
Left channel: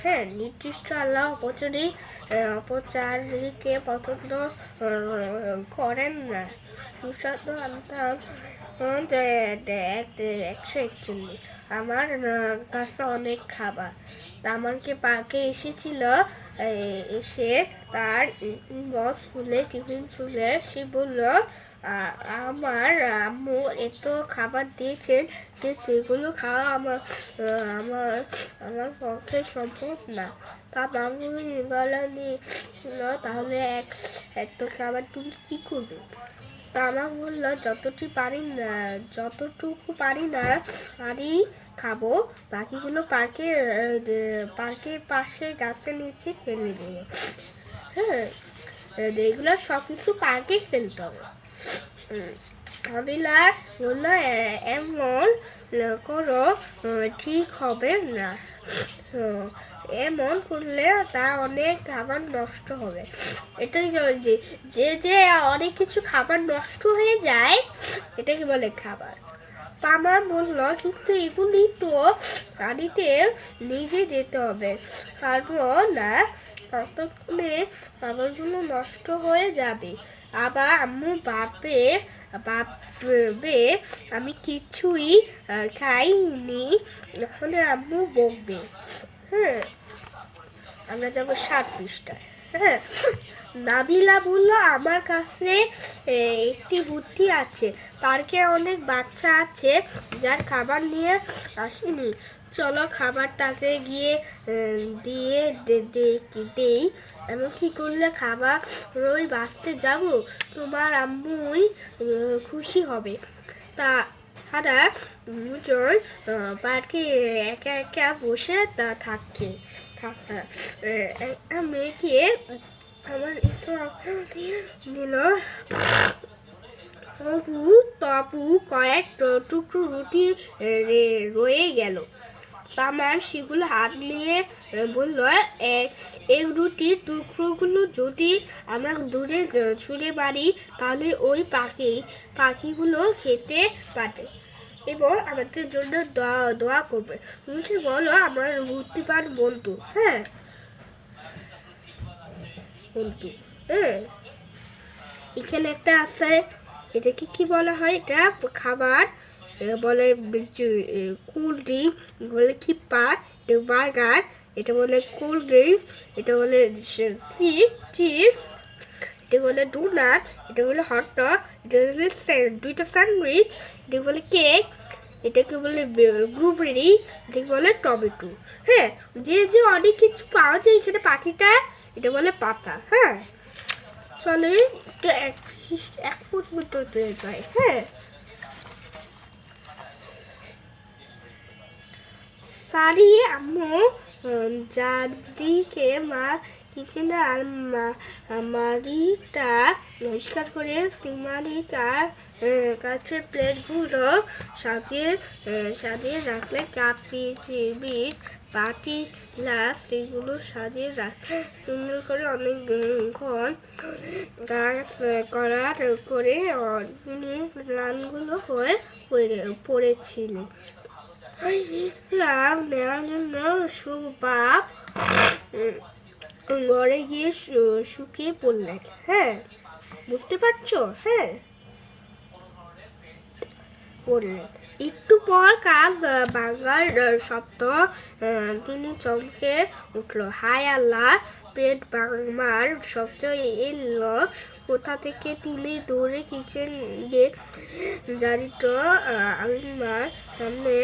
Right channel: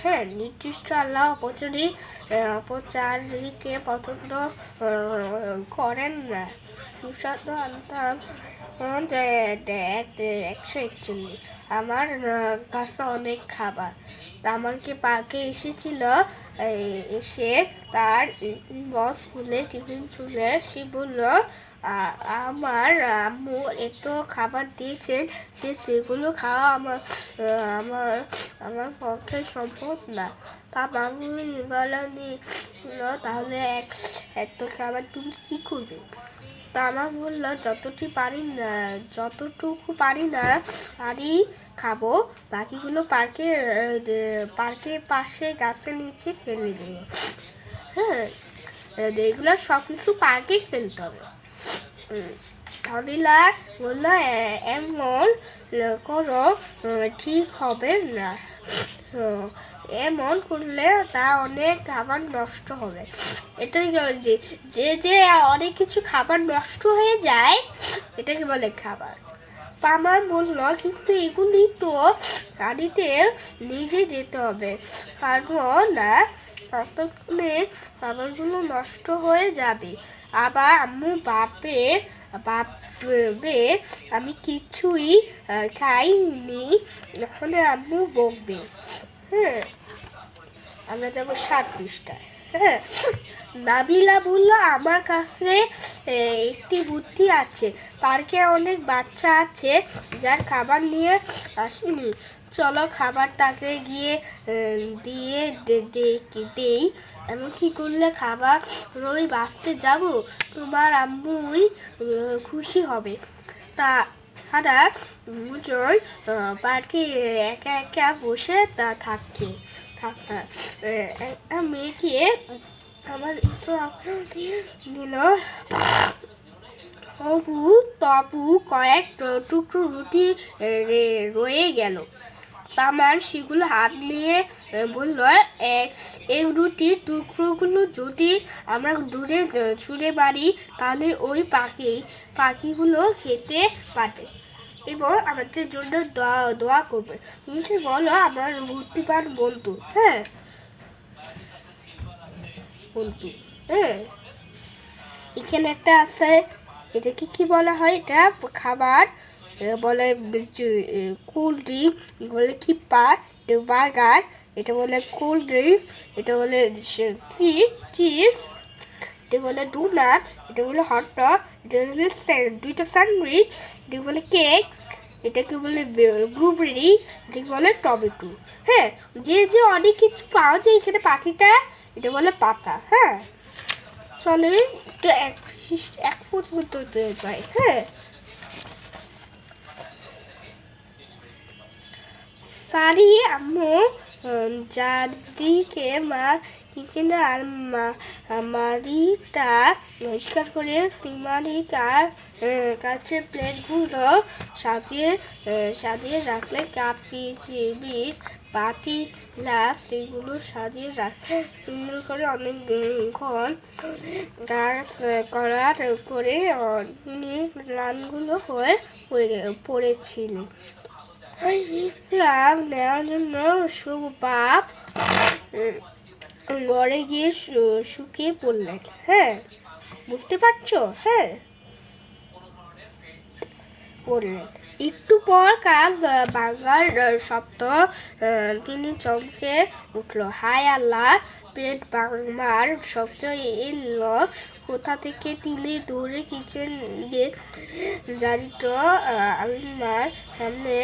হ্যাঁ, নির্দিষ্ট আল্লাহ অপচারীকে পছন্দ করেন না। সুস্বাদু আনতাম 141। আমার কাছে অনেক খাবার। আমাকে পার্কে এসেছিল, এসে তার বক্স খুলে টিফিন খুলে সে বলল, আমার আম্মু এত খাবার দিয়েছেন যে সেগুলো খাওয়া আমার আমার পক্ষে সম্ভব না। তা মামু বলেনি, তাহলে এত খাবার তুমি কি করবে? আমার বললো, যতটুকু পারি না আরই খাবো, বাকিগুলো পার্কের পাশে গাছের নিচে ফেলে দেবো। হ্যাঁ, এগুলো সব কিছু পার্কেই ফেলতে হবে। আবিলা বললো, এমন করো ঠিক হবে না, এমন করলে তা অনেক খাবার নষ্ট হবে। এটাই যে অনেক কিছু খাবার নষ্ট হয়ে যায়, এটাকে বলে খাবার। তা আমার বললো, কিন্তু এগুলি তো গাড়িতে নিজে যেতে হবে, পারবো না, ততক্ষণে খাবারগুলো নষ্ট হয়ে যাবে। আবার আম্মু ভাববে আমি কিছুই খাইনি, তাহলে আম্মু বকবে। হ্যাঁ, আমরা যাবো 7 পৃষ্ঠায়। হ্যাঁ, নাবিলা বলল, আমার কাছে একটি বুদ্ধি আছে। পার্কে অনেক বাচ্চা আছে যার খাবার নিয়ে আসেনি। চলো খাবার তাকে গিয়ে দিয়ে দেই। এমন কি করলে খাবার ওই বাঁচতে যাব, তোমার আম্মুই খুশি হবে। তারা দুজন পার্কে একা একা বসে থাকে। মেয়েকে আমার নিল। তবু কয়েক টুকরো রুটি রয়ে গেল। তামার সেগুলো হাত নিয়ে বলল, এই রুটির টুকরোগুলো যদি আমরা দূরে ছুঁড়ে মারি, তাহলে ওই পাখিগুলো খেতে পারবে এবং আমাদের জন্য দোয়া করবে। তুমি বলো, আমার বুদ্ধিমান বন্ধু। হ্যাঁ বন্ধু, হ্যাঁ এখানে একটা আছে, এটাকে কি বলা হয়? এটা খাবার বলে কোল্ড ড্রিঙ্ক, বলে খিপ্পা, এটা বার্গার, এটা বলে কোল্ড ড্রিঙ্ক, এটা বলে চিপস, এটা বলে ডোনাট, এটা বলে হটডগ, এটা বলে 2টা স্যান্ডউইচ, এটা বলে কেক, এটাকে বলে ব্লুবেরি, এটাকে বলে টমেটো। হ্যাঁ, যে অনেক কিছু পাওয়া যায় এখানে পাখিটা, এটা বলে পাতা। হ্যাঁ, চলে এক পর্যন্ত পাই। হ্যাঁ, সারি আম্মু চারদিকে মা কিচেনে আর মারিটা পরিষ্কার করে সিমারিকার কাছের প্লেটগুলো সাজিয়ে সাজিয়ে রাখলে কাপ পিস বাটি গ্লাস এগুলো সাজিয়ে রাখলে সুন্দর করে অনেকক্ষণ কাজ করার করে তিনি রানগুলো হয়ে পড়েছিলেন। বিশ্রাম নেওয়ার জন্য সুবাব ঘরে গিয়ে শুকিয়ে পড়লেন। হ্যাঁ, বুঝতে পারছো? হ্যাঁ, পড়লেন। একটু পর কাজ ভাঙার শব্দ তিনি চমকে উঠল। হায় আল্লাহ, পেট ভাঙবার শব্দ এলো কোথা থেকে? তিনি দৌড়ে কিচেন গিয়ে জারিটো আলমার সামনে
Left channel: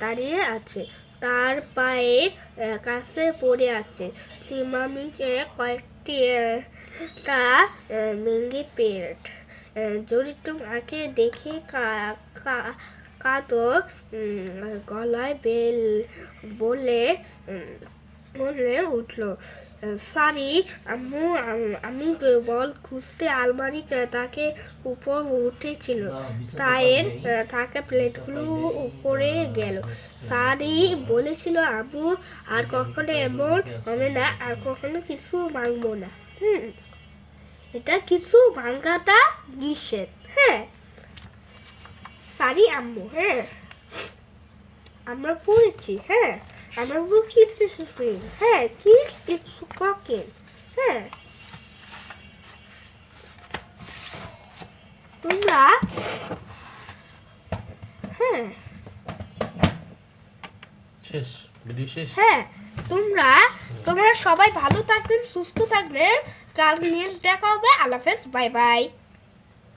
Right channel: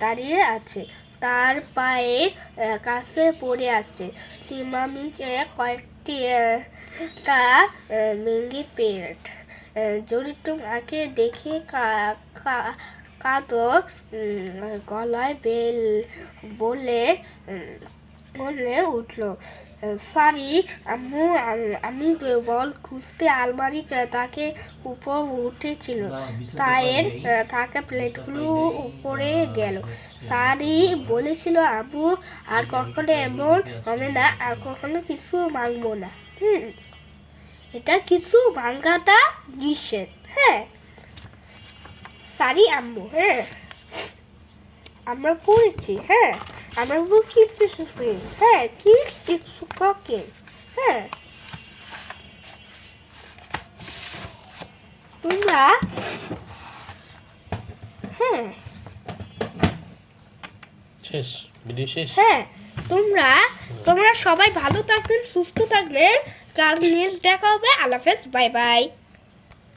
দাঁড়িয়ে আছে, তার পায়ে কাছে পড়ে আছে সিমামিকে কয়েকটি ভেঙে পেট। জড়িত মাকে দেখে কাঁদো গলায় বলে উঠল, সরি আম্মু, আমি বল খুঁজতে আলমারি তাকে উপর উঠেছিল, তাকে প্লেটগুলো উপরে গেল। সারি বলেছিল, আব্বু আর কখনো এমন হবে না, আর কখনো কিছু ভাঙবো না। এটা কিছু ভাঙাটা নিষেধ। হ্যাঁ, সারি আম্মু। হ্যাঁ, আমরা পড়েছি। হ্যাঁ, আমরা কিছু শুনি। হ্যাঁ, কিছু কাকে। হ্যাঁ, তোমরা হ্যাঁ শেষ ভিডিও শেষ। হ্যাঁ, তোমরা সবাই ভালো থাকবেন, সুস্থ থাকবেন। কাল নেক্সট দেখা হবে। আল্লাহ হাফেজ, বাই বাই।